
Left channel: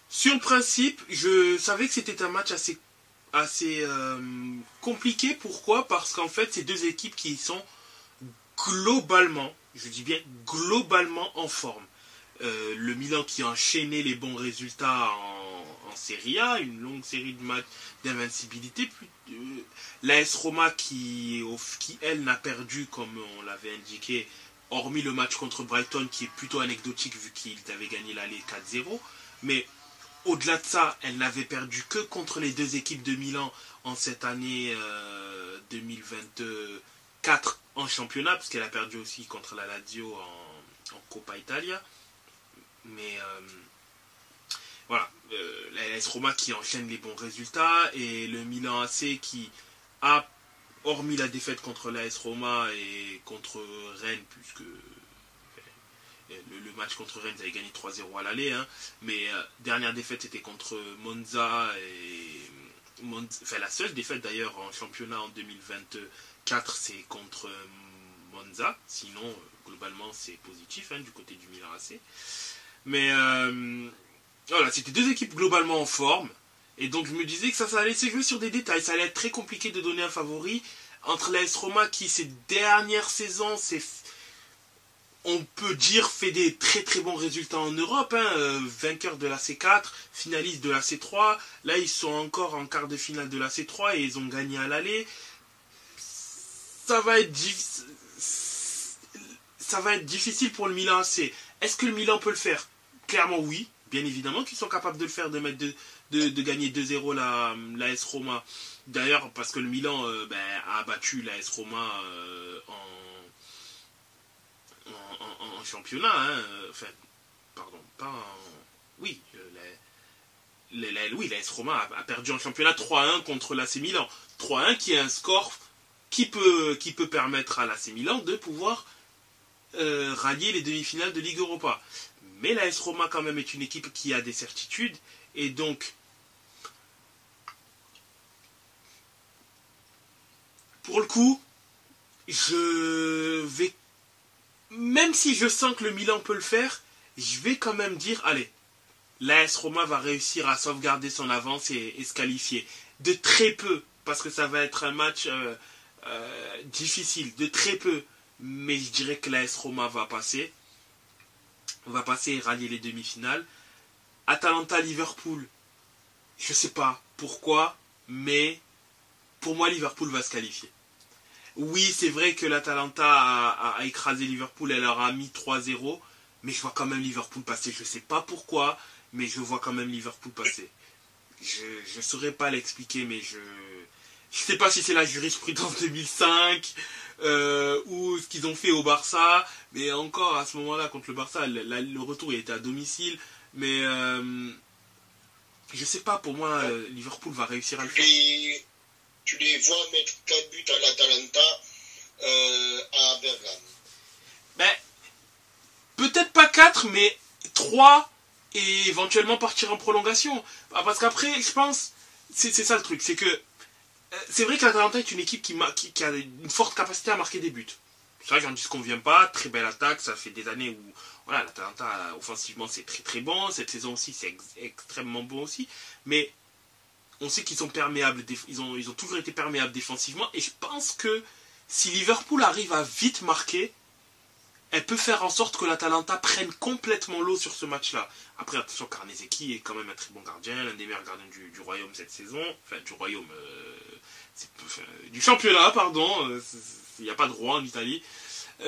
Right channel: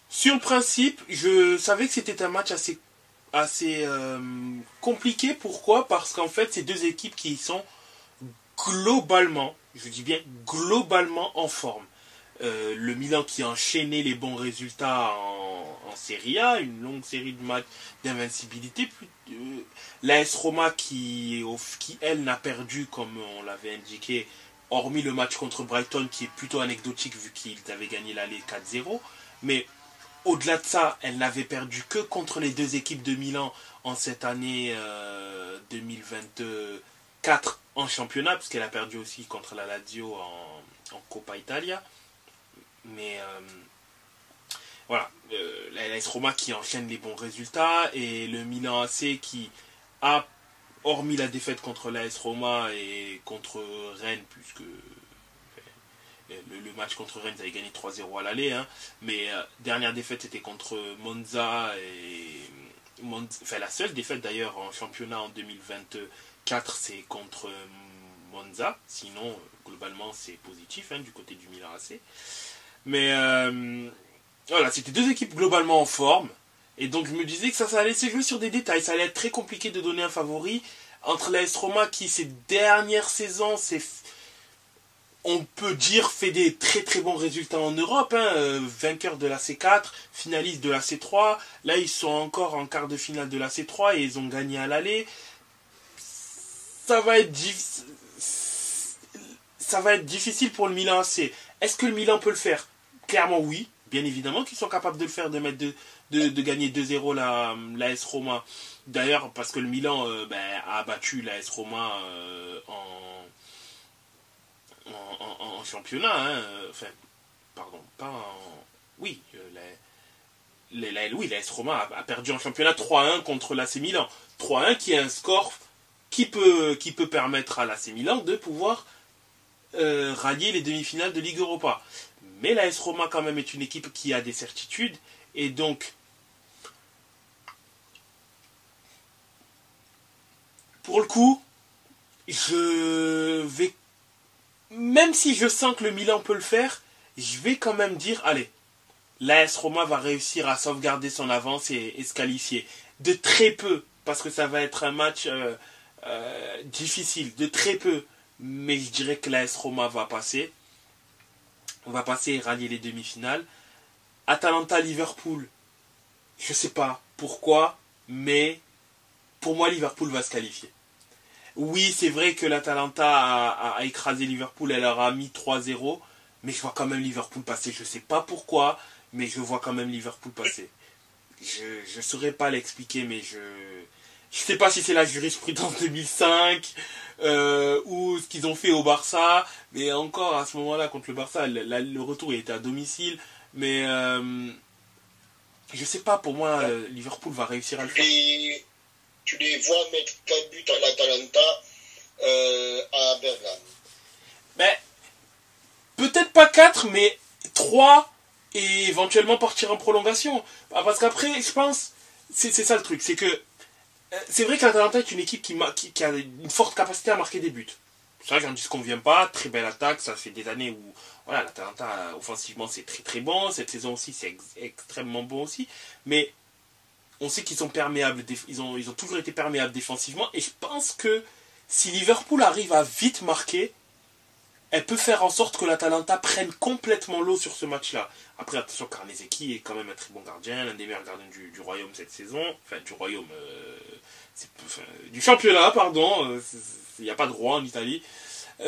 Sur le principe, je savais que c'était un match assez compliqué. Pourquoi ? Parce qu'en fait, c'est deux équipes qui sont globalement, je dis bien globalement en forme. Le Milan qui a enchaîné les bons résultats en Serie A, une longue série de matchs d'invincibilité. L'AS Roma qui, elle, n'a perdu, comme on l'avait indiqué, hormis le match contre Brighton, qui est plutôt anecdotique vu qu'ils avaient gagné l'aller 4-0. Mais au-delà de ça, elle n'avait perdu que contre les deux équipes de Milan en cette année 2024 en championnat, puisqu'elle a perdu aussi contre la Lazio en Coppa Italia. Mais voilà, l'AS Roma qui enchaîne les bons résultats, et le Milan AC qui a, hormis la défaite contre l'AS Roma et contre Rennes, puisque le match contre Rennes, ils avaient gagné 3-0 à l'aller, hein, mais dernière défaite c'était contre Monza, la seule défaite d'ailleurs en championnat en 2024 c'est contre Monza, sinon globalement c'est positif du côté du Milan AC. Mais voilà, c'était deux équipes globalement en forme, et donc je me disais que ça allait se jouer sur des détails, ça allait être très compliqué de donner un favori entre l'AS Roma qui ces dernières saisons on peut dire, fait des très très bons résultats en Europe. Hein, vainqueur de la C4, finaliste de la C3. Là, ils sont encore en quart de finale de la C3 et ils ont gagné à l'aller. Ça va être difficile pour le Milan AC. Est-ce que le Milan peut le faire? Clairement oui, bien évidemment qu'ils sont capables de le faire, de gagner 2-0 la AS Roma. D'ailleurs, parce que le Milan a battu la AS Roma en championnat. Hein. Enfin, pardon, pas en... Oui, la AS Roma a perdu en championnat 3-1 contre l'AC Milan. 3-1 qui est un score qui peut permettre à l'AC Milan de pouvoir rallier les demi-finales de Ligue Europa. Mais l'AS Roma quand même est une équipe qui a des certitudes et donc pour le coup je vais, même si je sens que le Milan peut le faire, je vais quand même dire allez, l'AS Roma va réussir à sauvegarder son avance et se qualifier de très peu, parce que ça va être un match difficile, de très peu. Mais je dirais que l'AS Roma va passer. On va passer et rallier les demi-finales. Atalanta-Liverpool, je sais pas pourquoi, mais pour moi, Liverpool va se qualifier. Oui, c'est vrai que l'Atalanta a écrasé Liverpool, elle leur a mis 3-0, mais je vois quand même Liverpool passer. Je sais pas pourquoi, mais je vois quand même Liverpool passer. Je saurais pas l'expliquer, mais je sais pas si c'est la jurisprudence 2005 ou ce qu'ils ont fait au Barça, mais encore à ce moment-là contre le Barça, le retour il était à domicile, mais je sais pas, pour moi Liverpool va réussir à le faire. Tu les vois mettre 4 buts à l'Atalanta à Bergame. Ben, peut-être pas 4, mais 3 et éventuellement partir en prolongation. Parce qu'après, je pense, c'est ça le truc, c'est que c'est vrai que l'Atalanta est une équipe qui a une forte capacité à marquer des buts. Ça, j'en dis ce qu'on vient pas. Très belle attaque. Ça fait des années où voilà, l'Atalanta, offensivement, c'est très très bon. Cette saison aussi, c'est extrêmement bon aussi. Mais on sait qu'ils sont perméables. Ils ont toujours été perméables défensivement. Et je pense que si Liverpool arrive à vite marquer, elle peut faire en sorte que l'Atalanta prenne complètement l'eau sur ce match-là. Après, attention, Karnezeki est quand même un très bon gardien, l'un des meilleurs gardiens du royaume cette saison. Enfin, du royaume... du championnat, pardon. Il n'y a pas de roi en Italie.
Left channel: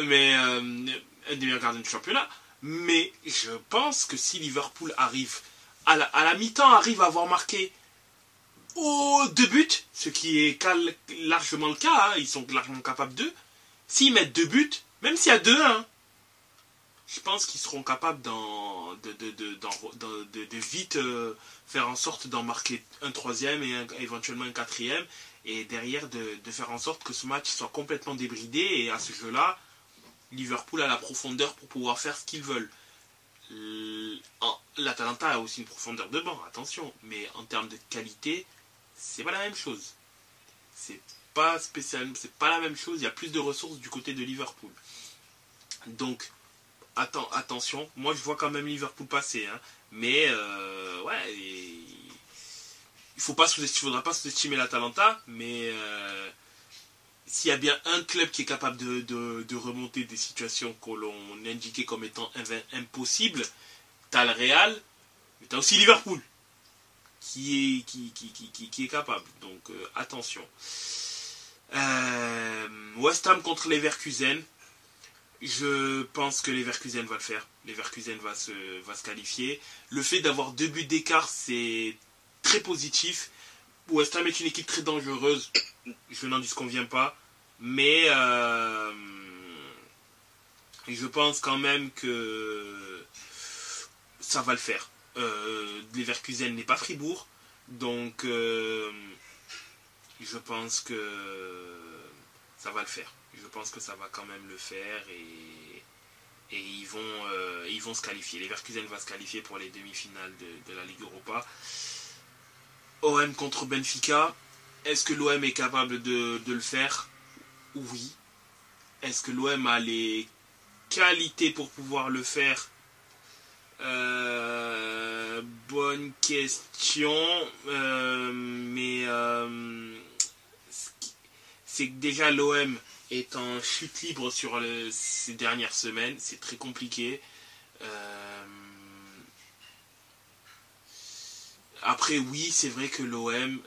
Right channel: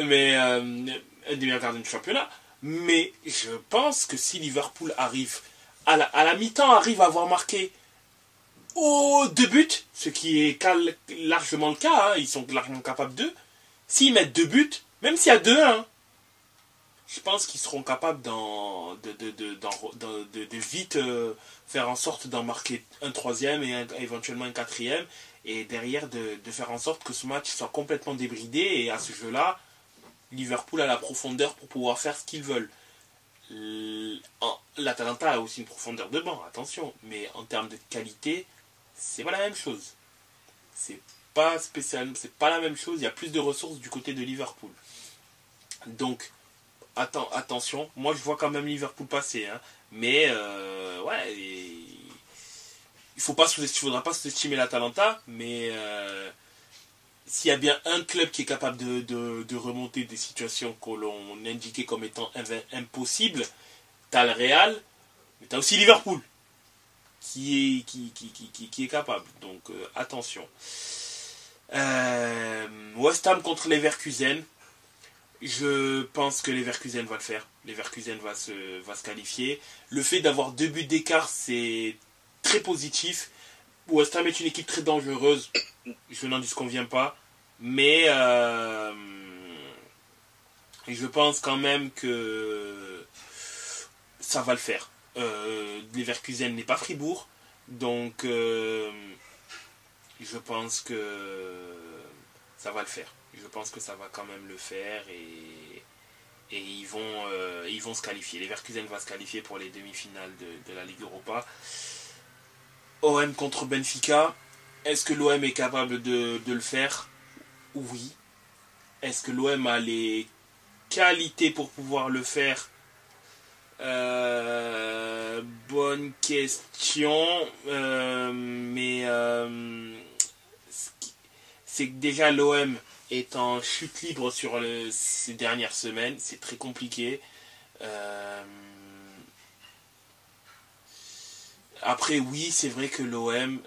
Mais un des meilleurs gardiens du championnat. Mais je pense que si Liverpool arrive, à la mi-temps, arrive à avoir marqué 2 buts, ce qui est largement le cas, hein, ils sont largement capables d'eux. S'ils mettent 2 buts, même s'il y a 2-1, je pense qu'ils seront capables de vite faire en sorte d'en marquer un troisième et éventuellement un quatrième. Et derrière, de faire en sorte que ce match soit complètement débridé. Et à ce jeu-là, Liverpool a la profondeur pour pouvoir faire ce qu'ils veulent. L'Atalanta a aussi une profondeur de banc, attention. Mais en termes de qualité, c'est pas la même chose. C'est pas spécial, c'est pas la même chose. Il y a plus de ressources du côté de Liverpool. Donc, attention. Moi, je vois quand même Liverpool passer. Hein. Mais, ouais... Il faudra pas sous-estimer l'Atalanta, mais s'il y a bien un club qui est capable de remonter des situations que l'on indiquait comme étant impossibles, t'as le Real, mais t'as aussi Liverpool qui est capable. Donc attention. West Ham contre Leverkusen. Je pense que Leverkusen va le faire. Leverkusen va se qualifier. Le fait d'avoir 2 buts d'écart, c'est très positif. West Ham est une équipe très dangereuse. Je n'en disconviens pas. Mais je pense quand même que ça va le faire. Leverkusen n'est pas Fribourg. Donc je pense que ça va le faire. Je pense que ça va quand même le faire. Et ils vont se qualifier. Leverkusen va se qualifier pour les demi-finales de la Ligue Europa. OM contre Benfica, est-ce que l'OM est capable de le faire? Oui. Est-ce que l'OM a les qualités pour pouvoir le faire? Bonne question. Mais c'est que déjà l'OM est en chute libre sur ces dernières semaines. C'est très compliqué. Après, oui, c'est vrai que l'OM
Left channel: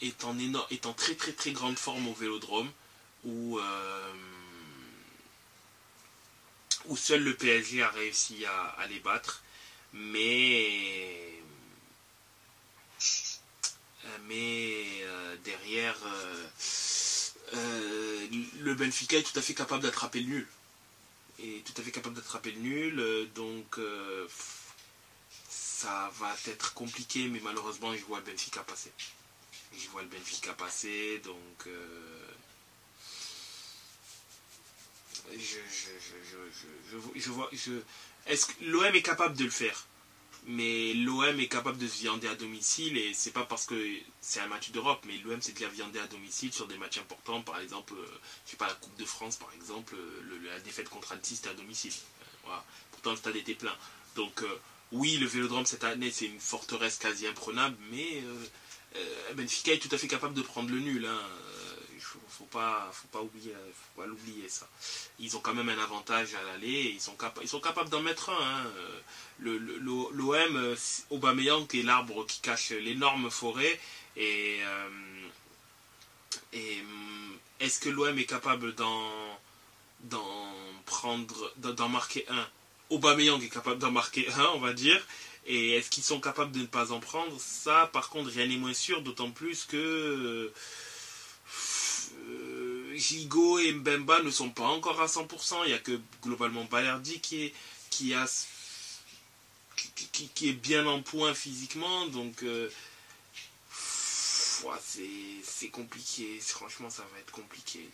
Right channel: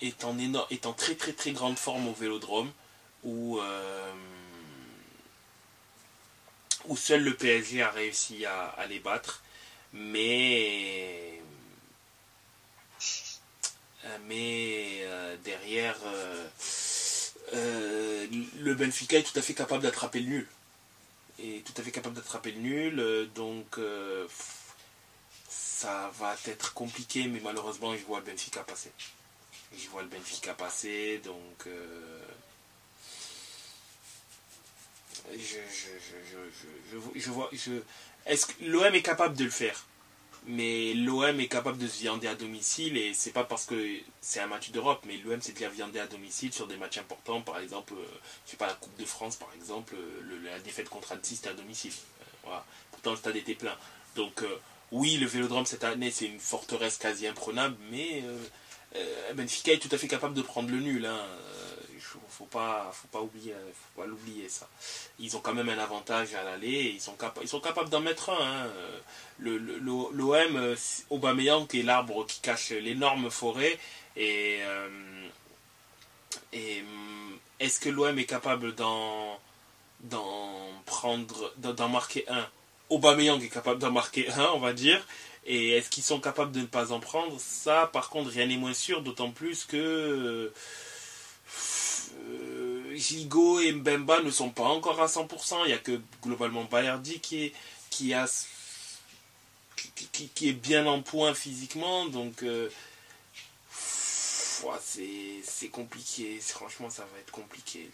est en très très très grande forme au Vélodrome, où seul le PSG a réussi à les battre. Mais derrière, le Benfica est tout à fait capable d'attraper le nul. Donc ça va être compliqué, mais malheureusement je vois le Benfica passer. Donc est-ce que l'OM est capable de le faire? Mais l'OM est capable de se viander à domicile, et c'est pas parce que c'est un match d'Europe, mais l'OM s'est déjà viandé à domicile sur des matchs importants, par exemple, je sais pas, la Coupe de France, par exemple, la défaite contre Annecy, c'était à domicile. Voilà. Pourtant le stade était plein. Donc oui, le Vélodrome cette année, c'est une forteresse quasi imprenable, mais Benfica est tout à fait capable de prendre le nul. Faut pas l'oublier, ça. Ils ont quand même un avantage à l'aller, et ils sont capables d'en mettre un. L'OM, Aubameyang est l'arbre qui cache l'énorme forêt, et est-ce que l'OM est capable d'en marquer un? Aubameyang est capable d'en marquer un, on va dire. Et est-ce qu'ils sont capables de ne pas en prendre? Ça, par contre, rien n'est moins sûr, d'autant plus que Gigot et Mbemba ne sont pas encore à 100%. Il n'y a que globalement Balerdi qui est bien en point physiquement. Donc c'est compliqué. Franchement, ça va être compliqué.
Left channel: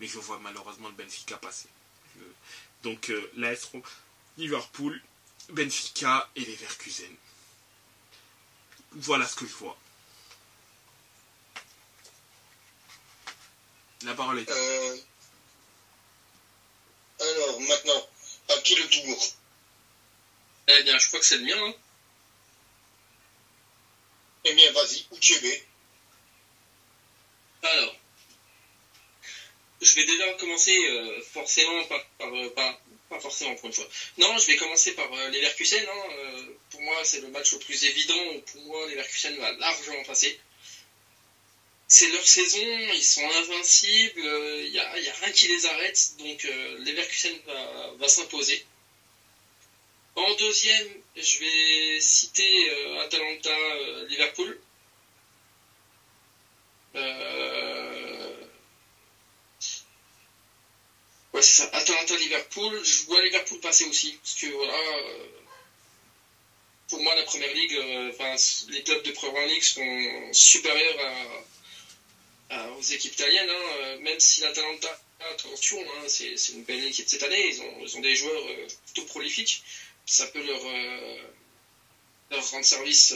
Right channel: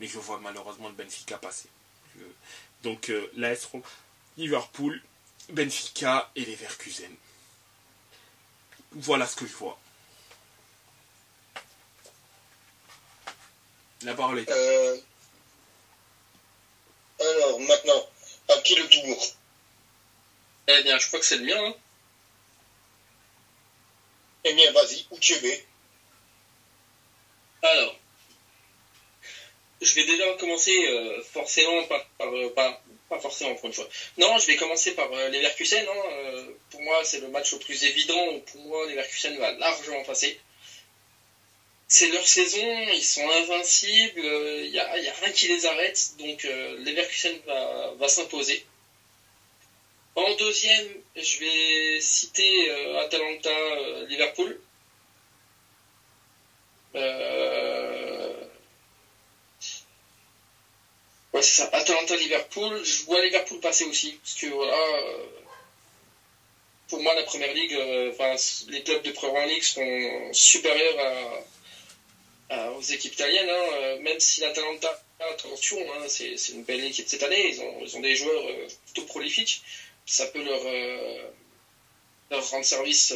Mais je vois malheureusement le Benfica passer. Donc l'AS Roma, Liverpool, Benfica et Leverkusen. Voilà ce que je vois. La parole est à vous. Alors, maintenant, à qui le tour? Eh bien, je crois que c'est le mien. Hein. Eh bien, vas-y, où tu es? Alors, je vais déjà commencer forcément pas forcément pour une fois. Non, je vais commencer par Leverkusen. Pour moi, c'est le match le plus évident. Pour moi, Leverkusen va largement passer. C'est leur saison, ils sont invincibles, il n'y a rien qui les arrête, donc Leverkusen va s'imposer. En deuxième, je vais citer Atalanta-Liverpool. Ouais, c'est ça, Atalanta-Liverpool. Je vois Liverpool passer aussi, parce que voilà, pour moi, la Première Ligue, les clubs de Première Ligue sont supérieurs aux équipes italiennes, même si l'Atalanta, attention, c'est une belle équipe cette année, ils ont des joueurs plutôt prolifiques, ça peut leur rendre service,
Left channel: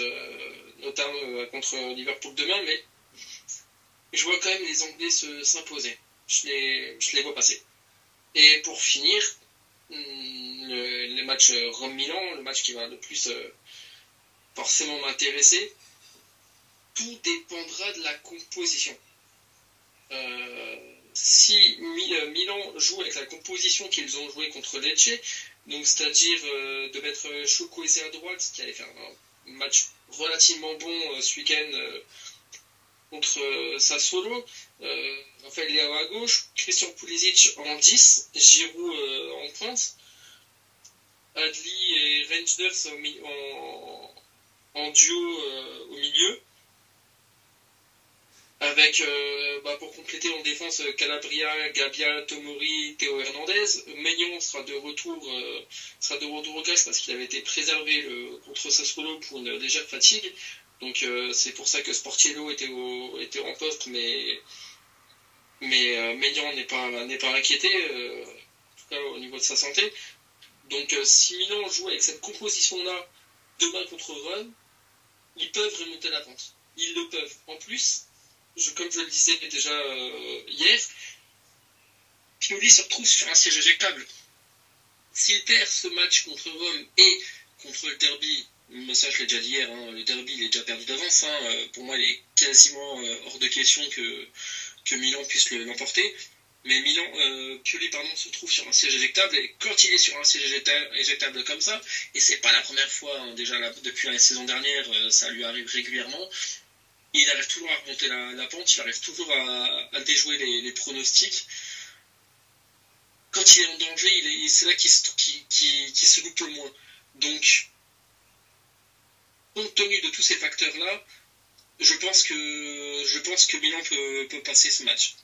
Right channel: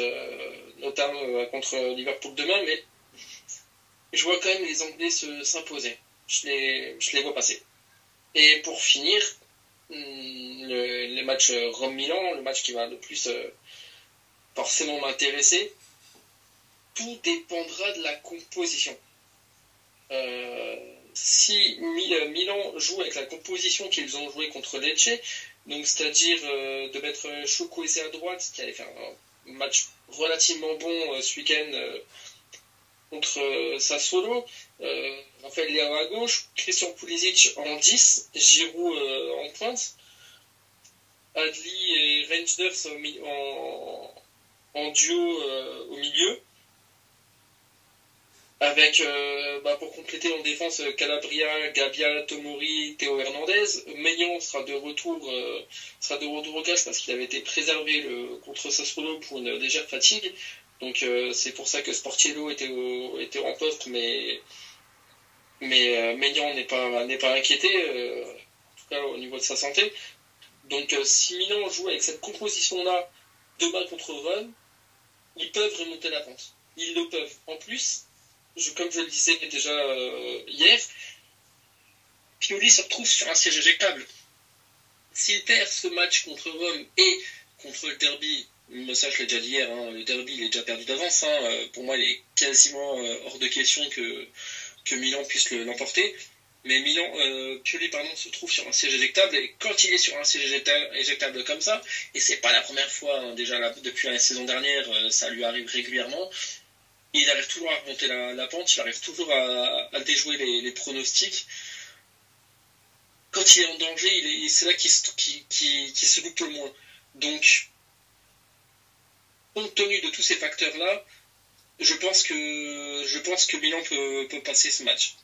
notamment contre Liverpool demain, mais je vois quand même les Anglais s'imposer, je les vois passer. Et pour finir, le match Rome-Milan, le match qui va le plus forcément m'intéresser, tout dépendra de la composition. Si Milan joue avec la composition qu'ils ont joué contre Lecce, donc c'est-à-dire de mettre Chukwueze à droite, qui avait fait un match relativement bon ce week-end contre Sassuolo, Raphaël Leao à gauche, Christian Pulisic en 10, Giroud en pointe, Adli et Reinders en duo au milieu, avec pour compléter en défense Calabria, Gabia, Tomori, Théo Hernandez. Maignan sera de retour au cache parce qu'il avait été préservé contre Sassuolo pour une légère fatigue. Donc c'est pour ça que Sportiello était en poste, mais Maignan n'est pas inquiété, en tout cas au niveau de sa santé. Donc si Milan joue avec cette composition-là demain contre Rome, ils peuvent remonter la pente. Ils le peuvent. En plus, comme je le disais déjà hier, Pioli se retrouve sur un siège éjectable. S'il perd ce match contre Rome et contre le derby, ça je l'ai déjà dit hier, le derby il est déjà perdu d'avance. Pour moi il est quasiment hors de question que que Milan puisse l'emporter. Mais Pioli se trouve sur un siège éjectable, et quand il est sur un siège éjectable comme ça, et c'est pas la première fois, hein, déjà depuis la saison dernière, ça lui arrive régulièrement, il arrive toujours à remonter la pente, il arrive toujours à déjouer les pronostics. Quand il est en danger, c'est là qu'il se loupe le moins. Donc, compte tenu de tous ces facteurs-là, je pense que Milan peut passer ce match.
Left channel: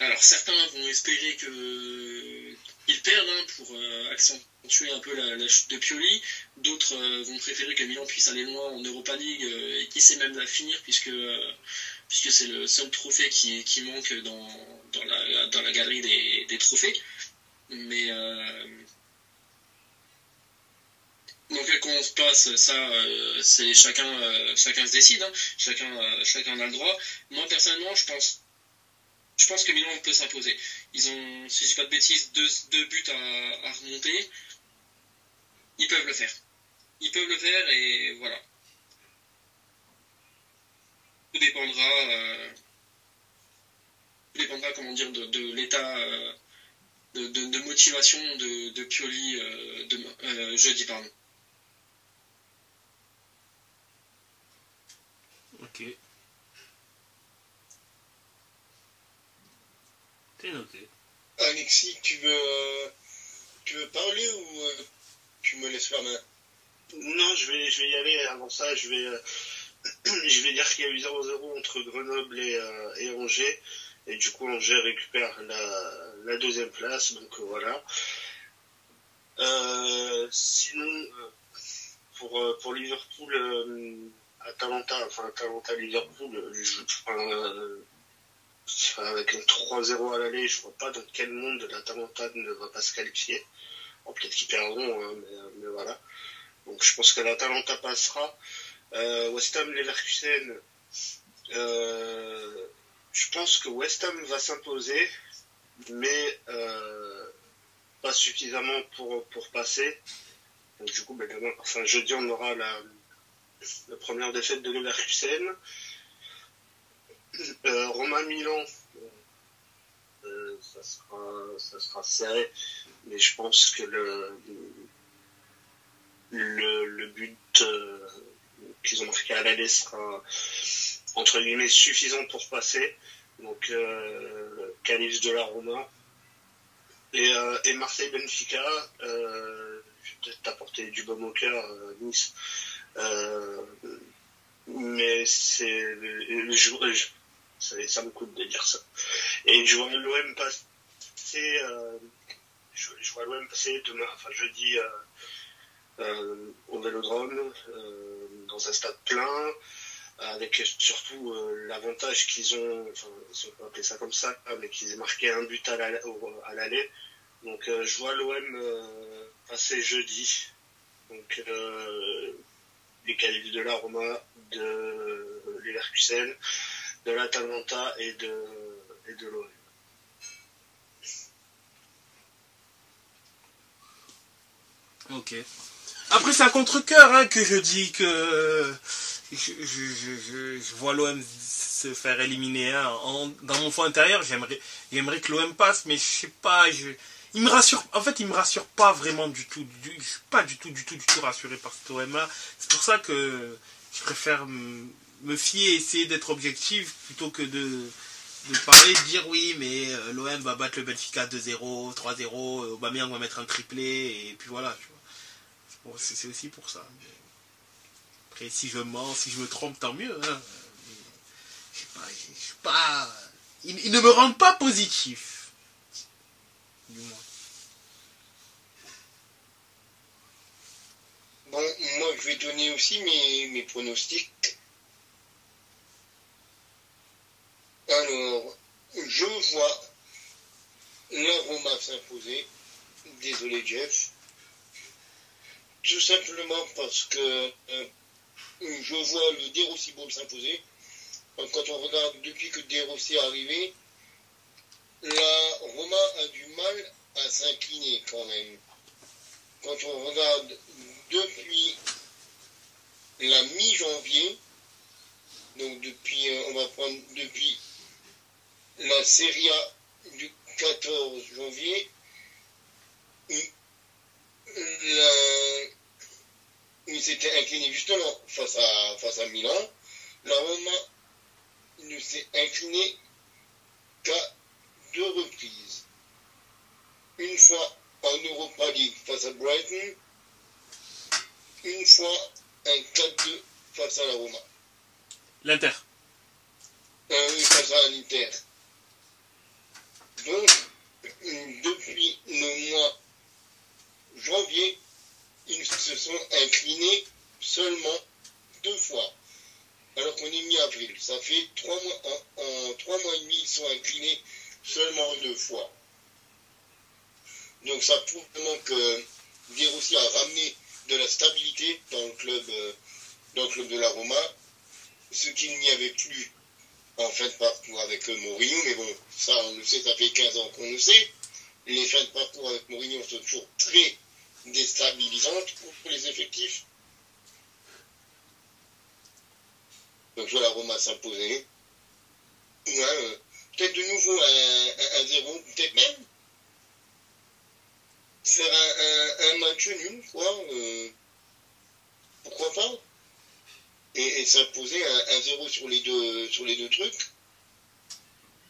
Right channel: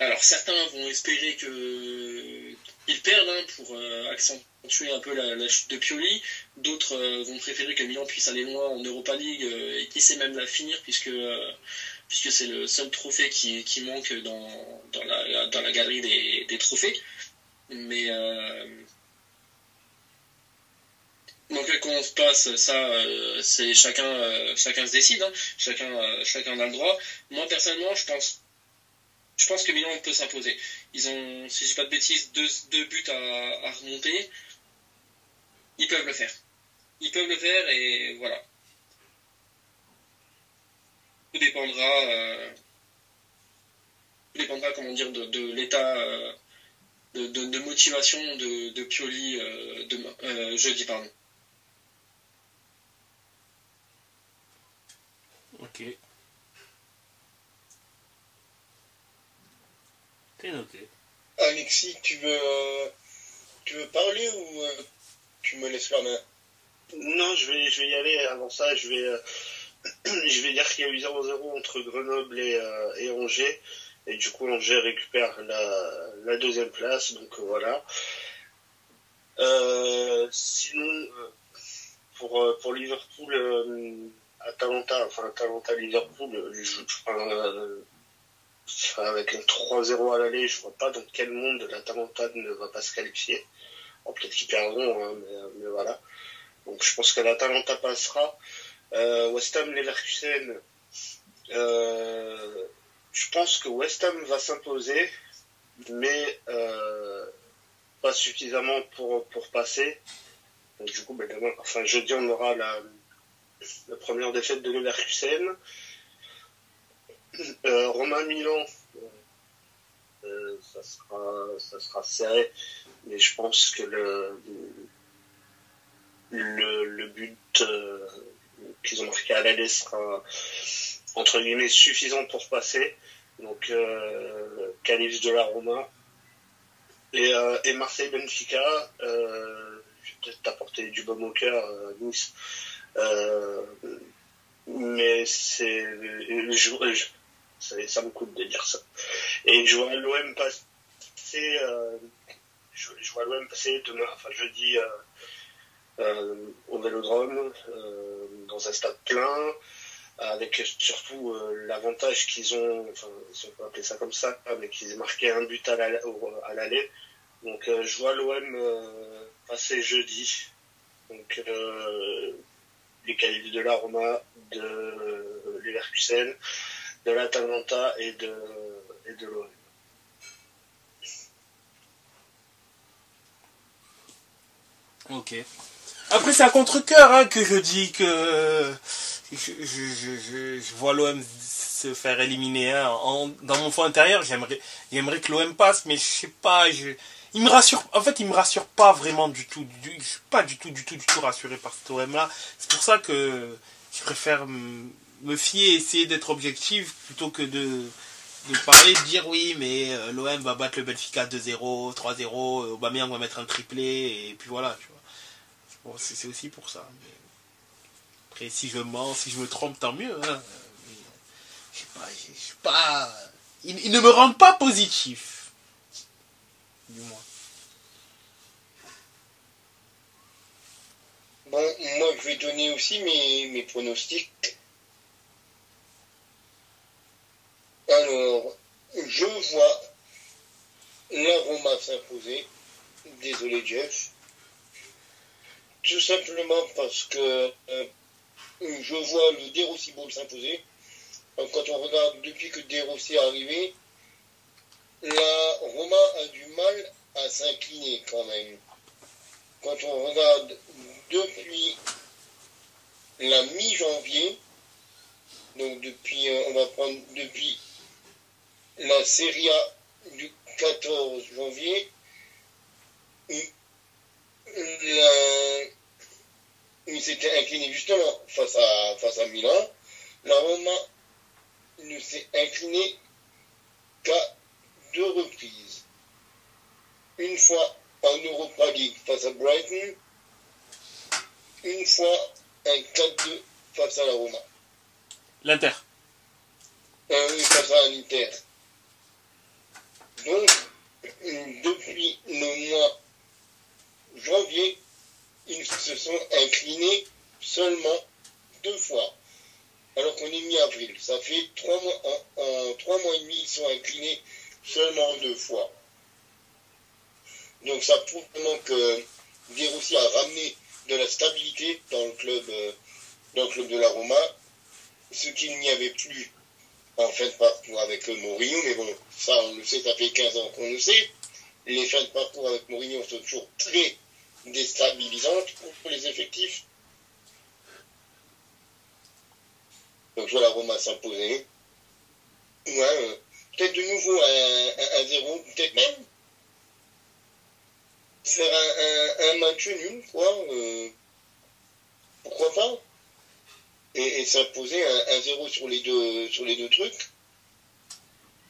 Alors certains vont espérer qu'ils perdent pour accentuer un peu la chute de Pioli. D'autres vont préférer que Milan puisse aller loin en Europa League et qui sait même la finir puisque c'est le seul trophée qui manque dans la galerie des trophées. Mais dans quel camp on se passe, ça, c'est chacun se décide. Hein. Chacun a le droit. Moi personnellement, je pense que Milan peut s'imposer. Ils ont, si je dis pas de bêtises, deux buts à remonter. Ils peuvent le faire. Ils peuvent le faire et voilà. Tout dépendra, comment dire, de l'état de motivation de Pioli jeudi, pardon. Ok. C'est noté. Alexis, tu veux parler ou tu me laisses la main? Non, je vais y aller. Avant ça, je vais dire qu'il y a eu 0-0 entre Grenoble et Angers. Et du coup, Angers récupère la deuxième place. Donc voilà. Sinon, pour Liverpool, Atalanta-Liverpool, avec un 3-0 à l'aller, je vois pas dans quel monde l'Atalanta ne va pas se qualifier. Bon, peut-être qu'ils perdront, hein, mais voilà. Donc je pense que l'Atalanta passera. West Ham Leverkusen, je pense que West Ham va s'imposer, mais pas suffisamment pour passer. Donc du coup, jeudi on aura la première défaite de Leverkusen. Roma-Milan, ça sera serré, mais je pense que le but qu'ils ont marqué à l'aller sera entre guillemets suffisant pour passer. Donc qualif de la Roma et Marseille-Benfica, je vais peut-être t'apporter du baume au cœur, Nice. Mais ça me coûte de dire ça. Et je vois l'OM passer demain, jeudi, au Vélodrome, dans un stade plein, avec surtout l'avantage qu'ils ont, si on peut appeler ça comme ça, mais qu'ils aient marqué un but à l'aller. Donc je vois l'OM passer jeudi. Donc les qualifs de la Roma, de Leverkusen, de l'Atalanta et de l'OM. Ok. Après, c'est à contre-cœur que je dis que je vois l'OM se faire éliminer. Dans mon fond intérieur, j'aimerais que l'OM passe, mais je sais pas. Il me rassure. En fait, il me rassure pas vraiment du tout. Je suis pas du tout rassuré par cet OM-là. C'est pour ça que je préfère me fier et essayer d'être objectif plutôt que de parler, de dire oui, mais l'OM va battre le Benfica 2-0, 3-0, Aubameyang va mettre un triplé, et puis voilà, tu vois. Bon, c'est aussi pour ça. Mais après, si je mens, si je me trompe, tant mieux. Hein. Mais, je sais pas. Ils ne me rendent pas positif. Du moins. Bon, moi je vais donner aussi mes pronostics. Alors, je vois la Roma s'imposer. Désolé Jeff. Tout simplement parce que je vois le De Rossi Bowl s'imposer. Quand on regarde depuis que De Rossi est arrivé, la Roma a du mal à s'incliner quand même. Quand on regarde depuis la mi-janvier, donc depuis la Serie A du 14 janvier, il s'était incliné justement face à Milan. La Roma ne s'est inclinée qu'à 2 reprises. Une fois en Europa League face à Brighton, une fois un 4-2 face à la Roma. L'Inter. Oui, face à l'Inter. Donc, depuis le mois janvier, ils se sont inclinés seulement 2 fois. Alors qu'on est mi-avril. Ça fait 3 mois, en 3 mois et demi, ils sont inclinés seulement 2 fois. Donc ça prouve vraiment que De Rossi a ramené de la stabilité dans le club de la Roma, ce qu'il n'y avait plus en fin de parcours avec Mourinho, mais bon, ça on le sait, ça fait 15 ans qu'on le sait. Les fins de parcours avec Mourinho sont toujours très déstabilisantes pour les effectifs. Donc je vois la Roma s'imposer. Ouais, peut-être de nouveau un 0, peut-être même faire un match nul, quoi. Pourquoi pas? Et s'imposer un 0 sur les deux trucs.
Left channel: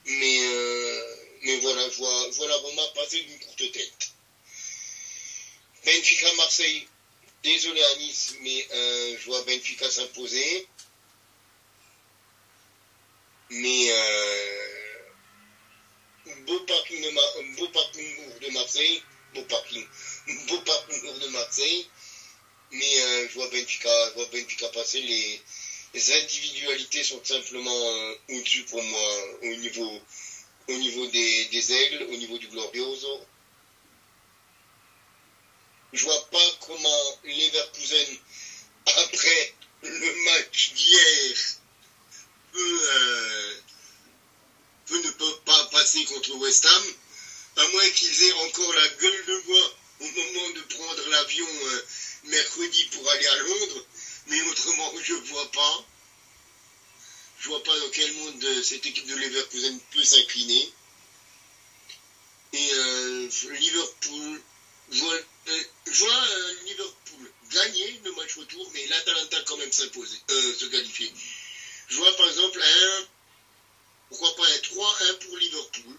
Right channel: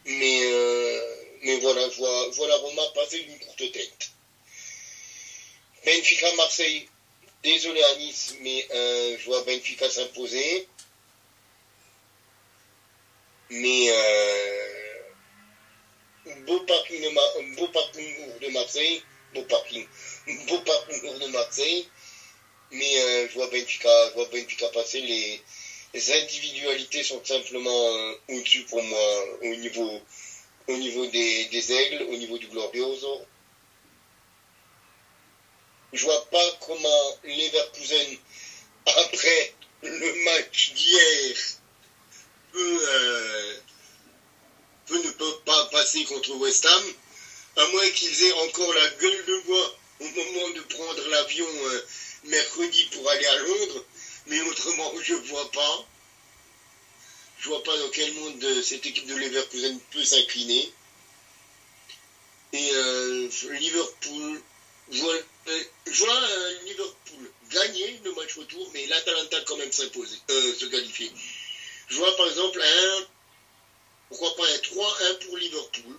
Mais voilà, je vois la Roma passer d'une courte tête. Benfica Marseille, désolé à Nice, mais je vois Benfica s'imposer. Mais beau parcours de Marseille, beau parcours de Marseille. Mais je vois Benfica passer. Les individualités sont simplement au-dessus pour moi au niveau des aigles, au niveau du Glorioso. Je vois pas comment Leverkusen, après le match d'hier, ne peut pas passer contre West Ham, à moins qu'ils aient encore la gueule de bois au moment de prendre l'avion mercredi pour aller à Londres, mais autrement je vois pas dans quel monde cette équipe de Leverkusen peut s'incliner. Et Liverpool, je vois Liverpool gagner le match retour, mais l'Atalanta quand même se qualifier. Je vois par exemple pourquoi pas un 3-1 pour Liverpool,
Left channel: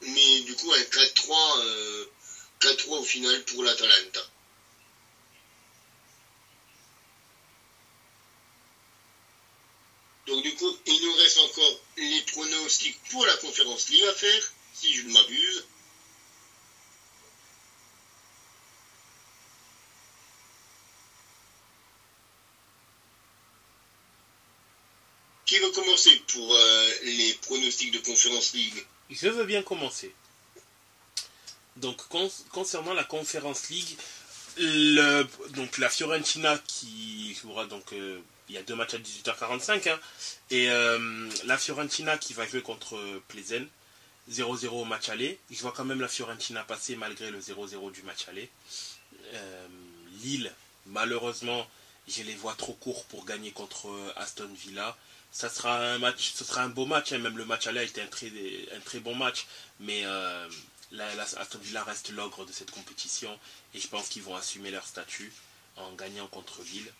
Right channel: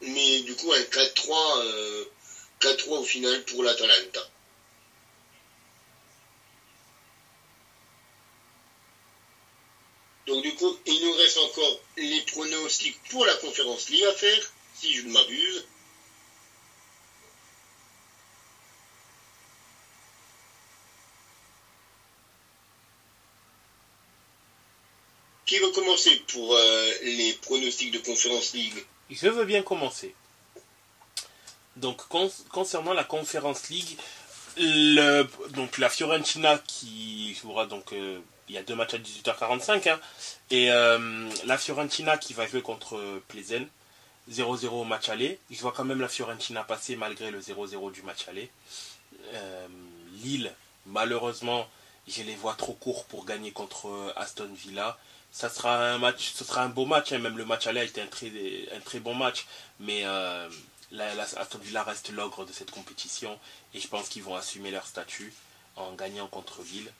mais du coup un 4-3 au final pour l'Atalanta. Donc du coup, il nous reste encore les pronostics pour la Conference League à faire, si je ne m'abuse. Qui veut commencer pour les pronostics de Conference League? Je veux bien commencer. Donc, concernant la Conference League, donc la Fiorentina qui jouera donc il y a 2 matchs à 18h45 hein, et la Fiorentina qui va jouer contre Plzen 0-0 au match aller. Je vois quand même la Fiorentina passer malgré le 0-0 du match aller. Lille, malheureusement, je les vois trop courts pour gagner contre Aston Villa. Ce sera un beau match, hein. Même le match aller a été un très bon match, mais Aston Villa reste l'ogre de cette compétition et je pense qu'ils vont assumer leur statut en gagnant contre Lille.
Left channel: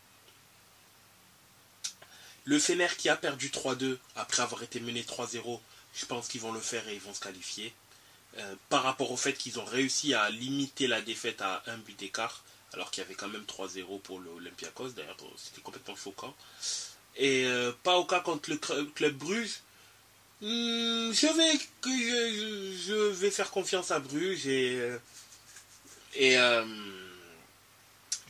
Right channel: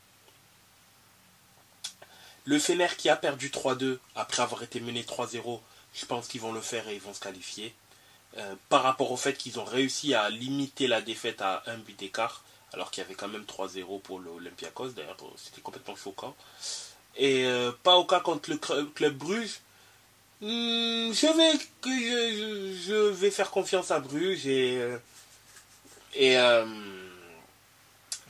Le Fener qui a perdu 3-2 après avoir été mené 3-0, je pense qu'ils vont le faire et ils vont se qualifier. Par rapport au fait qu'ils ont réussi à limiter la défaite à 1 but d'écart, alors qu'il y avait quand même 3-0 pour l'Olympiakos, d'ailleurs c'était complètement choquant. Et Paoka contre le club Bruges. Je vais faire confiance à Bruges et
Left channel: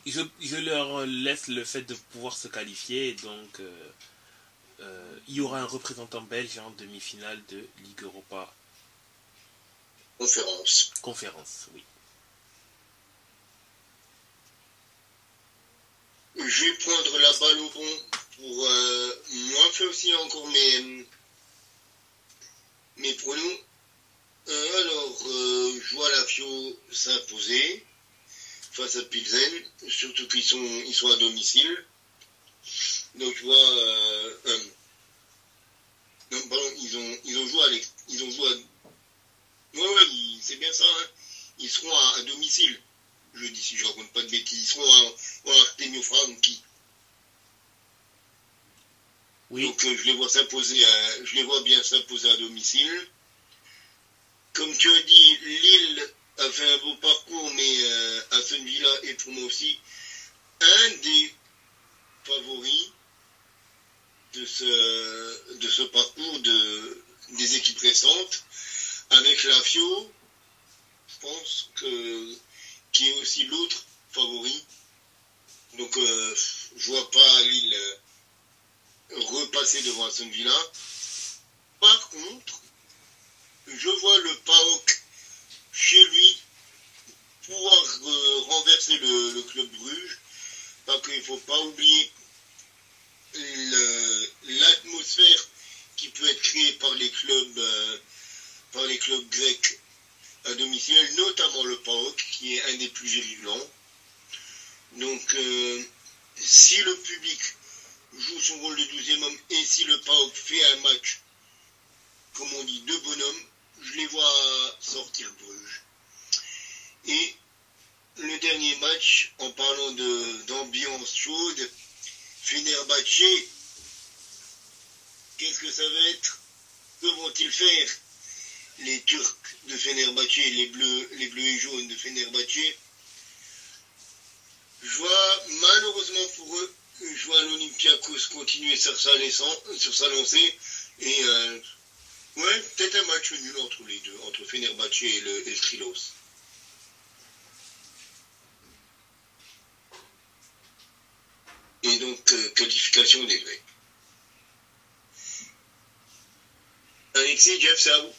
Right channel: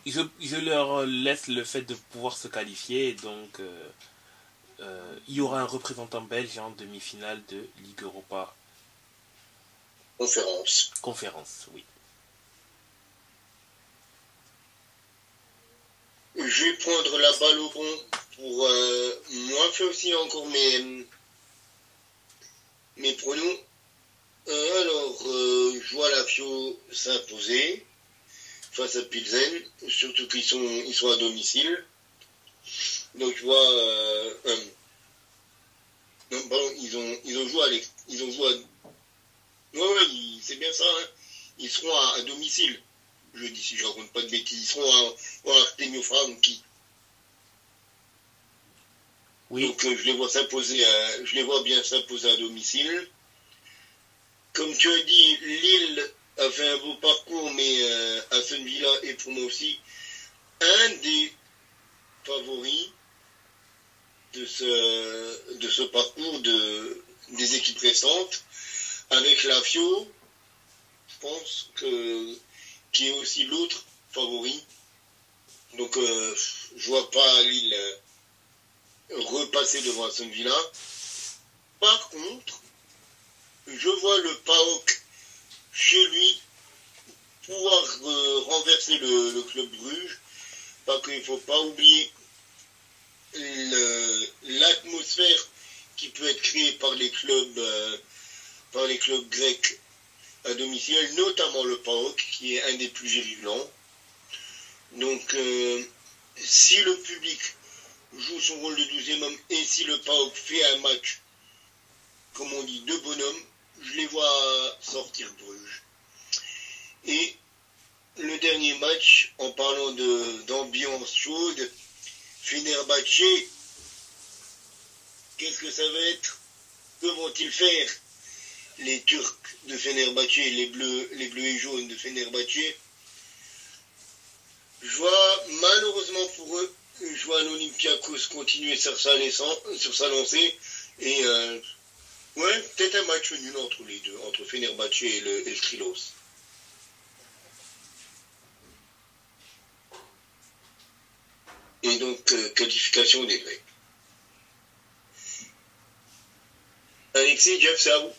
je leur laisse le fait de pouvoir se qualifier. Et donc il y aura un représentant belge en demi-finale de Ligue Europa. Conférence, oui. Je vais prendre la balle au bon pour moi faire aussi encore mes pronos. Alors, je vois la Fio s'imposer face à Pilsen, surtout qu'ils sont à domicile. Donc je vois Non, pardon, ils ont joué à ils ont joué à... Ouais, c'est bien ça, hein. Ils seront à domicile, jeudi, si je raconte pas de bêtises. Ils seront à Artemio Franchi. Oui. Donc je les vois bien s'imposer à domicile. Comme tu as dit, Lille a fait un beau parcours, mais Aston Villa est pour moi aussi un des favoris de ce parcours des équipes récentes, avec la Fio, je pense, qui est aussi l'autre favori. Donc je vois pas Lille repasser devant Aston Villa. Par contre, je vois le PAOK chez lui pouvoir renverser le club Bruges, parce qu'il ne faut pas oublier l'atmosphère qui peut être créée par les clubs grecs à domicile, notamment le PAOK, qui est un des plus virulents. Donc, si le public joue son rôle de 12e homme et si le PAOK fait un match, comme on dit, de bonhomme, je les vois sortir Bruges. Et le dernier match, en parlant d'ambiance chaude, Fenerbahçe, qu'est-ce que ça va être? Que vont-ils faire, les Turcs de Fenerbahçe, les bleus et jaunes de Fenerbahçe? Je vois, malheureusement pour eux, je vois l'Olympiakos continuer sur sa lancée, et ouais, peut-être un match nul entre les deux, entre Fenerbahçe et le Trilos. Et donc, qualification des Grecs. Alexis, Jeff, c'est à vous.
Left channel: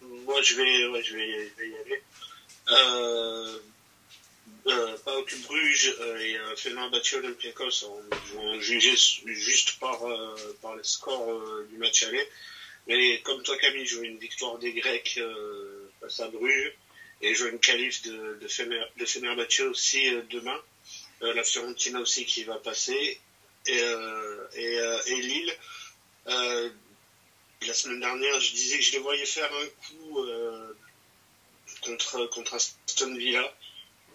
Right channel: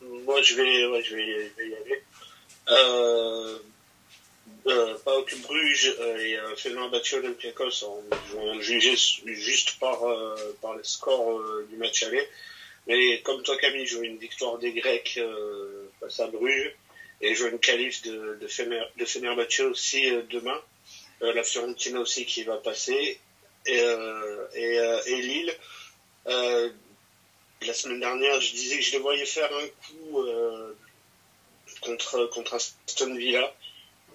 Moi, je vais y aller. PAOK Bruges et Fenerbahçe Olympiakos vont juger juste par les scores du match aller. Mais comme toi, Camille, je veux une victoire des Grecs face à Bruges. Et je veux une qualif de Fenerbahçe aussi demain. La Fiorentina aussi qui va passer. Et Lille. La semaine dernière, je disais que je les voyais faire un coup contre Aston Villa.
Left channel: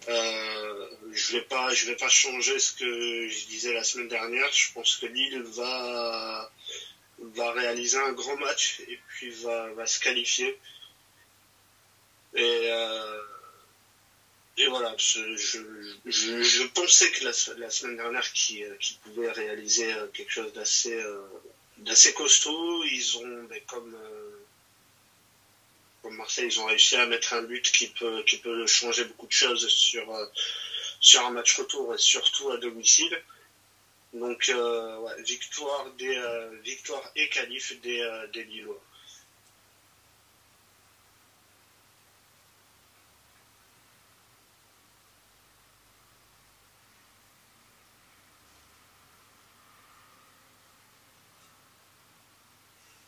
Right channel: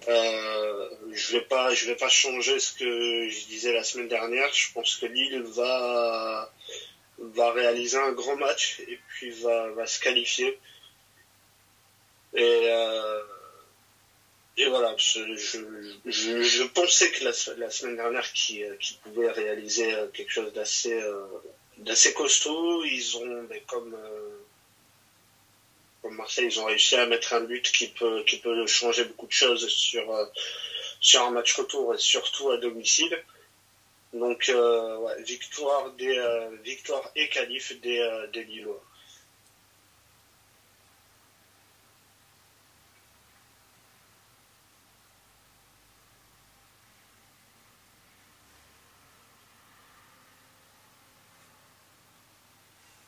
Je vais pas changer ce que je disais la semaine dernière. Je pense que Lille va réaliser un grand match et puis va se qualifier. Et voilà, je pensais que la semaine dernière qu'ils pouvaient réaliser quelque chose d'assez costaud. Ils ont, comme Marseille, ils ont réussi à mettre un but qui peut changer beaucoup de choses sur un match retour et surtout à domicile. Donc ouais, victoire et qualif des Lillois.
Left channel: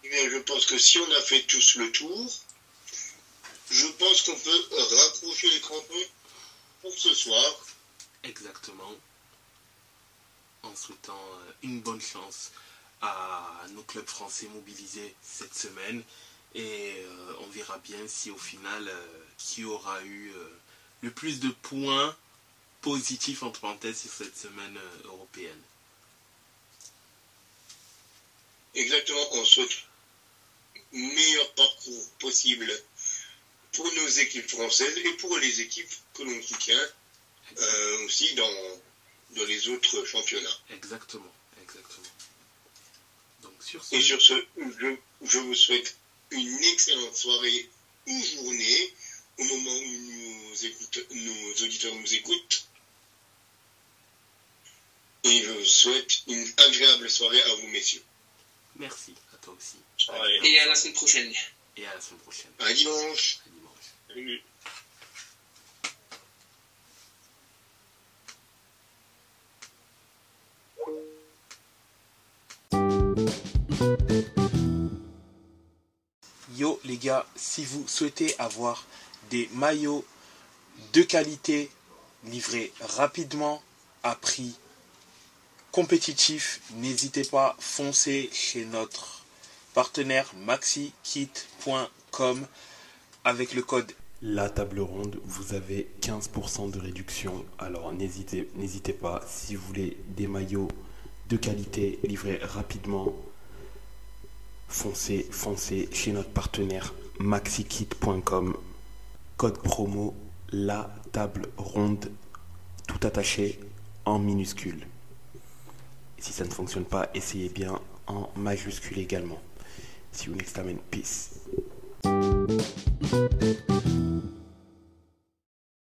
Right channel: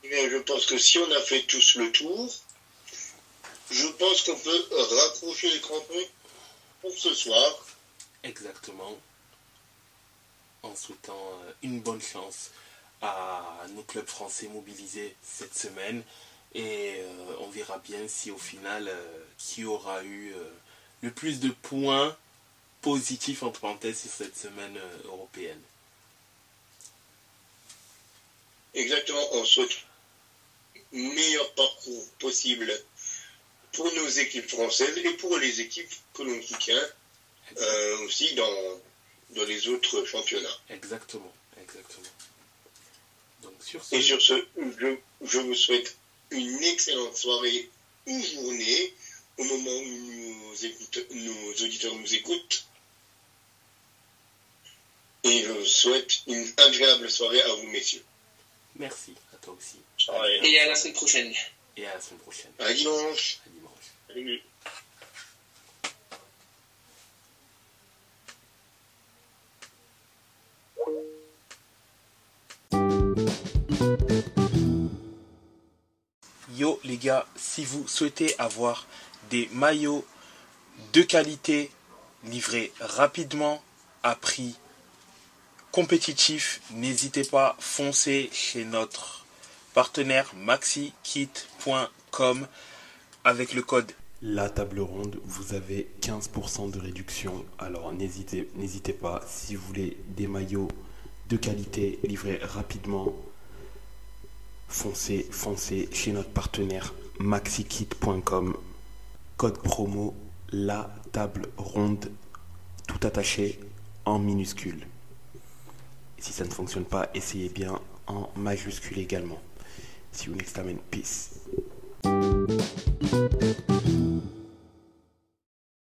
Je pense que si on a fait tous le tour, je pense qu'on peut raccrocher les crampons pour ce soir. Exactement. En souhaitant une bonne chance à nos clubs français mobilisés cette semaine. Et on verra bien si au final, qui aura eu le plus de points positifs entre parenthèses sur cette semaine européenne. Exactement, on souhaite meilleur parcours possible pour nos équipes françaises et pour les équipes que l'on soutient aussi dans les autres championnats. Exactement. Donc, sur et sur ce, je vous souhaite une excellente soirée ou journée au moment où nos auditeurs nous écoutent. Et je vous souhaite une agréable soirée à vous, messieurs. Merci, à toi aussi. Et à la semaine prochaine. À dimanche. Salut. Yo les gars, si vous souhaitez avoir des maillots de qualité livrés rapidement à prix compétitif, n'hésitez pas, foncez chez notre partenaire maxikit.com avec le code La Table Ronde, vous avez 15% de réduction. Alors n'hésitez pas, si vous voulez des maillots de qualité livrés rapidement, foncez chez notre partenaire maxikit.com. Code promo La Table Ronde, tout attaché en minuscule. Et si ça ne fonctionne pas, essayez bien en majuscule également. See you next time and peace.